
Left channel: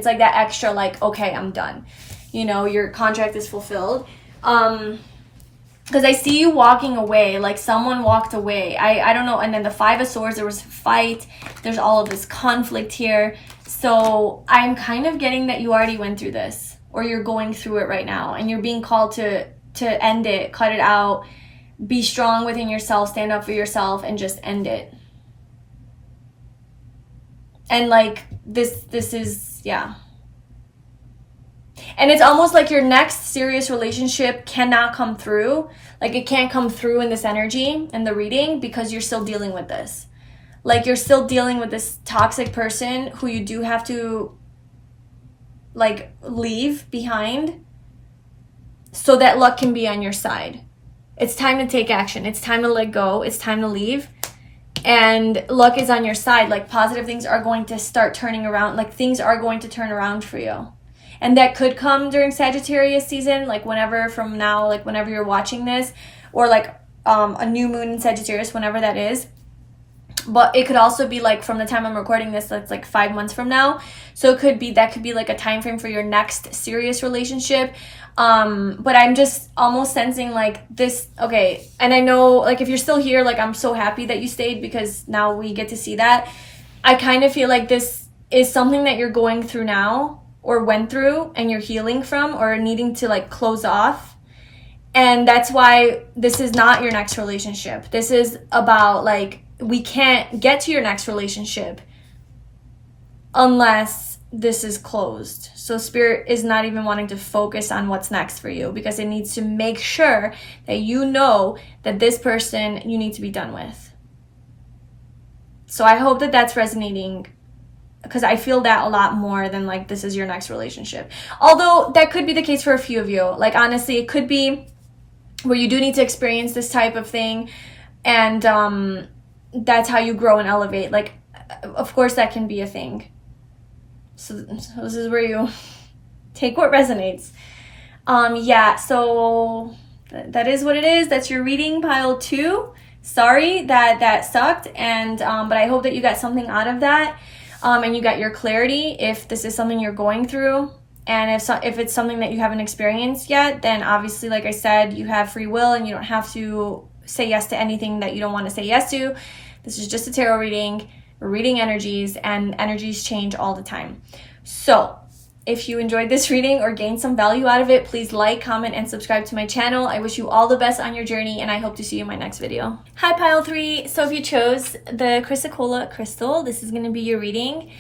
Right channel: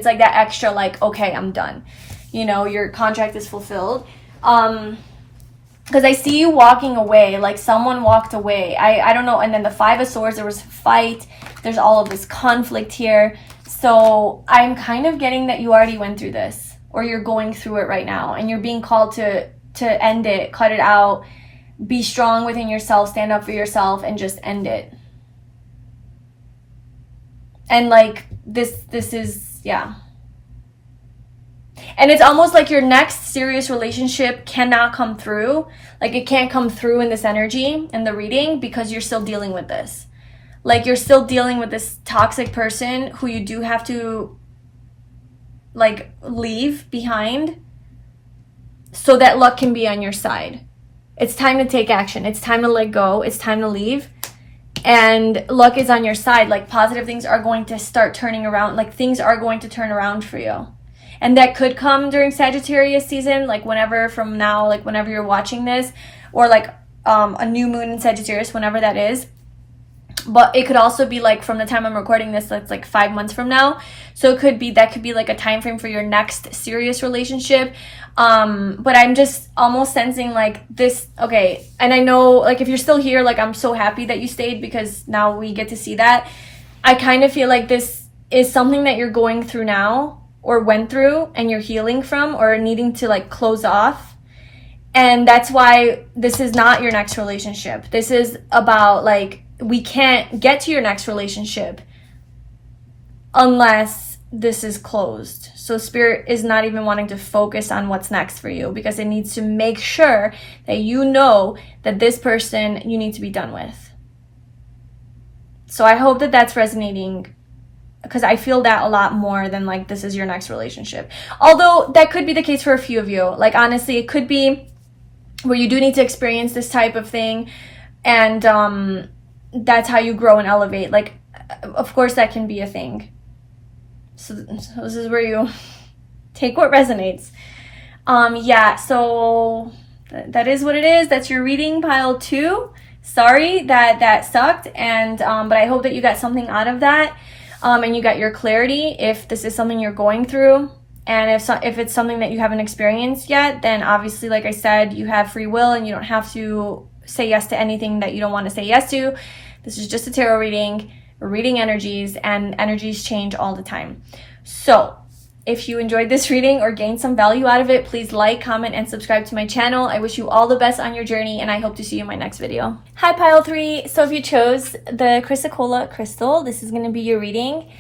like that extra like, okay, I'm done. Your contract is fulfilled. Because I see you walking away, like someone walked away. I don't know. And then the 5 of Swords, there was a fight. There's all of this conflict here. So I'm kind of getting that you already went through this, or you're going through it right now and you're being called to end it, cut it out, be strong within yourself, stand up for yourself, and just end it. And like this is, yeah. And it's almost like your next serious relationship cannot come through. Like it can't come through in this energy, in the reading, because you're still dealing with this. Like you're still dealing with this toxic person who you do have to like leave behind so that luck can be on your side. It's time to take action. It's time to let go. It's time to leave. And luck is on your side. Like positive things are going to start turning around. Like things are going to turn around for you. And that could come during Sagittarius season, like whenever from now, like whenever you're watching this, or like a new moon in Sagittarius, whenever that is. But it could also be like from the time I'm recording this, that's like 5 months from now. So it could be, that could be like a time frame for your next serious relationship. But I'm just almost sensing like this, okay. And I know like if you're still here, like I'm so happy that you stayed because now we get to see that. I kind of feel like this is something that you're going through now, or went through, and you're healing from, or needing to like close off. And that's why this is not your next relationship. This is about like, we can't get to your next relationship unless this is closed. So Spirit is not even wanting to focus on what's next for you, because it needs to make sure that you know that this person you need to be done with. So I hope that that's resonating, because I feel that a lot more than like this is your next relationship. Although that could be the case for a few of you. Like honestly, it could be where you do need to experience this type of thing, and that's how you grow and elevate. Like of course that can be a thing. So this is where you take what resonates. Yeah, so that is what it is. That's your reading, pile 2. Sorry that sucked, and but I hope that you got something out of that. And you got your clarity if this is something you're going through. And if it's something that you haven't experienced yet, then obviously, like I said, you have free will and you don't have to say yes to anything that you don't want to say yes to. This is just a tarot reading. We're reading energies, and energies change all the time. So if you enjoyed this reading or gained some value out of it, please like, comment, and subscribe to my channel. I wish you all the best on your journey, and I hope to see you in my next video. Hi, pile 3. So if you chose the Chrysocolla crystal, this is going to be your reading.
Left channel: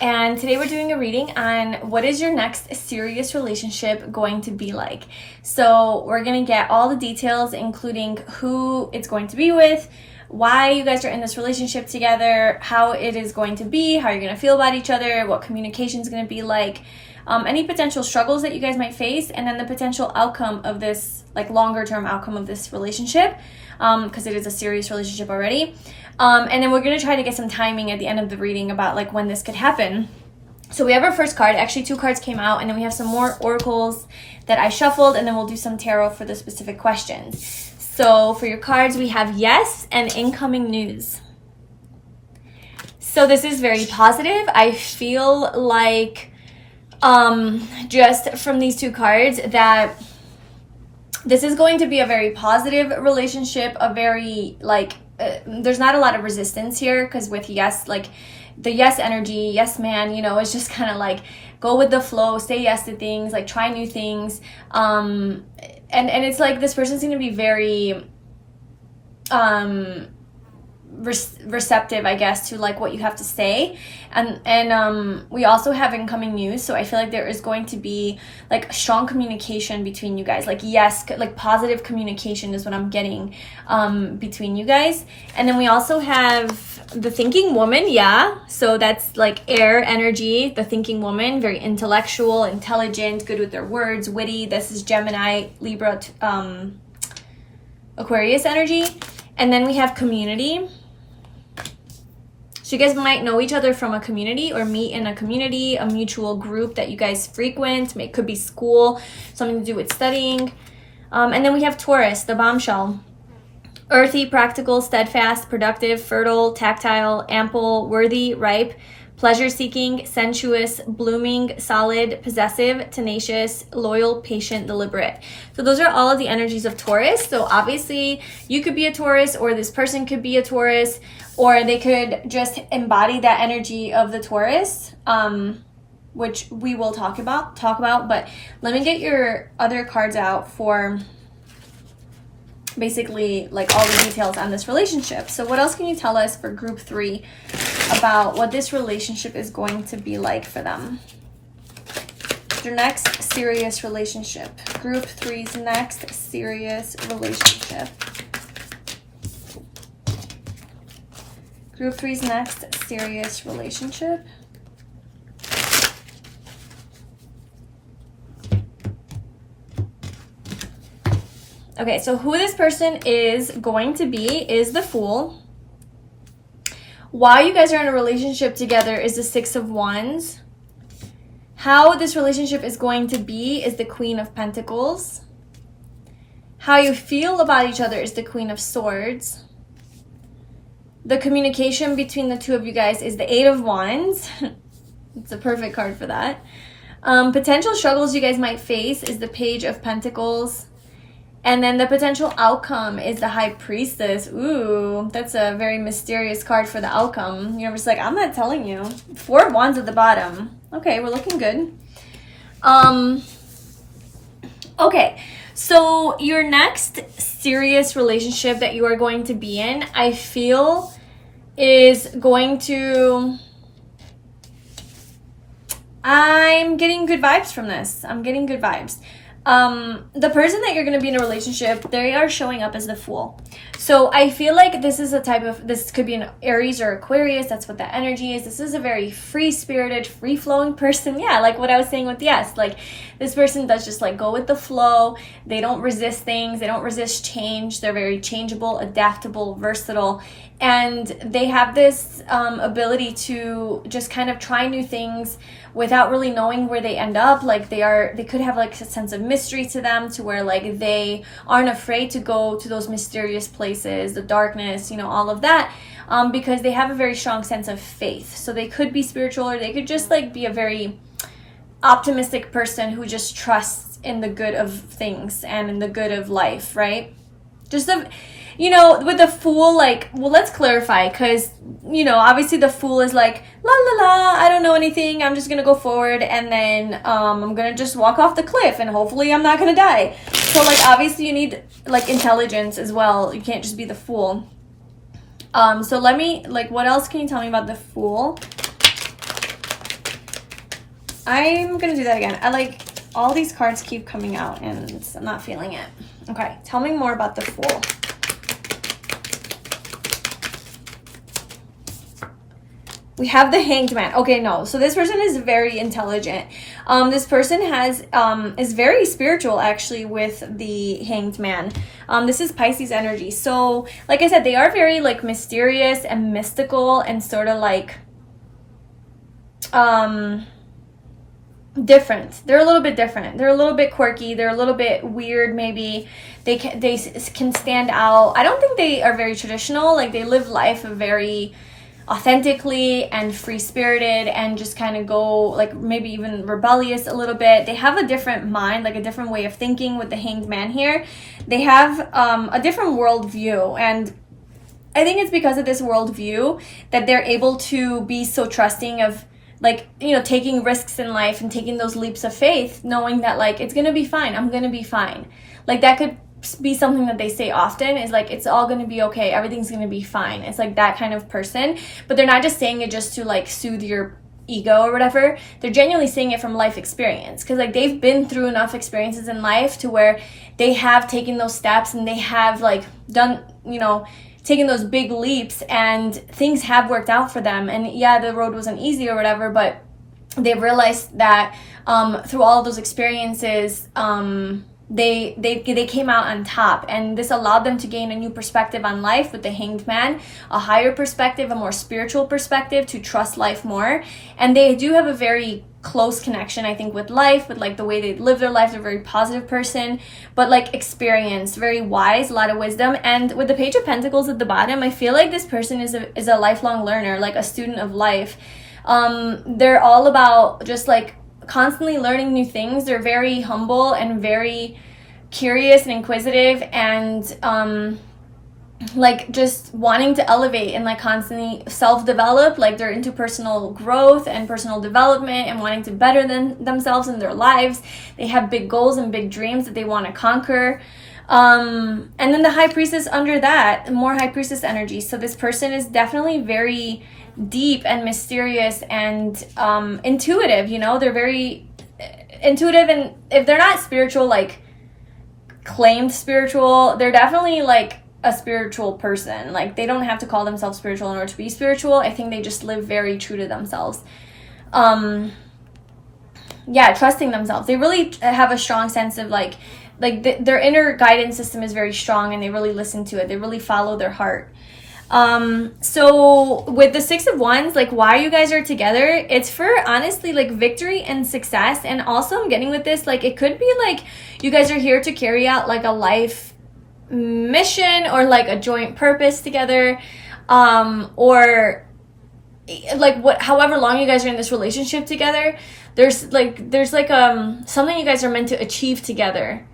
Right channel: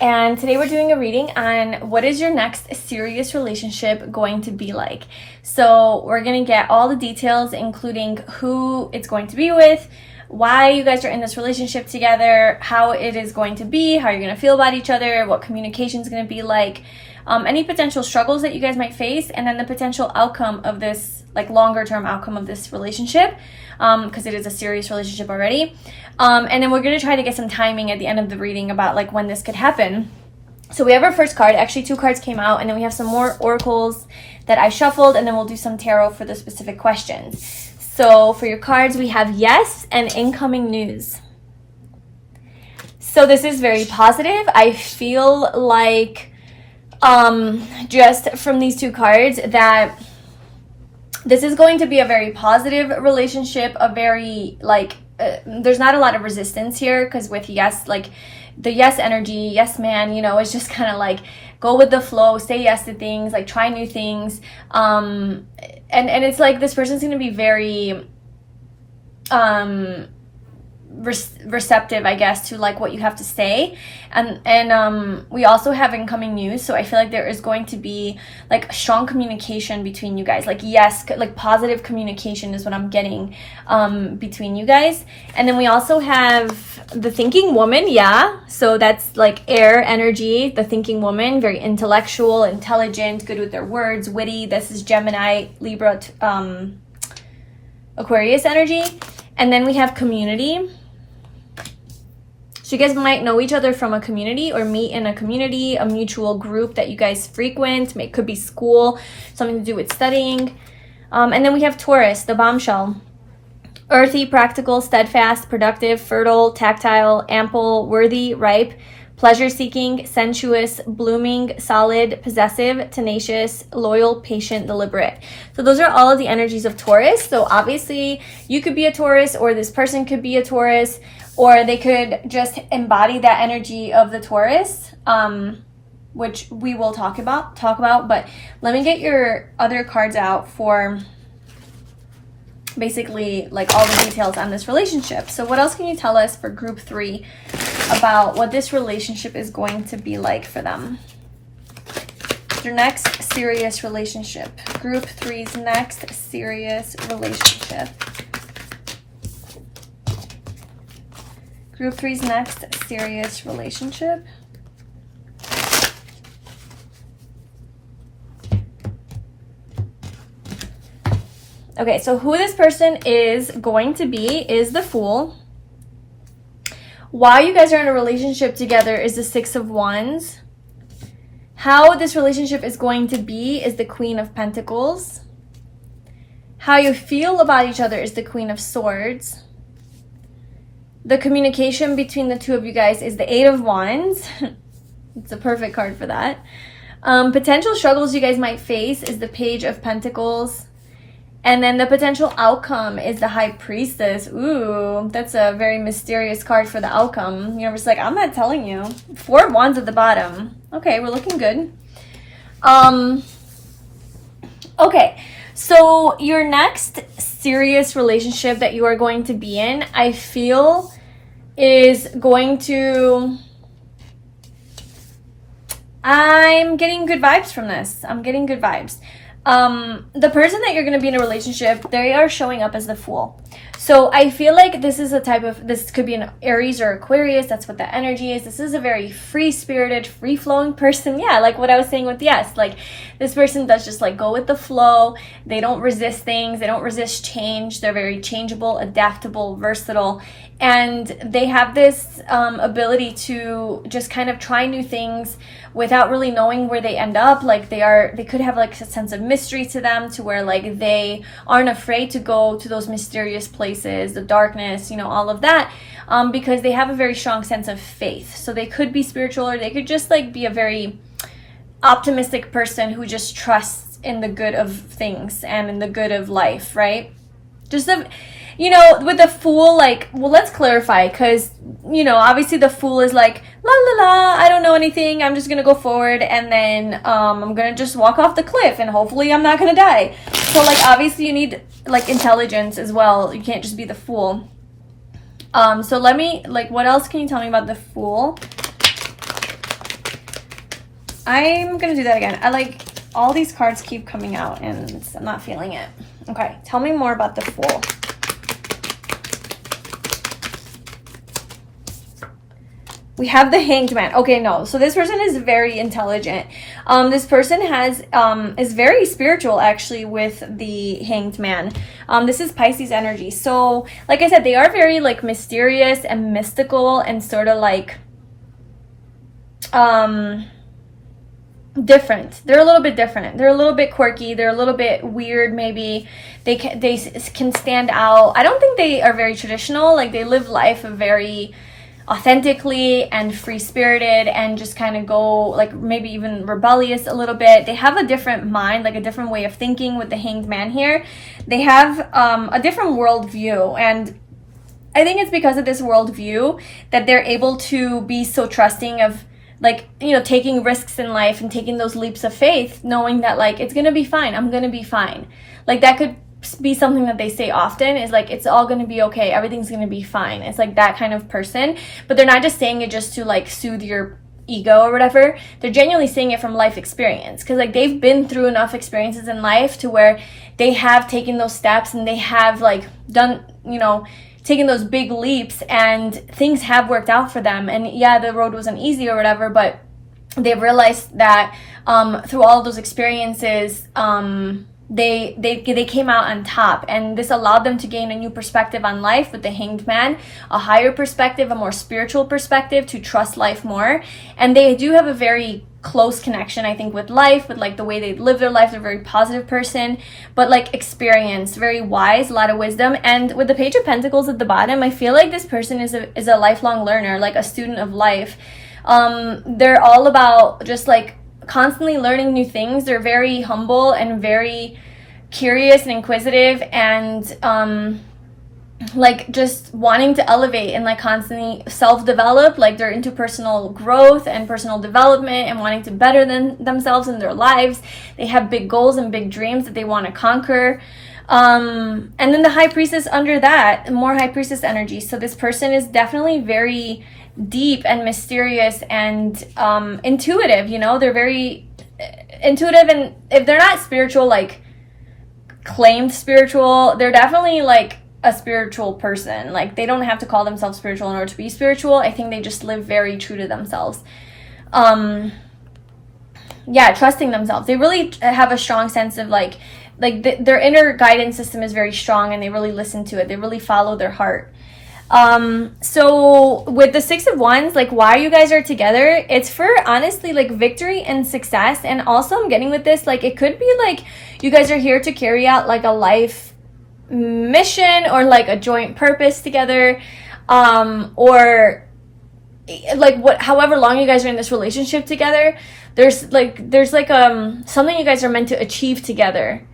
And today we're doing a reading on what is your next serious relationship going to be like. So we're going to get all the details, including who it's going to be with, why you guys are in this relationship together, how it is going to be, how you're going to feel about each other, what communication is going to be like, any potential struggles that you guys might face, and then the potential outcome of this, like longer term outcome of this relationship, because it is a serious relationship already. And then we're going to try to get some timing at the end of the reading about like when this could happen. So we have our first card. Actually 2 cards came out, and then we have some more oracles that I shuffled, and then we'll do some tarot for the specific questions. So for your cards, we have yes and incoming news. So this is very positive. I feel like just from these 2 cards that this is going to be a very positive relationship, a very like there's not a lot of resistance here, because with yes, like the yes energy, yes man, you know, it's just kind of like go with the flow, say yes to things, like try new things, and it's like this person's going to be very receptive, I guess, to like what you have to say. And we also have incoming news, so I feel like there is going to be like strong communication between you guys. Like yes, like positive communication is what I'm getting between you guys. And then we also have the thinking woman. Yeah, so that's like air energy, the thinking woman, very intellectual, intelligent, good with their words, witty. This is Gemini, Libra, Aquarius energy. And then we have community. So you guys might know each other from a community, or meet in a community, a mutual group that you guys frequent. It could be school, something to do with studying. And then we have Taurus, the bombshell. Earthy, practical, steadfast, productive, fertile, tactile, ample, worthy, ripe, pleasure-seeking, sensuous, blooming, solid, possessive, tenacious, loyal, patient, deliberate. So those are all of the energies of Taurus. So obviously you could be a Taurus, or this person could be a Taurus, or they could just embody that energy of the Taurus, which we will talk about, but let me get your other cards out for basically like all the details on this relationship. So what else can you tell us for group 3 about what this relationship is going to be like for them? Your next serious relationship. Group 3's next serious relationship. Group 3's next serious relationship. Okay, so who this person is going to be is the Fool. Why you guys are in a relationship together is the Six of Wands. How this relationship is going to be is the Queen of Pentacles. How you feel about each other is the Queen of Swords. The communication between the two of you guys is the Eight of Wands. It's a perfect card for that. Potential struggles you guys might face is the Page of Pentacles. And then the potential outcome is the High Priestess. Ooh, that's a very mysterious card for the outcome. You're just like, I'm not telling you. 4 of Wands at the bottom. Okay, we're looking good. Okay, so your next serious relationship that you are going to be in, I feel, is going to... I'm getting good vibes from this. I'm getting good vibes. The person that you're going to be in a relationship, they are showing up as the Fool. So I feel like this is a type of, this could be an Aries or Aquarius. That's what the energy is. This is a very free-spirited, free-flowing person. Yeah, like what I was saying with yes, like this person does just like go with the flow. They don't resist things. They don't resist change. They're very changeable, adaptable, versatile. And they have this ability to just kind of try new things without really knowing where they end up. Like they could have like a sense of mystery to them, to where like they aren't afraid to go to those mysterious places, the darkness, you know, all of that, because they have a very strong sense of faith. So they could be spiritual, or they could just like be a very optimistic person who just trusts in the good of things and in the good of life, right? Just a, you know, with the Fool, like, well, let's clarify, because, you know, obviously the Fool is like, la la la, I don't know anything, I'm just gonna go forward, and then I'm gonna just walk off the cliff, and hopefully I'm not gonna die. So, like, obviously you need, like, intelligence as well. You can't just be the Fool. So let me, like, what else can you tell me about the Fool? I'm gonna do that again. I like, all these cards keep coming out, and I'm not feeling it. Okay, tell me more about the Fool. We have the Hanged Man. Okay, no. So this person is very intelligent. This person is very spiritual, actually, with the Hanged Man. This is Pisces energy. So, like I said, they are very, like, mysterious and mystical and sort of, like, different. They're a little bit different. They're a little bit quirky. They're a little bit weird, maybe. They can stand out. I don't think they are very traditional. Like, they live life a very authentically and free-spirited, and just kind of go, like, maybe even rebellious a little bit. They have a different mind, like a different way of thinking with the Hanged Man here. They have a different worldview, and I think it's because of this worldview that they're able to be so trusting of, like, you know, taking risks in life and taking those leaps of faith, knowing that, like, it's gonna be fine, I'm gonna be fine. Like, that could be something that they say often, is like, it's all going to be okay, everything's going to be fine. It's like that kind of person, but they're not just saying it just to, like, soothe your ego or whatever. They're genuinely saying it from life experience, because, like, they've been through enough experiences in life to where they have taken those steps, and they have, like, done, you know, taken those big leaps, and things have worked out for them. And yeah, the road wasn't easy or whatever, but they've realized that through all of those experiences, they came out on top, and this allowed them to gain a new perspective on life with the Hanged Man, a higher perspective, a more spiritual perspective, to trust life more. And they do have a very close connection, I think, with life, with, like, the way they live their life. They're a very positive person, but, like, experience, very wise, a lot of wisdom. And with the Page of Pentacles at the bottom, I feel like this person is a lifelong learner, like a student of life. They're all about just, like, constantly learning new things. They're very humble and very curious and inquisitive, and like just wanting to elevate and like constantly self-develop. Like they're into personal growth and personal development and wanting to better themselves in their lives. They have big goals and big dreams that they want to conquer. And then the High Priestess under that, more High Priestess energy. So this person is definitely very deep and mysterious and intuitive, you know. They're very intuitive, and if they're not spiritual, like claimed spiritual, they're definitely like a spiritual person. Like they don't have to call themselves spiritual in order to be spiritual. I think they just live very true to themselves. Yeah, trusting themselves. They really have a strong sense of like their inner guidance system is very strong, and they really listen to it. They really follow their heart. So with the Six of Wands, like why you guys are together, it's for honestly like victory and success. And also I'm getting with this, like it could be like you guys are here to carry out like a life mission or like a joint purpose together, or like however long you guys are in this relationship together, there's like something you guys are meant to achieve together,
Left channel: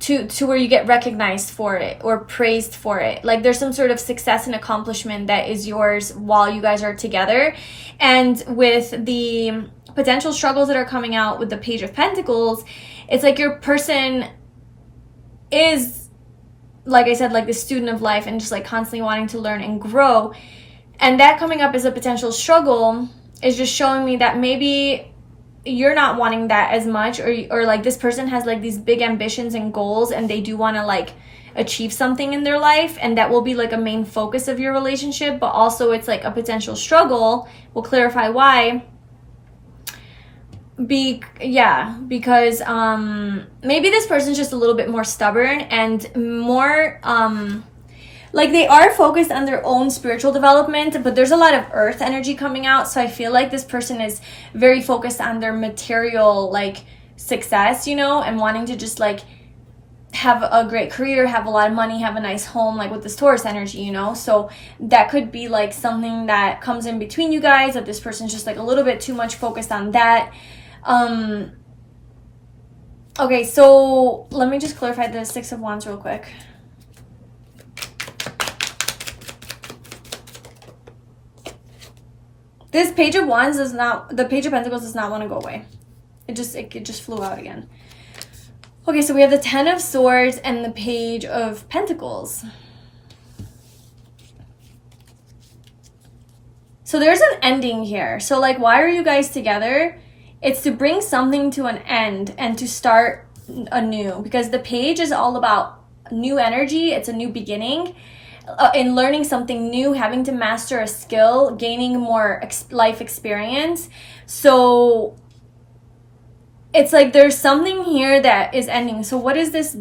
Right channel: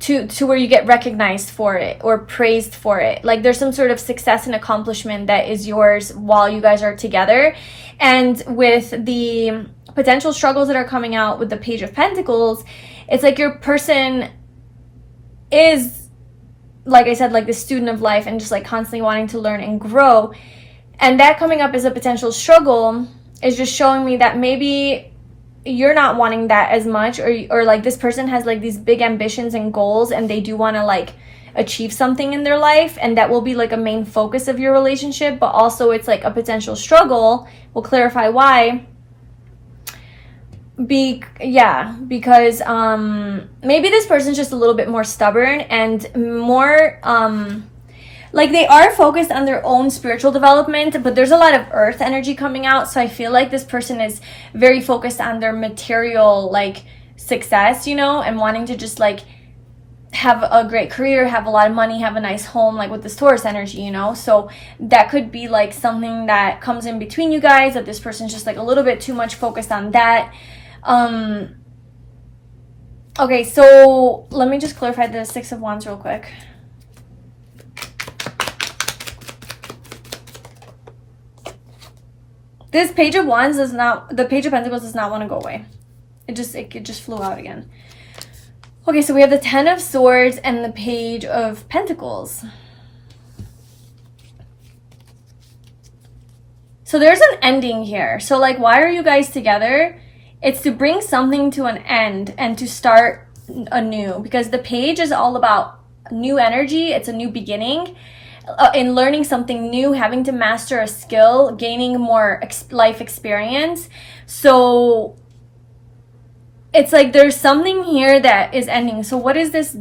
to where you get recognized for it or praised for it. Like there's some sort of success and accomplishment that is yours while you guys are together. And with the potential struggles that are coming out with the Page of Pentacles, it's like your person is, like I said, like the student of life and just like constantly wanting to learn and grow. And that coming up as a potential struggle is just showing me that maybe you're not wanting that as much, or like this person has like these big ambitions and goals, and they do want to like achieve something in their life, and that will be like a main focus of your relationship. But also it's like a potential struggle. We'll clarify why. Because maybe this person's just a little bit more stubborn and more like they are focused on their own spiritual development, but there's a lot of earth energy coming out. So I feel like this person is very focused on their material like success, you know, and wanting to just like have a great career, have a lot of money, have a nice home, like with this Taurus energy, you know. So that could be like something that comes in between you guys, that this person's just like a little bit too much focused on that. Okay, so let me just clarify the Six of Wands real quick. This Page of Wands the Page of Pentacles does not want to go away. It just flew out again. Okay, so we have the Ten of Swords and the Page of Pentacles. So there's an ending here. So like, why are you guys together? It's to bring something to an end and to start anew, because the Page is all about new energy. It's a new beginning. In learning something new, having to master a skill, gaining more life experience. So it's like there's something here that is ending. So what is this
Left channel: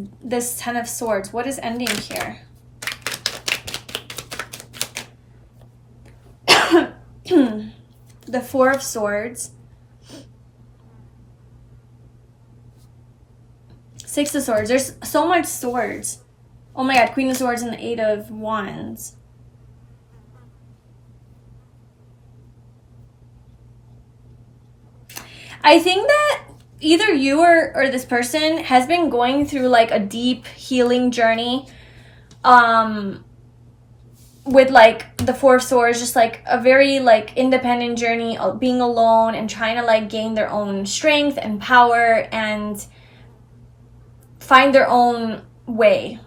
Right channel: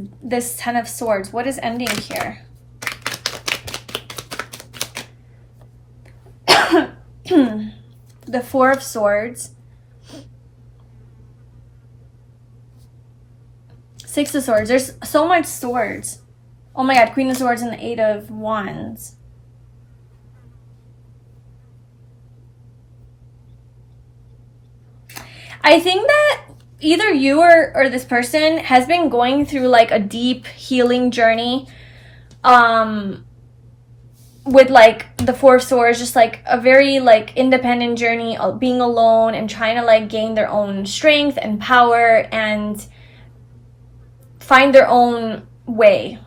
Ten of Swords? What is ending here? The Four of Swords. Six of Swords. There's so much swords. Oh my God, Queen of Swords and the Eight of Wands. I think that either you or this person has been going through like a deep healing journey with like the Four of Swords, just like a very like independent journey of being alone and trying to like gain their own strength and power and find their own way,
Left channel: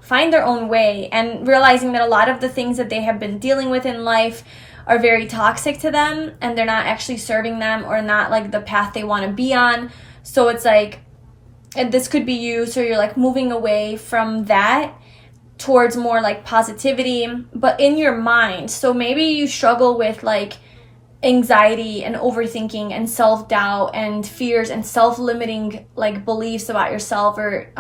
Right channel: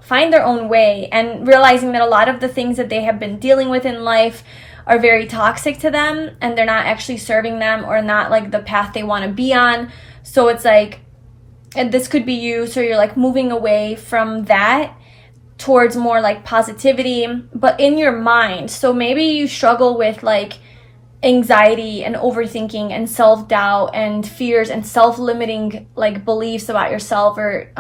and realizing that a lot of the things that they have been dealing with in life are very toxic to them, and they're not actually serving them or not like the path they want to be on. So it's like, and this could be you, so you're like moving away from that towards more like positivity, but in your mind. So maybe you struggle with like anxiety and overthinking and self-doubt and fears and self-limiting like beliefs about yourself, or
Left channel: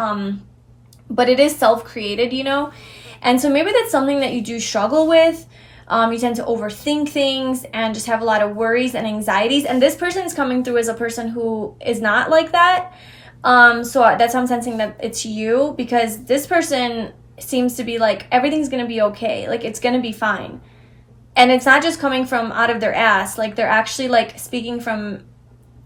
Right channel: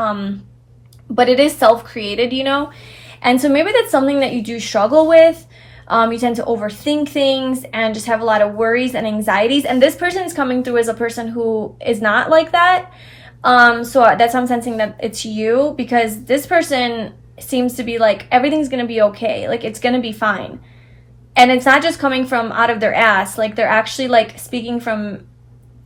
but it is self-created, you know. And so maybe that's something that you do struggle with. You tend to overthink things and just have a lot of worries and anxieties, and this person is coming through as a person who is not like that. So that's how I'm sensing that it's you, because this person seems to be like, everything's gonna be okay, like it's gonna be fine. And it's not just coming from out of their ass, like they're actually like speaking from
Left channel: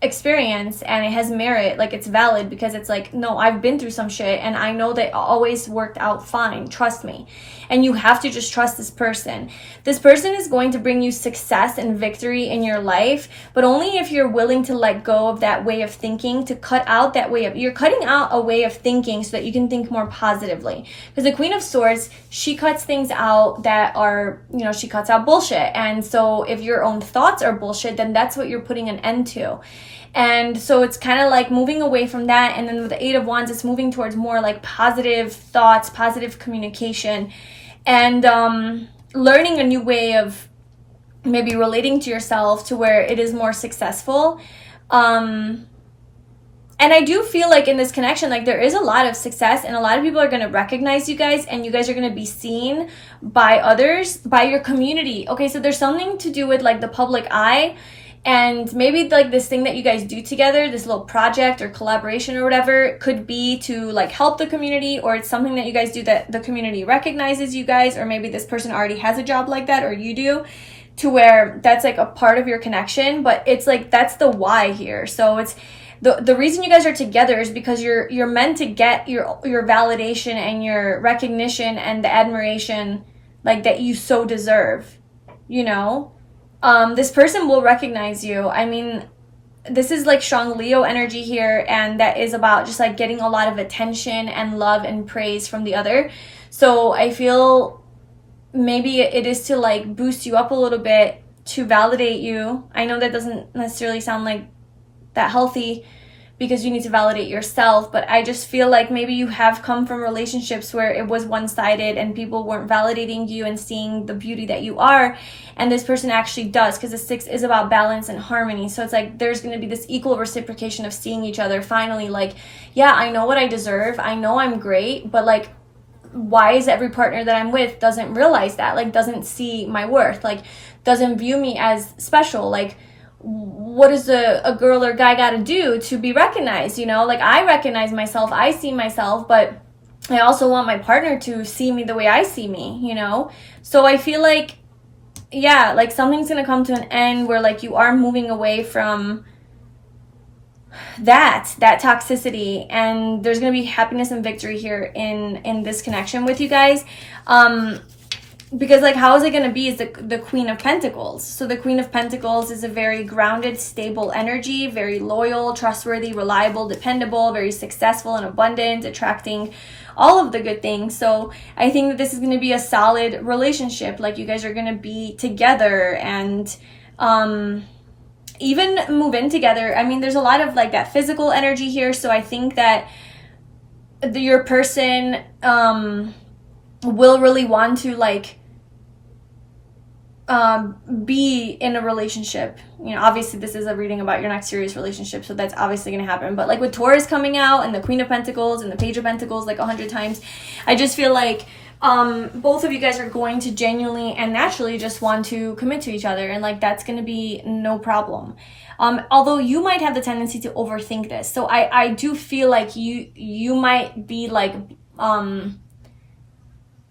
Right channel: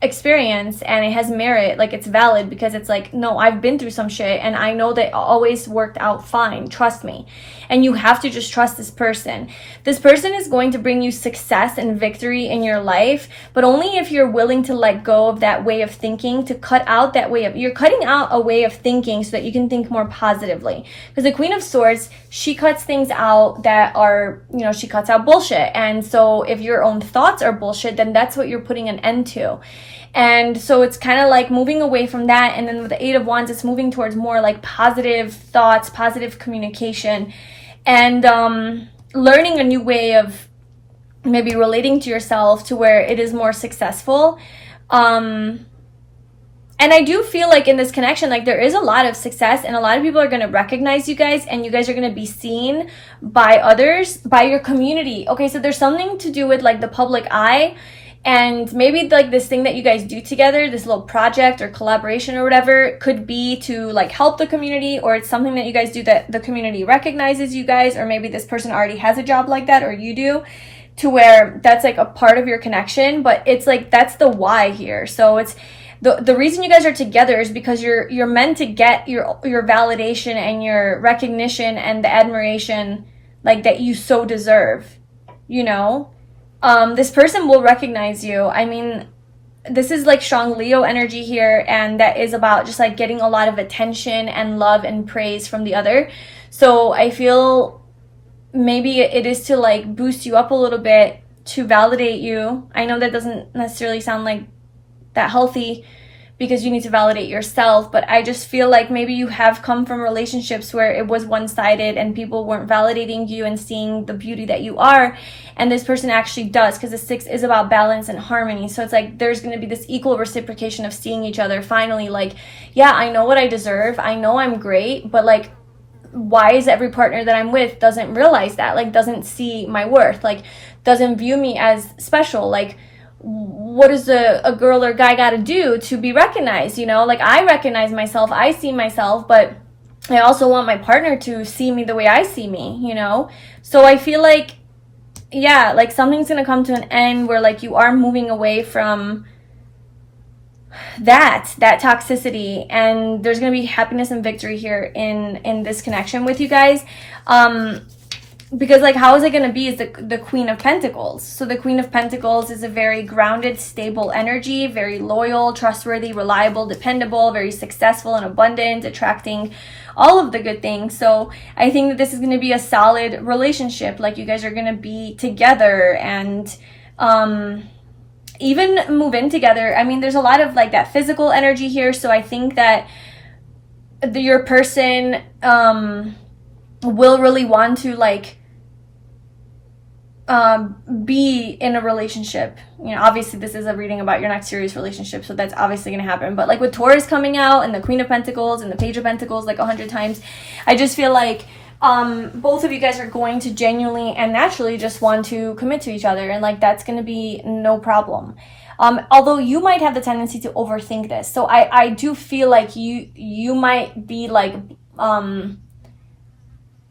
experience and it has merit, like it's valid, because it's like, no, I've been through some shit and I know that it always worked out fine, trust me. And you have to just trust this person. This person is going to bring you success and victory in your life, but only if you're willing to let go of that way of thinking, to cut out that way of, you're cutting out a way of thinking so that you can think more positively. Because the Queen of Swords, she cuts things out that are, you know, she cuts out bullshit. And so if your own thoughts are bullshit, then that's what you're putting an end to. And so it's kind of like moving away from that. And then with the Eight of Wands, it's moving towards more like positive thoughts, positive communication, and learning a new way of maybe relating to yourself to where it is more successful. And I do feel like in this connection, like there is a lot of success and a lot of people are going to recognize you guys, and you guys are going to be seen by others, by your community. Okay, so there's something to do with like the public eye. And maybe like this thing that you guys do together, this little project or collaboration or whatever, could be to like help the community, or it's something that you guys do that the community recognizes you guys, or maybe this person already has a job like that, or you do, to where that's like a part of your connection. But it's like, that's the why here. So it's the reason you guys are together is because you're meant to get your validation and your recognition and the admiration like that you so deserve, you know. This person will recognize you. I mean, this is like strong Leo energy here, and that is about just like getting a lot of attention and love and praise from the other. So I feel maybe it is to like boost you up a little bit, to validate you. I know that doesn't necessarily sound like that healthy, because you need to validate yourself, but I just feel like maybe you have come from relationships where it was one-sided and people weren't validating you and seeing the beauty that you are, and this person actually does, because the Six is about balance and harmony. So it's like there's going to be this equal reciprocation of seeing each other finally, like, yeah, I know what I deserve, I know I'm great, but like, why is every partner that I'm with doesn't realize that, like doesn't see my worth, like doesn't view me as special? Like, what does a girl or guy got to do to be recognized? You know, like I recognize myself, I see myself, but I also want my partner to see me the way I see me, you know? So I feel like, yeah, like something's going to come to an end where like you are moving away from that toxicity, and there's going to be happiness and victory here in this connection with you guys. Because like, how is it going to be is the Queen of Pentacles. So the Queen of Pentacles is a very grounded, stable energy, very loyal, trustworthy, reliable, dependable, very successful and abundant, attracting all of the good things. So I think that this is going to be a solid relationship. Like you guys are going to be together and even move in together. I mean, there's a lot of like that physical energy here. So I think that your person will really want to like be in a relationship. You know, obviously this is a reading about your next serious relationship, so that's obviously going to happen. But like with Taurus coming out and the Queen of Pentacles and the Page of Pentacles like 100 times, I just feel like both of you guys are going to genuinely and naturally just want to commit to each other, and like that's going to be no problem. Although you might have the tendency to overthink this. So I do feel like you might be like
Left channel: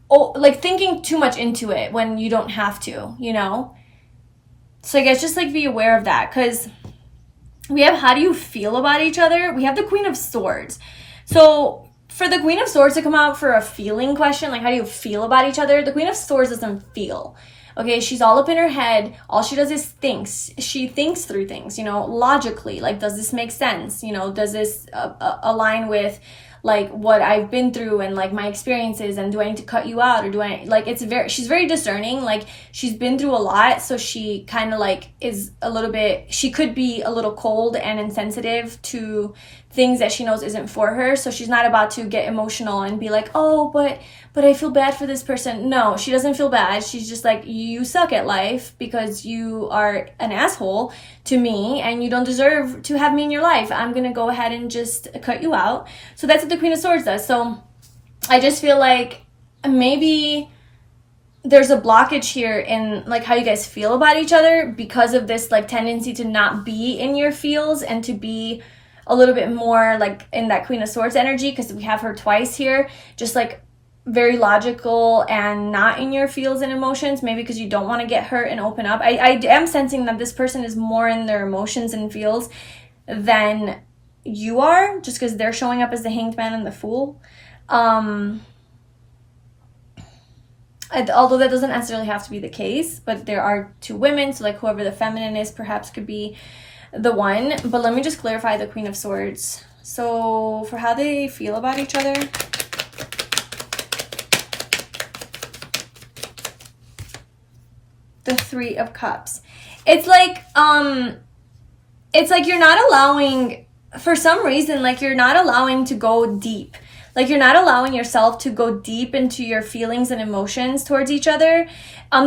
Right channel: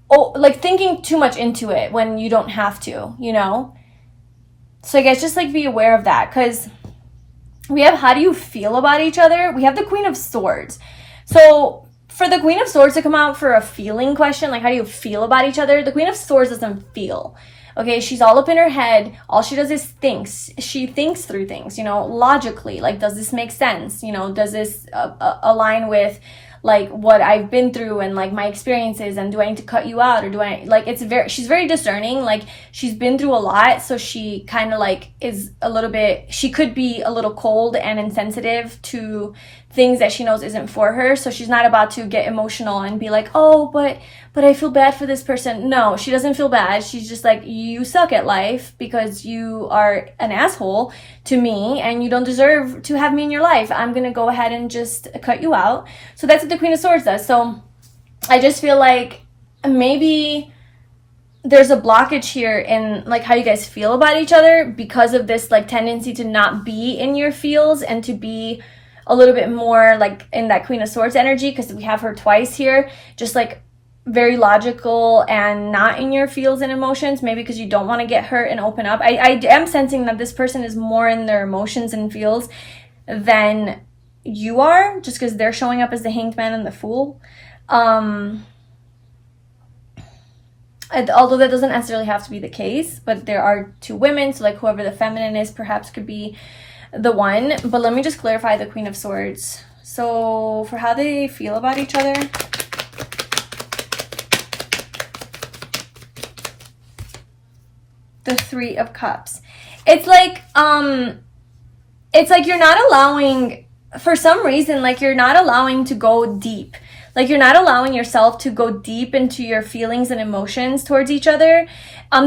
like thinking too much into it when you don't have to, you know? So I guess just like be aware of that, because we have how do you feel about each other? We have the Queen of Swords. So for the Queen of Swords to come out for a feeling question, like how do you feel about each other? The Queen of Swords doesn't feel. Okay, she's all up in her head. All she does is thinks. She thinks through things, you know, logically. Like, does this make sense? You know, does this align with like what I've been through and like my experiences, and do I need to cut you out, or do I like, she's very discerning. Like she's been through a lot, so she kind of like is a little bit, she could be a little cold and insensitive to things that she knows isn't for her. So she's not about to get emotional and be like, oh, but I feel bad for this person. No, she doesn't feel bad. She's just like, you suck at life because you are an asshole to me and you don't deserve to have me in your life. I'm going to go ahead and just cut you out. So that's what the Queen of Swords does. So I just feel like maybe there's a blockage here in like how you guys feel about each other because of this like tendency to not be in your feels and to be a little bit more like in that Queen of Swords energy, because we have her twice here, just like very logical and not in your feels and emotions, maybe because you don't want to get hurt and open up. I am sensing that this person is more in their emotions and feels than you are, just because they're showing up as the Hanged Man and the Fool. Although that doesn't necessarily have to be the case, but there are two women, so like whoever the feminine is perhaps could be the one. But let me just clarify the Queen of Swords. So for how they feel about each other, the Three of Cups. It's like you're not allowing, for some reason, like you're not allowing to go deep. Like you're not allowing yourself to go deep into your feelings and emotions towards each other.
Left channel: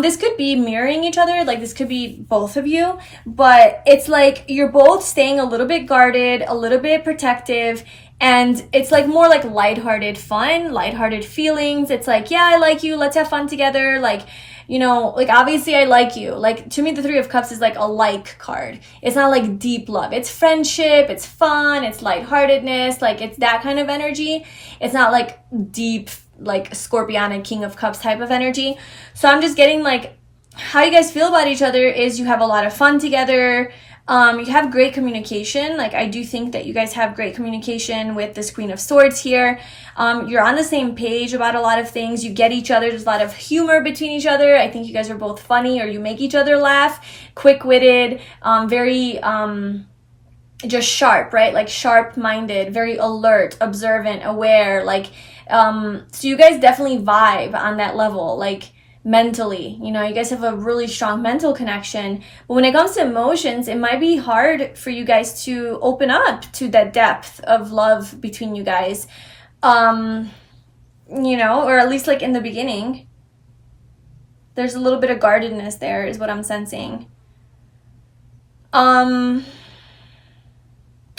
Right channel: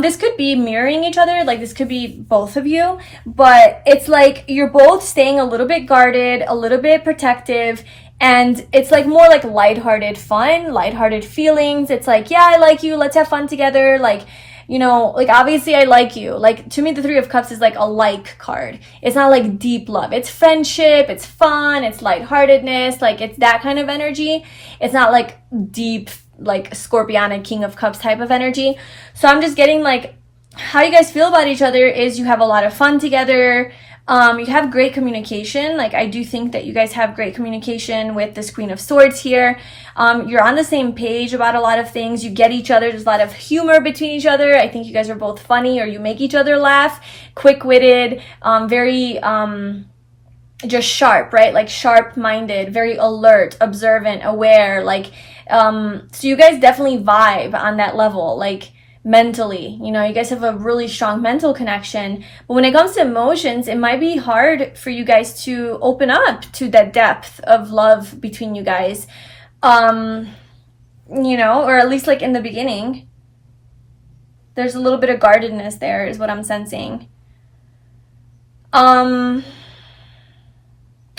This could be mirroring each other, like this could be both of you, but it's like you're both staying a little bit guarded, a little bit protective, and it's like more like lighthearted fun, lighthearted feelings. It's like, yeah, I like you, let's have fun together, like, you know, like obviously I like you. Like to me, the Three of Cups is like a like card. It's not like deep love. It's friendship, it's fun, it's lightheartedness, like it's that kind of energy. It's not like deep, like Scorpion and King of Cups type of energy. So I'm just getting like how you guys feel about each other is you have a lot of fun together. You have great communication. Like I do think that you guys have great communication with this Queen of Swords here. You're on the same page about a lot of things. You get each other. There's a lot of humor between each other. I think you guys are both funny, or you make each other laugh. Quick-witted, very just sharp, right? Like sharp-minded, very alert, observant, aware. Like so you guys definitely vibe on that level. Like mentally, you know, you guys have a really strong mental connection, but when it comes to emotions, it might be hard for you guys to open up to that depth of love between you guys, you know, or at least like in the beginning, there's a little bit of guardedness there is what I'm sensing.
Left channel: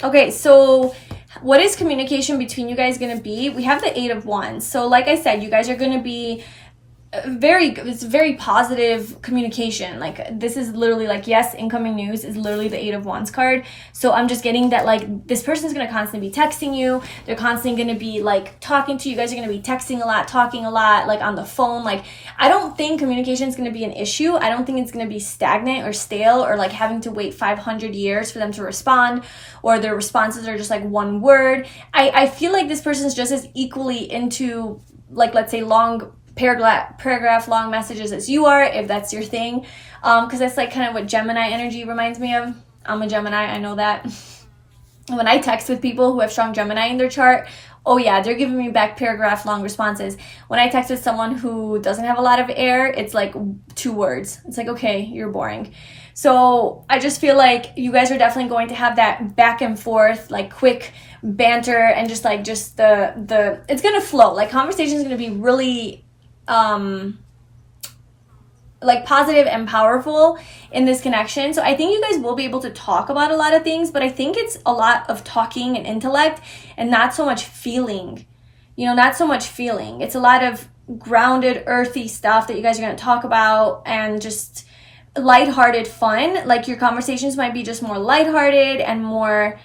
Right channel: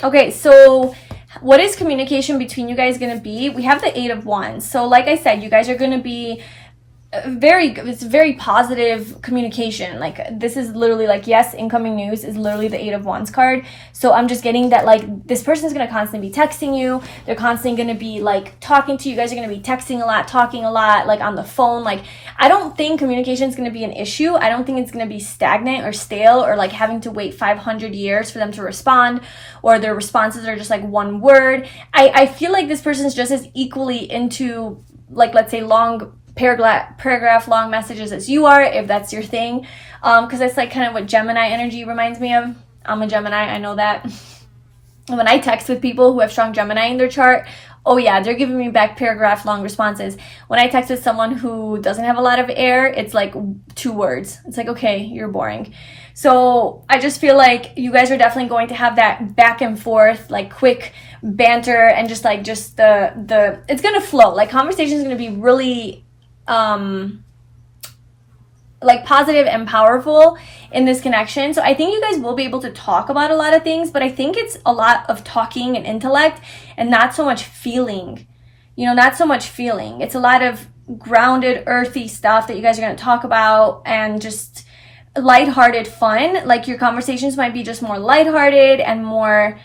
Okay, so what is communication between you guys going to be? We have the Eight of Wands. So like I said, you guys are going to be it's very positive communication. Like this is literally like, yes, incoming news is literally the Eight of Wands card. So I'm just getting that like this person is going to constantly be texting you. They're constantly going to be like talking to you. You guys are going to be texting a lot, talking a lot, like on the phone. Like I don't think communication is going to be an issue. I don't think it's going to be stagnant or stale or like having to wait 500 years for them to respond, or their responses are just like one word. I feel like this person is just as equally into like, let's say, long paragraph long messages as you are, if that's your thing, because that's like kind of what Gemini energy reminds me of. I'm a Gemini, I know that. When I text with people who have strong Gemini in their chart, oh yeah, they're giving me back paragraph long responses. When I text with someone who doesn't have a lot of air, it's like 2 words. It's like, okay, you're boring. So I just feel like you guys are definitely going to have that back and forth, like quick banter, and just the it's gonna flow. Like conversation is gonna be really like positive and powerful in this connection. So I think you guys will be able to talk about a lot of things, but I think it's a lot of talking and intellect and not so much feeling, you know, not so much feeling. It's a lot of grounded, earthy stuff that you guys are going to talk about, and just lighthearted fun. Like your conversations might be just more lighthearted and more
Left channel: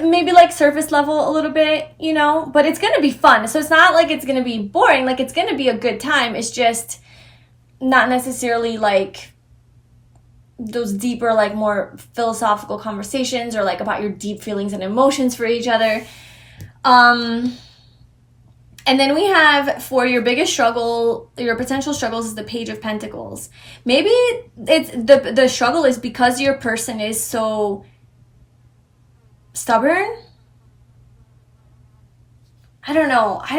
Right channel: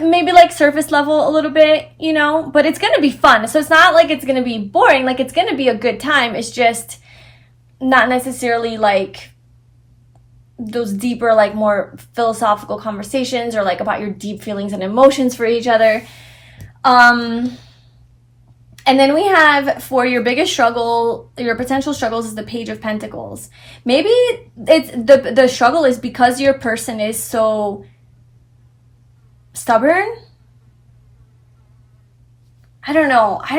maybe like surface level a little bit, you know, but it's gonna be fun. So it's not like it's gonna be boring, like it's gonna be a good time. It's just not necessarily like those deeper, like more philosophical conversations, or like about your deep feelings and emotions for each other. And then we have, for your biggest struggle, your potential struggles, is the Page of Pentacles. Maybe it's the struggle is because your person is so stubborn. I don't know. I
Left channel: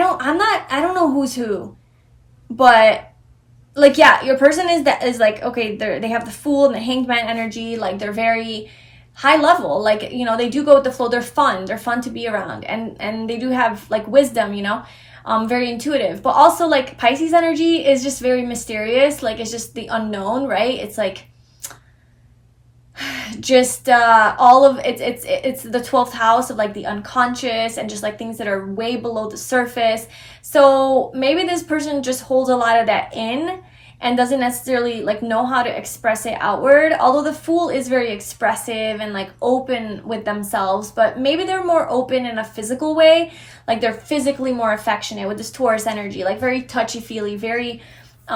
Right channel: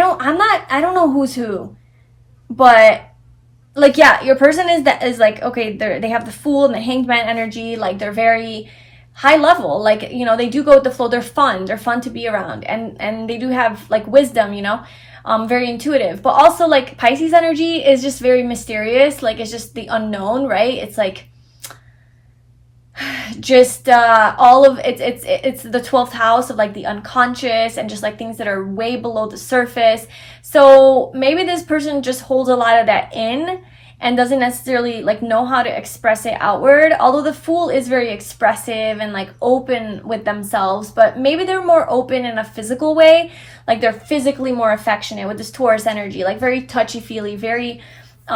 don't know who's who, but like, yeah, your person is like, okay, they have the Fool and the Hanged Man energy. Like they're very high level. Like, you know, they do go with the flow. They're fun to be around, and they do have like wisdom, you know, very intuitive. But also like Pisces energy is just very mysterious. Like it's just the unknown, right? It's like just all of it's the 12th house of like the unconscious, and just like things that are way below the surface. So maybe this person just holds a lot of that in and doesn't necessarily like know how to express it outward, although the Fool is very expressive and like open with themselves. But maybe they're more open in a physical way, like they're physically more affectionate with this Taurus energy, like very touchy-feely, very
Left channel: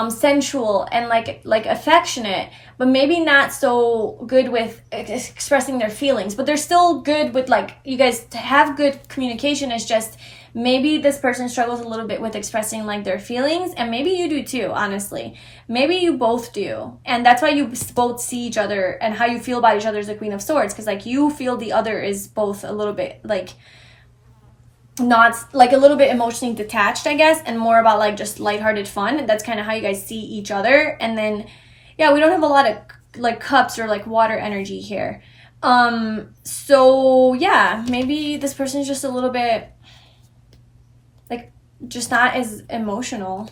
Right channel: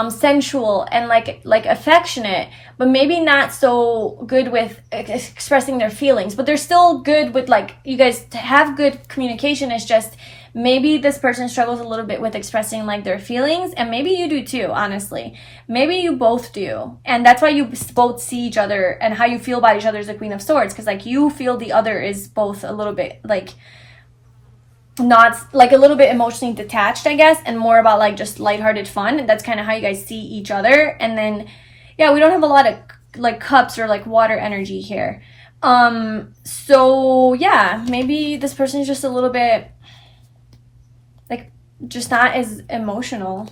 sensual and like affectionate, but maybe not so good with expressing their feelings, but they're still good with, like, you guys have good communication. It's just maybe this person struggles a little bit with expressing like their feelings, and maybe you do too, honestly. Maybe you both do, and that's why you both see each other, and how you feel about each other is the Queen of Swords, because like you feel the other is both a little bit like not like a little bit emotionally detached, I guess, and more about like just lighthearted fun. That's kind of how you guys see each other. And then yeah, we don't have a lot of like cups or like water energy here. So yeah, maybe this person is just a little bit like just not as emotional.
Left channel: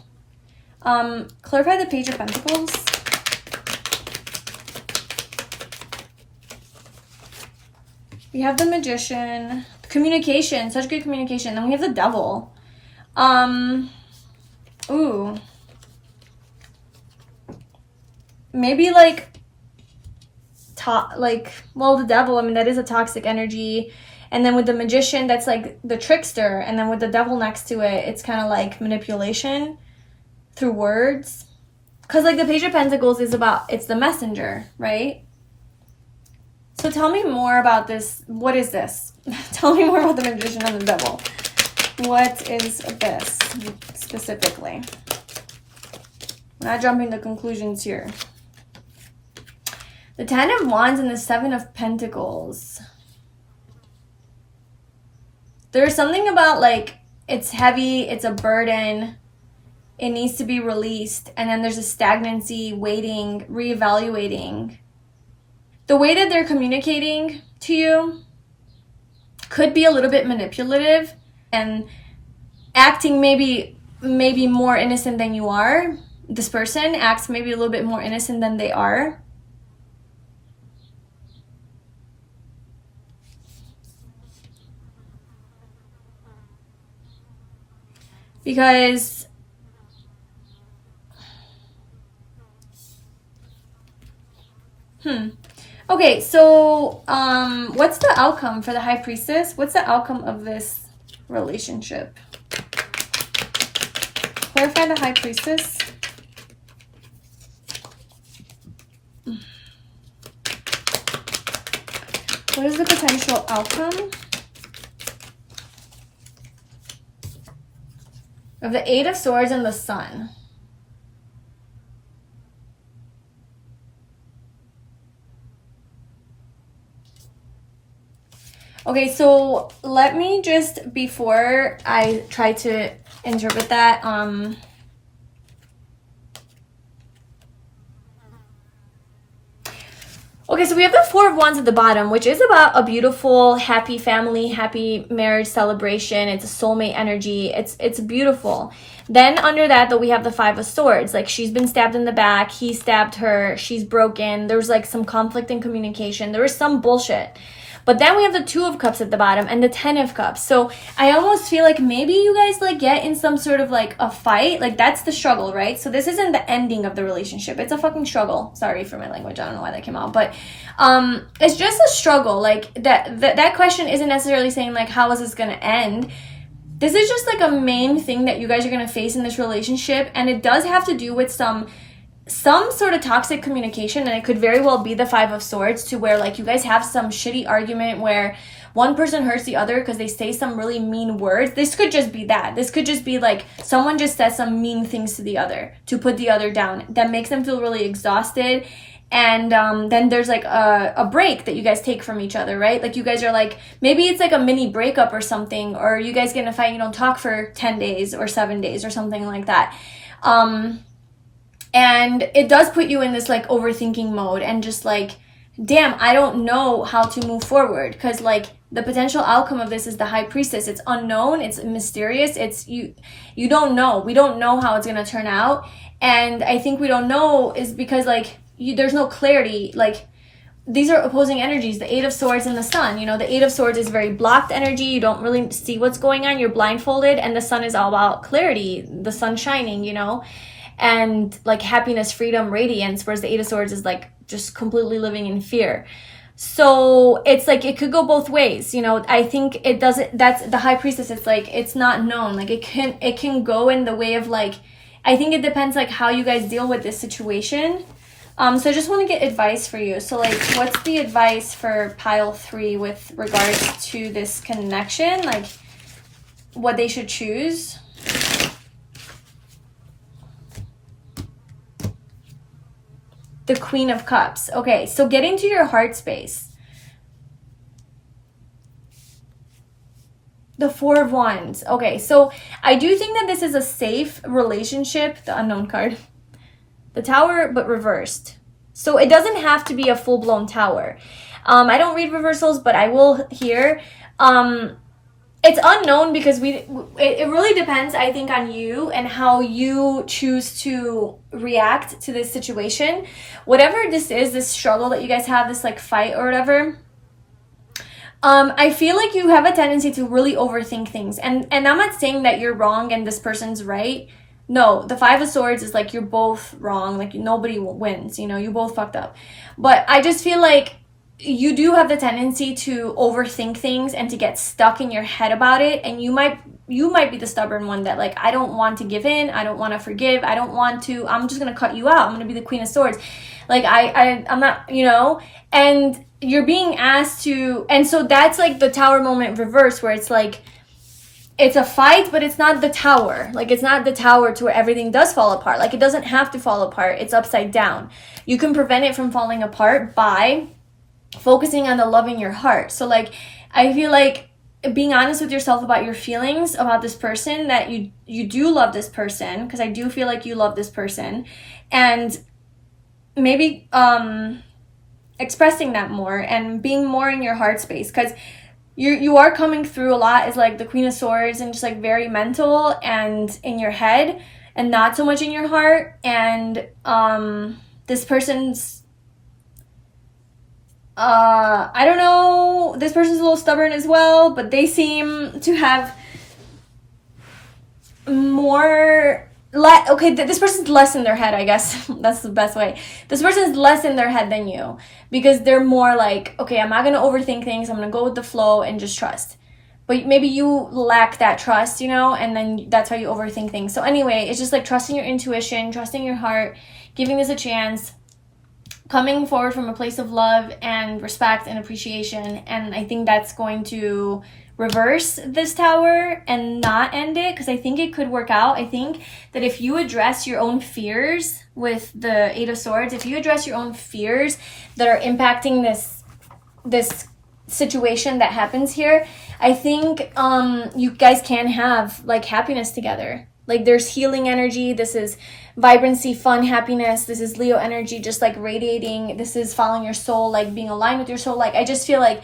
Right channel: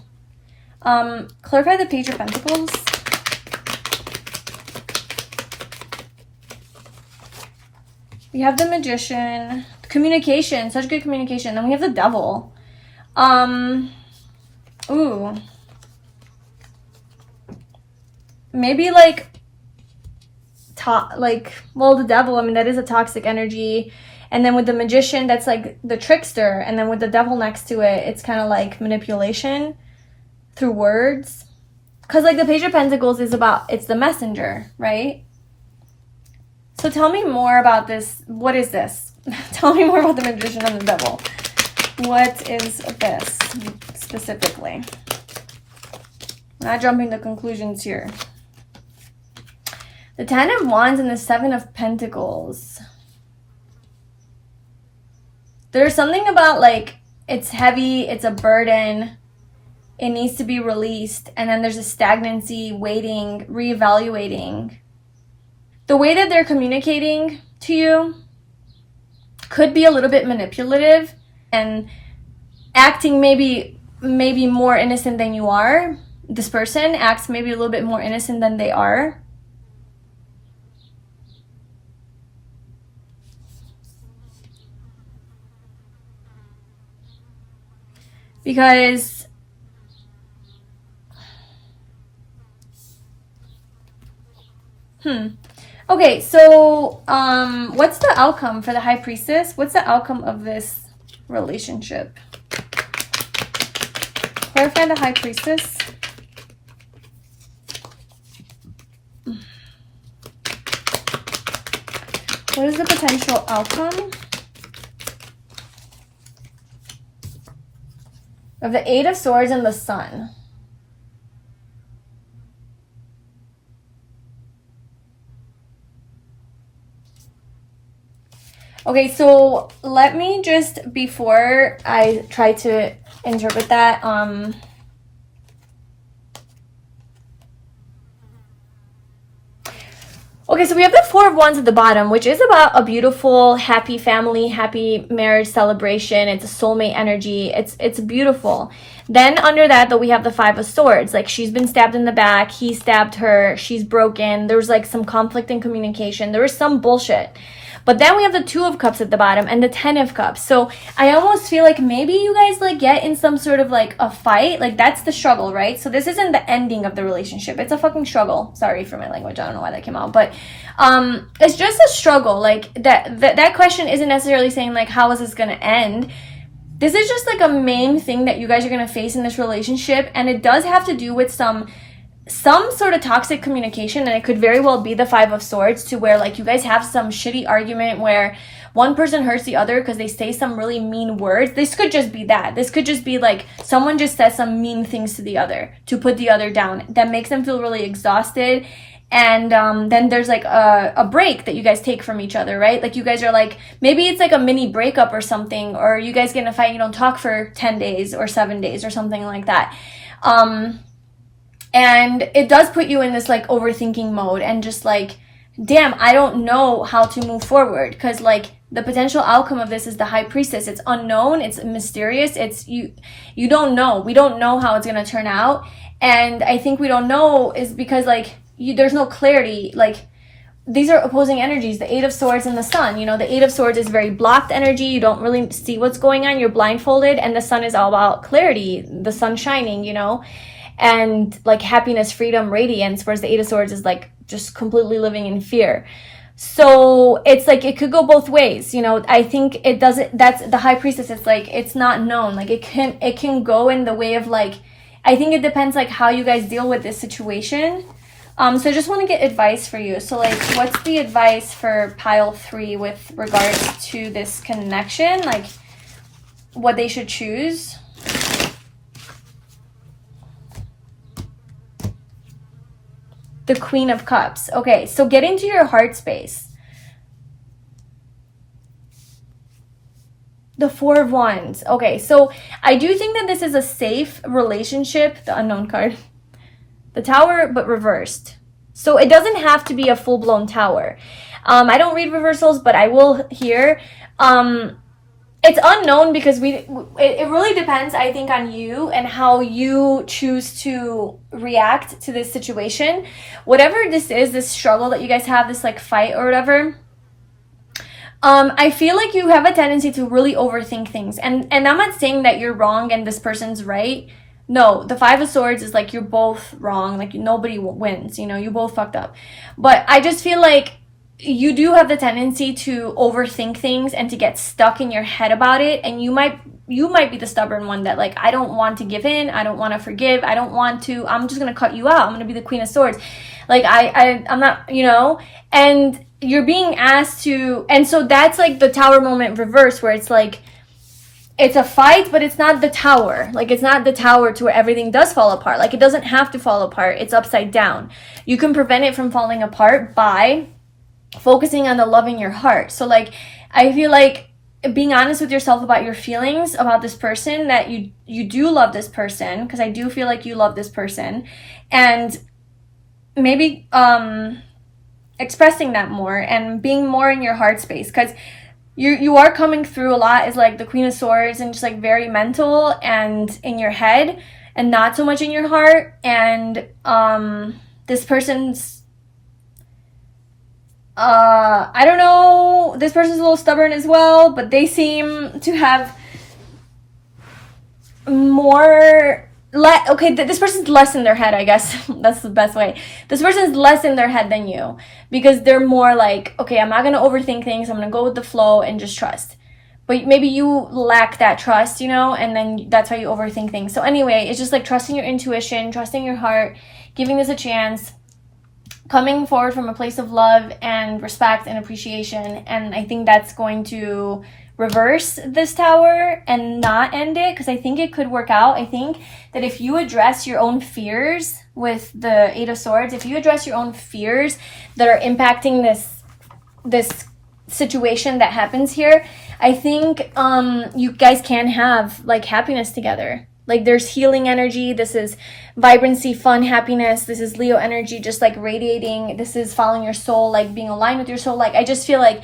Clarify the Page of Pentacles. We have the Magician. Communication, such good communication. Then we have the Devil. Ooh. Maybe like well, the Devil, I mean, that is a toxic energy. And then with the Magician, that's like the trickster. And then with the Devil next to it, it's kind of like manipulation through words. Because like the Page of Pentacles is about, it's the messenger, right? So tell me more about this. What is this? Tell me more about the Magician and the Devil. What is this specifically? Not jumping to conclusions here. The Ten of Wands and the Seven of Pentacles. There's something about like it's heavy, it's a burden, it needs to be released, and then there's a stagnancy, waiting, reevaluating. The way that they're communicating to you could be a little bit manipulative and acting maybe more innocent than you are. This person acts maybe a little bit more innocent than they are. Because okay, so what's the outcome for the High Priestess? What's the outcome of this relationship? Clarify the High Priestess. What is the potential outcome of the Eight of Swords and the Sun? Okay, so let me just, before I try to interpret that, okay, so we have the Four of Wands at the bottom, which is about a beautiful, happy family, happy marriage celebration. It's a soulmate energy. It's beautiful. Then under that, though, we have the Five of Swords. Like, she's been stabbed in the back. He stabbed her. She's broken. There's, like, some conflict in communication. There was some bullshit. But then we have the Two of Cups at the bottom and the Ten of Cups. So I almost feel like maybe you guys like get in some sort of like a fight. Like that's the struggle, right? So this isn't the ending of the relationship. It's a fucking struggle. Sorry for my language. I don't know why that came out. But it's just a struggle. Like that question isn't necessarily saying like, how is this going to end? This is just like a main thing that you guys are going to face in this relationship. And it does have to do with some sort of toxic communication, and it could very well be the Five of Swords, to where like you guys have some shitty argument where one person hurts the other because they say some really mean words. This could just be that. This could just be like someone just says some mean things to the other to put the other down. That makes them feel really exhausted. And then there's like a break that you guys take from each other, right? Like you guys are like, maybe it's like a mini breakup or something, or you guys get in a fight and you don't talk for 10 days or 7 days or something like that. And it does put you in this like overthinking mode and just like, damn, I don't know how to move forward, because like the potential outcome of this is the High Priestess. It's unknown, it's mysterious, it's you don't know. We don't know how it's going to turn out. And I think we don't know is because like there's no clarity. Like these are opposing energies, the Eight of Swords and the Sun. You know, the Eight of Swords is very blocked energy. You don't really see what's going on. You're blindfolded. And the Sun is all about clarity, the sun shining, you know, and like happiness, freedom, radiance, whereas the Eight of Swords is like just completely living in fear. So it's like it could go both ways, you know. I think it doesn't. That's the High Priestess. It's like it's not known. Like it can go in the way of like I think it depends like how you guys deal with this situation. So I just want to get advice for you. So like, what's the advice for pile 3 with regards to this connection? Like, what they should choose? The Queen of Cups. Okay, so get into your heart space. The Four of Wands. Okay, so I do think that this is a safe relationship. The Unknown card. The Tower, but reversed. So it doesn't have to be a full-blown tower. I don't read reversals, but I will here. It's unknown because it really depends, I think, on you and how you choose to react to this situation. Whatever this is, this struggle that you guys have, this like fight or whatever, I feel like you have a tendency to really overthink things. And I'm not saying that you're wrong and this person's right. No, the Five of Swords is like you're both wrong. Like nobody wins, you know, you both fucked up. But I just feel like you do have the tendency to overthink things and to get stuck in your head about it. And you might be the stubborn one that like, I don't want to give in. I don't want to forgive. I don't want to, I'm just going to cut you out. I'm going to be the Queen of Swords. Like I'm not, you know, and you're being asked to, and so that's like the Tower moment reverse where it's like, it's a fight, but it's not the tower. Like, it's not the tower to where everything does fall apart. Like, it doesn't have to fall apart. It's upside down. You can prevent it from falling apart by focusing on the love in your heart. So, like, I feel like being honest with yourself about your feelings about this person, that you do love this person, because I do feel like you love this person, and maybe expressing that more and being more in your heart space, because you are coming through a lot as like the Queen of Swords and just like very mental and in your head and not so much in your heart. And this person's I don't know, this person's a little stubborn as well, but they seem to have more this person's less in their head, I guess. That's the best way. This person's less in their head than you, because they're more like, okay, I'm not going to overthink things. I'm going to go with the flow and just trust. But maybe you lack that trust, you know, and then that's why you overthink things. So anyway, it's just like trusting your intuition, trusting your heart, giving this a chance, coming forward from a place of love and respect and appreciation. And I think that's going to reverse this tower and not end it, because I think it could work out. I think that if you address your own fears with the Eight of Swords, if you address your own fears that are impacting this situation that happens here, I think you guys can have like happiness together. Like there's healing energy. This is vibrancy, fun, happiness. This is Leo energy, just like radiating. This is following your soul, like being aligned with your soul. Like I just feel like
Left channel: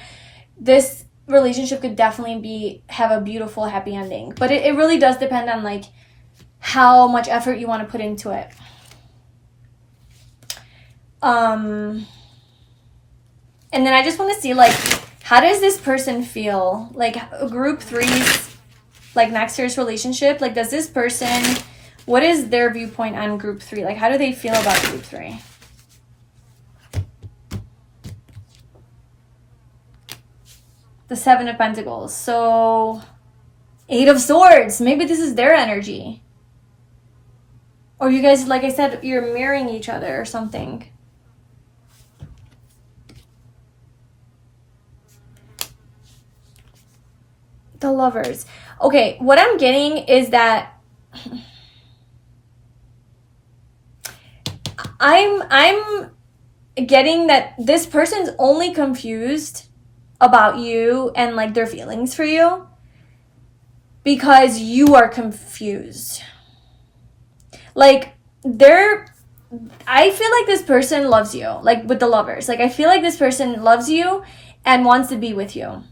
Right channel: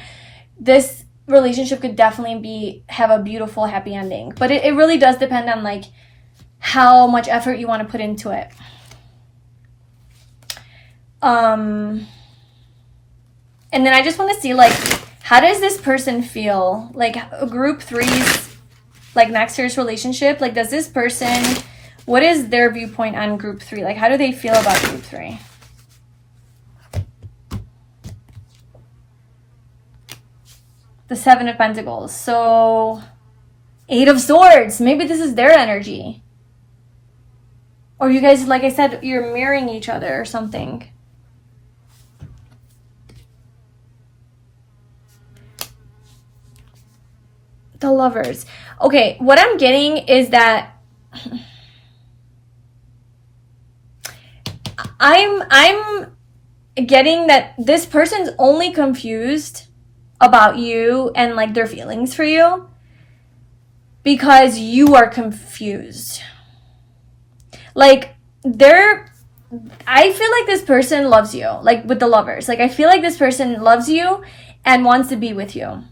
this relationship could definitely have a beautiful, happy ending. But it really does depend on like how much effort you want to put into it. And then I just want to see like, how does this person feel? Like group 3's like next year's relationship. Like, does this person, what is their viewpoint on group 3? Like, how do they feel about group 3? The Seven of Pentacles. So, Eight of Swords. Maybe this is their energy. Or you guys, like I said, you're mirroring each other or something. The Lovers. Okay, what I'm getting is that I'm getting that this person's only confused about you and like their feelings for you because you are confused. Like I feel like this person loves you, like with the Lovers. Like I feel like this person loves you and wants to be with you.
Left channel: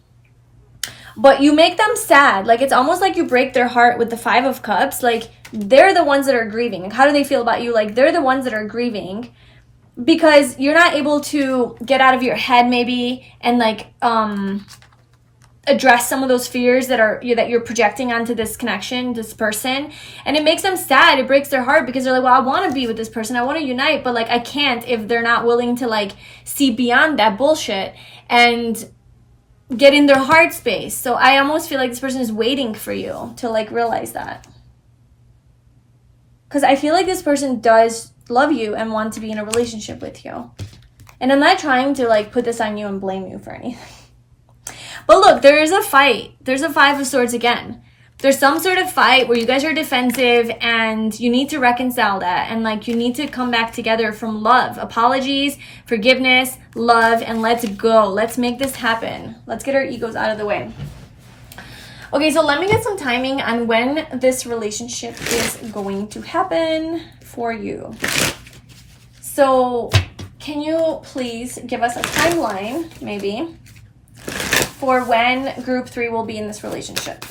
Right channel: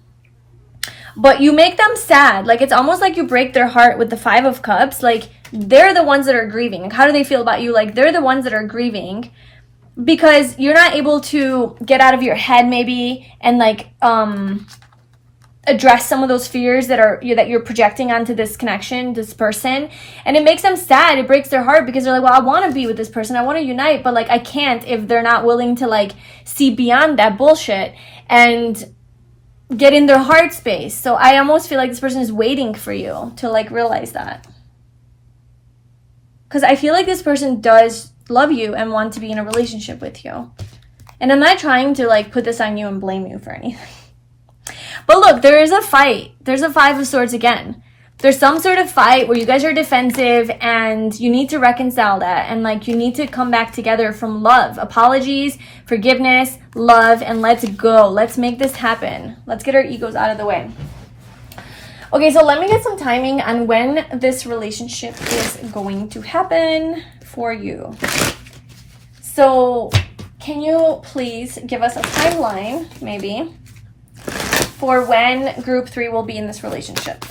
But you make them sad. Like it's almost like you break their heart with the Five of Cups. Like they're the ones that are grieving. Like how do they feel about you? Like they're the ones that are grieving because you're not able to get out of your head maybe and like address some of those fears that you're projecting onto this connection, this person. And it makes them sad. It breaks their heart because they're like, well, I want to be with this person. I want to unite, but like I can't if they're not willing to like see beyond that bullshit and get in their heart space. So I almost feel like this person is waiting for you to like realize that. because I feel like this person does love you and want to be in a relationship with you. And I'm not trying to like put this on you and blame you for anything. But look, there is a fight. There's a 5 of Swords again. There's some sort of fight where you guys are defensive and you need to reconcile that. And like you need to come back together from love. Apologies, forgiveness, love, and let's go. Let's make this happen. Let's get our egos out of the way. Okay, so let me get some timing on when this relationship is going to happen for you. So can you please give us a timeline, maybe, for when group 3 will be in this relationship?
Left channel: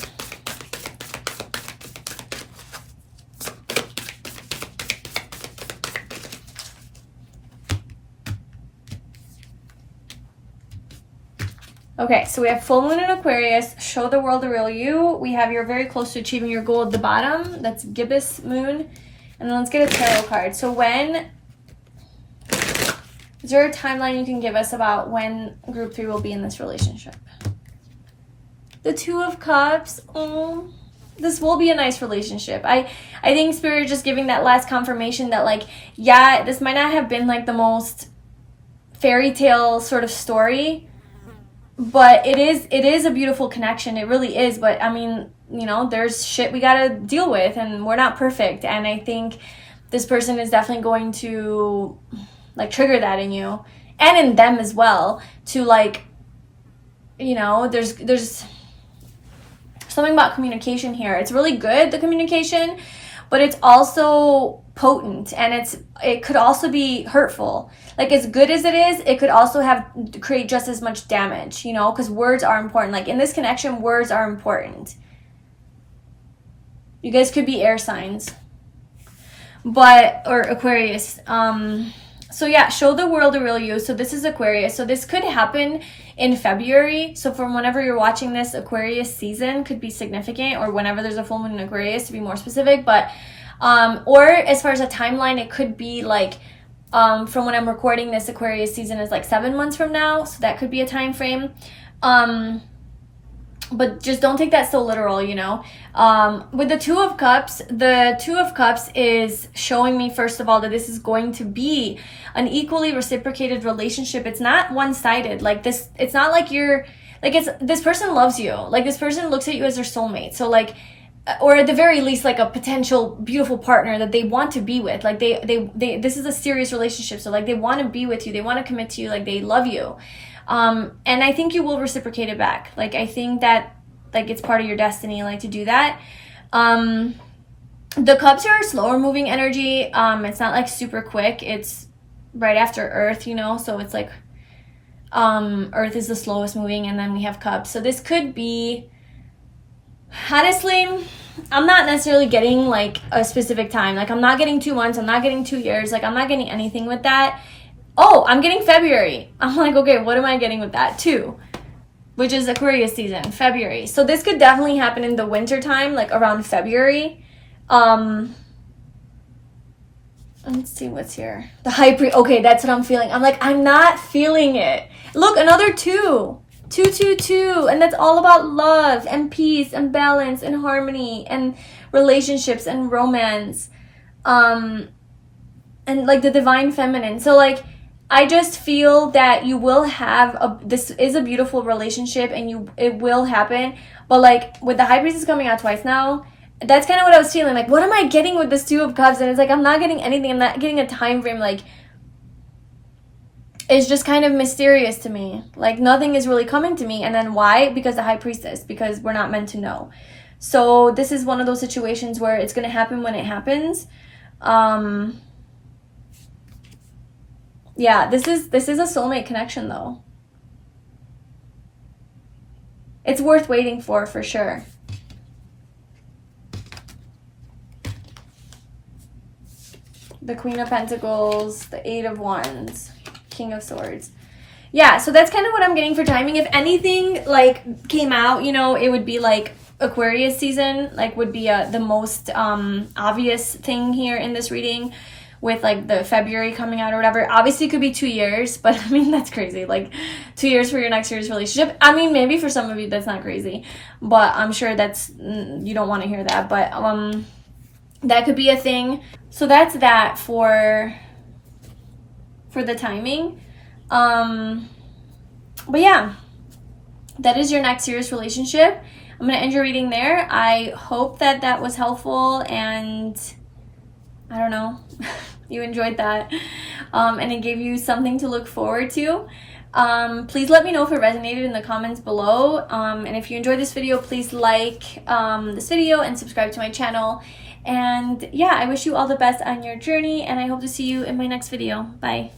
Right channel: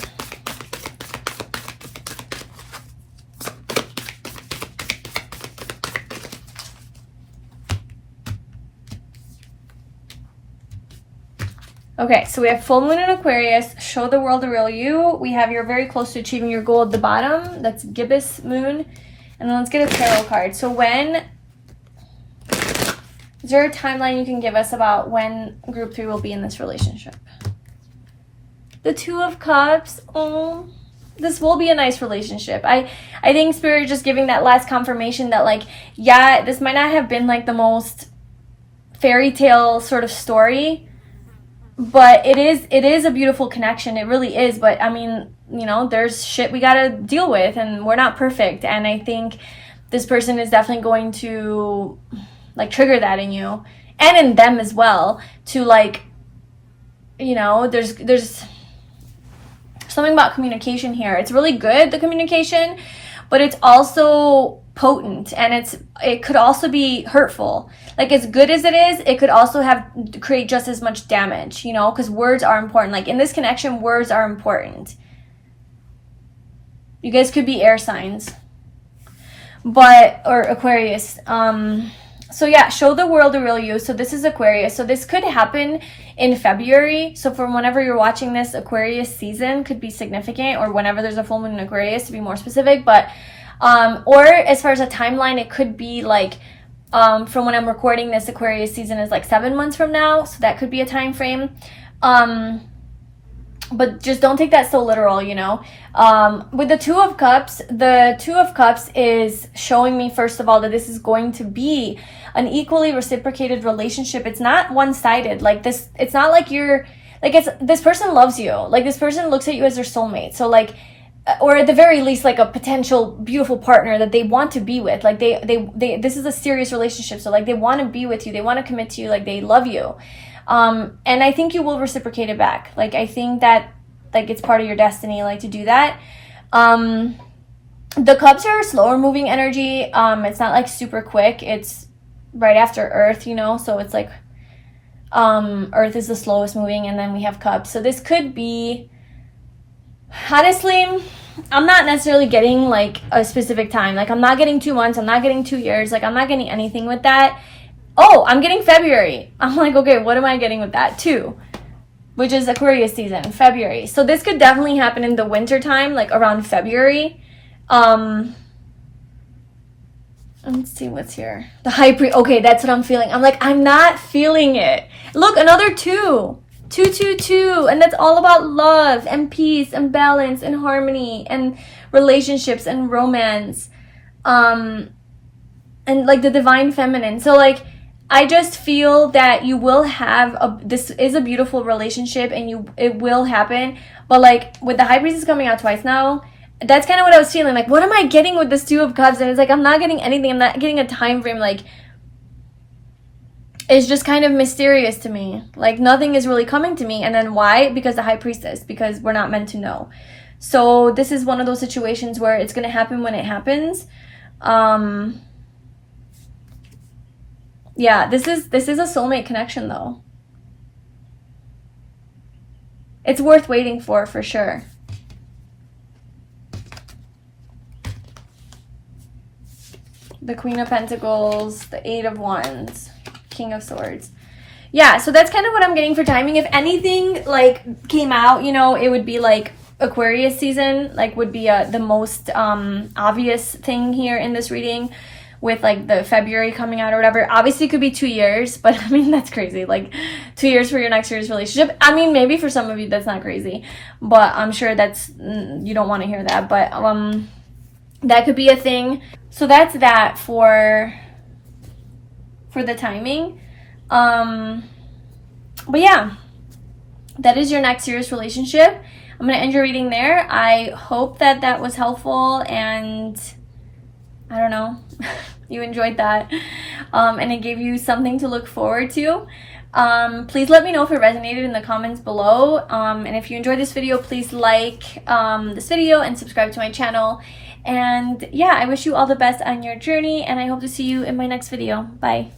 Okay, so we have full moon in Aquarius, show the world the real you. We have you're very close to achieving your goal at the bottom. That's gibbous moon. And then let's get a tarot card. So when, is there a timeline you can give us about when group 3 will be in this relationship? The 2 of Cups. Oh, this will be a nice relationship. I think Spirit just giving that last confirmation that like, yeah, this might not have been like the most fairy tale sort of story, but it is a beautiful connection. It really is. But I mean, you know, there's shit we gotta deal with, and we're not perfect. And I think this person is definitely going to like trigger that in you and in them as well. To like, you know, there's something about communication here. It's really good, the communication, but it's also potent, and it could also be hurtful. Like, as good as it is, it could also create just as much damage, you know, because words are important. Like in this connection, words are important. You guys could be air signs, or Aquarius. So yeah, show the world the real you. So this is Aquarius. So this could happen in February. So from whenever you're watching this, Aquarius season could be significant, or whenever there's a full moon in Aquarius, to be more specific. But or as far as a timeline, it could be like from when I'm recording this, Aquarius season is like 7 months from now. So that could be a time frame. But just don't take that so literal, you know. With the 2 of Cups, the 2 of Cups is showing me, first of all, that this is going to be an equally reciprocated relationship. It's not one-sided. Like this, it's not like you're, like, this person loves you. Like, this person looks at you as their soulmate. So like, or at the very least, like a potential beautiful partner that they want to be with. Like this is a serious relationship. So like, they want to be with you. They want to commit to you. Like, they love you. And I think you will reciprocate it back. Like, I think that, like, it's part of your destiny, like, to do that. The Cups are slower moving energy. It's not like super quick. It's right after Earth, you know, so it's like, Earth is the slowest moving, and then we have Cups. So this could be, honestly, I'm not necessarily getting like a specific time. Like, I'm not getting 2 months. I'm not getting 2 years. Like, I'm not getting anything with that. Oh, I'm getting February. I'm like, okay, what am I getting with that too? Which is Aquarius season, February. So this could definitely happen in the winter time, like around February. Let's see what's here. The High Priest. Okay, that's what I'm feeling. I'm like, I'm not feeling it. Look, another 2. 2, 2, 2. And that's all about love and peace and balance and harmony and relationships and romance. And like the divine feminine. So like, I just feel that you will have this is a beautiful relationship, and it will happen. But like, with the High Priestess coming out twice now, that's kind of what I was feeling. Like, what am I getting with this 2 of Cups? And it's like, I'm not getting anything. I'm not getting a time frame. Like, it's just kind of mysterious to me. Like, nothing is really coming to me. And then why? Because the High Priestess. Because we're not meant to know. So this is one of those situations where it's going to happen when it happens. Yeah, this is a soulmate connection, though. It's worth waiting for sure. The Queen of Pentacles, the 8 of Wands, King of Swords. Yeah, so that's kind of what I'm getting for timing. If anything, like, came out, you know, it would be, like, Aquarius season, like, would be the most obvious thing here in this reading, with like the February coming out or whatever. Obviously it could be 2 years, but I mean, that's crazy. Like, 2 years for your next serious relationship. I mean, maybe for some of you that's not crazy, but I'm sure that's, you don't want to hear that. But That could be a thing. So that's that for the timing. But yeah, that is your next serious relationship. I'm going to end your reading there. I hope that that was helpful, and I don't know, you enjoyed that, and it gave you something to look forward to. Please let me know if it resonated in the comments below, and if you enjoyed this video, please like this video and subscribe to my channel. And yeah, I wish you all the best on your journey, and I hope to see you in my next video. Bye.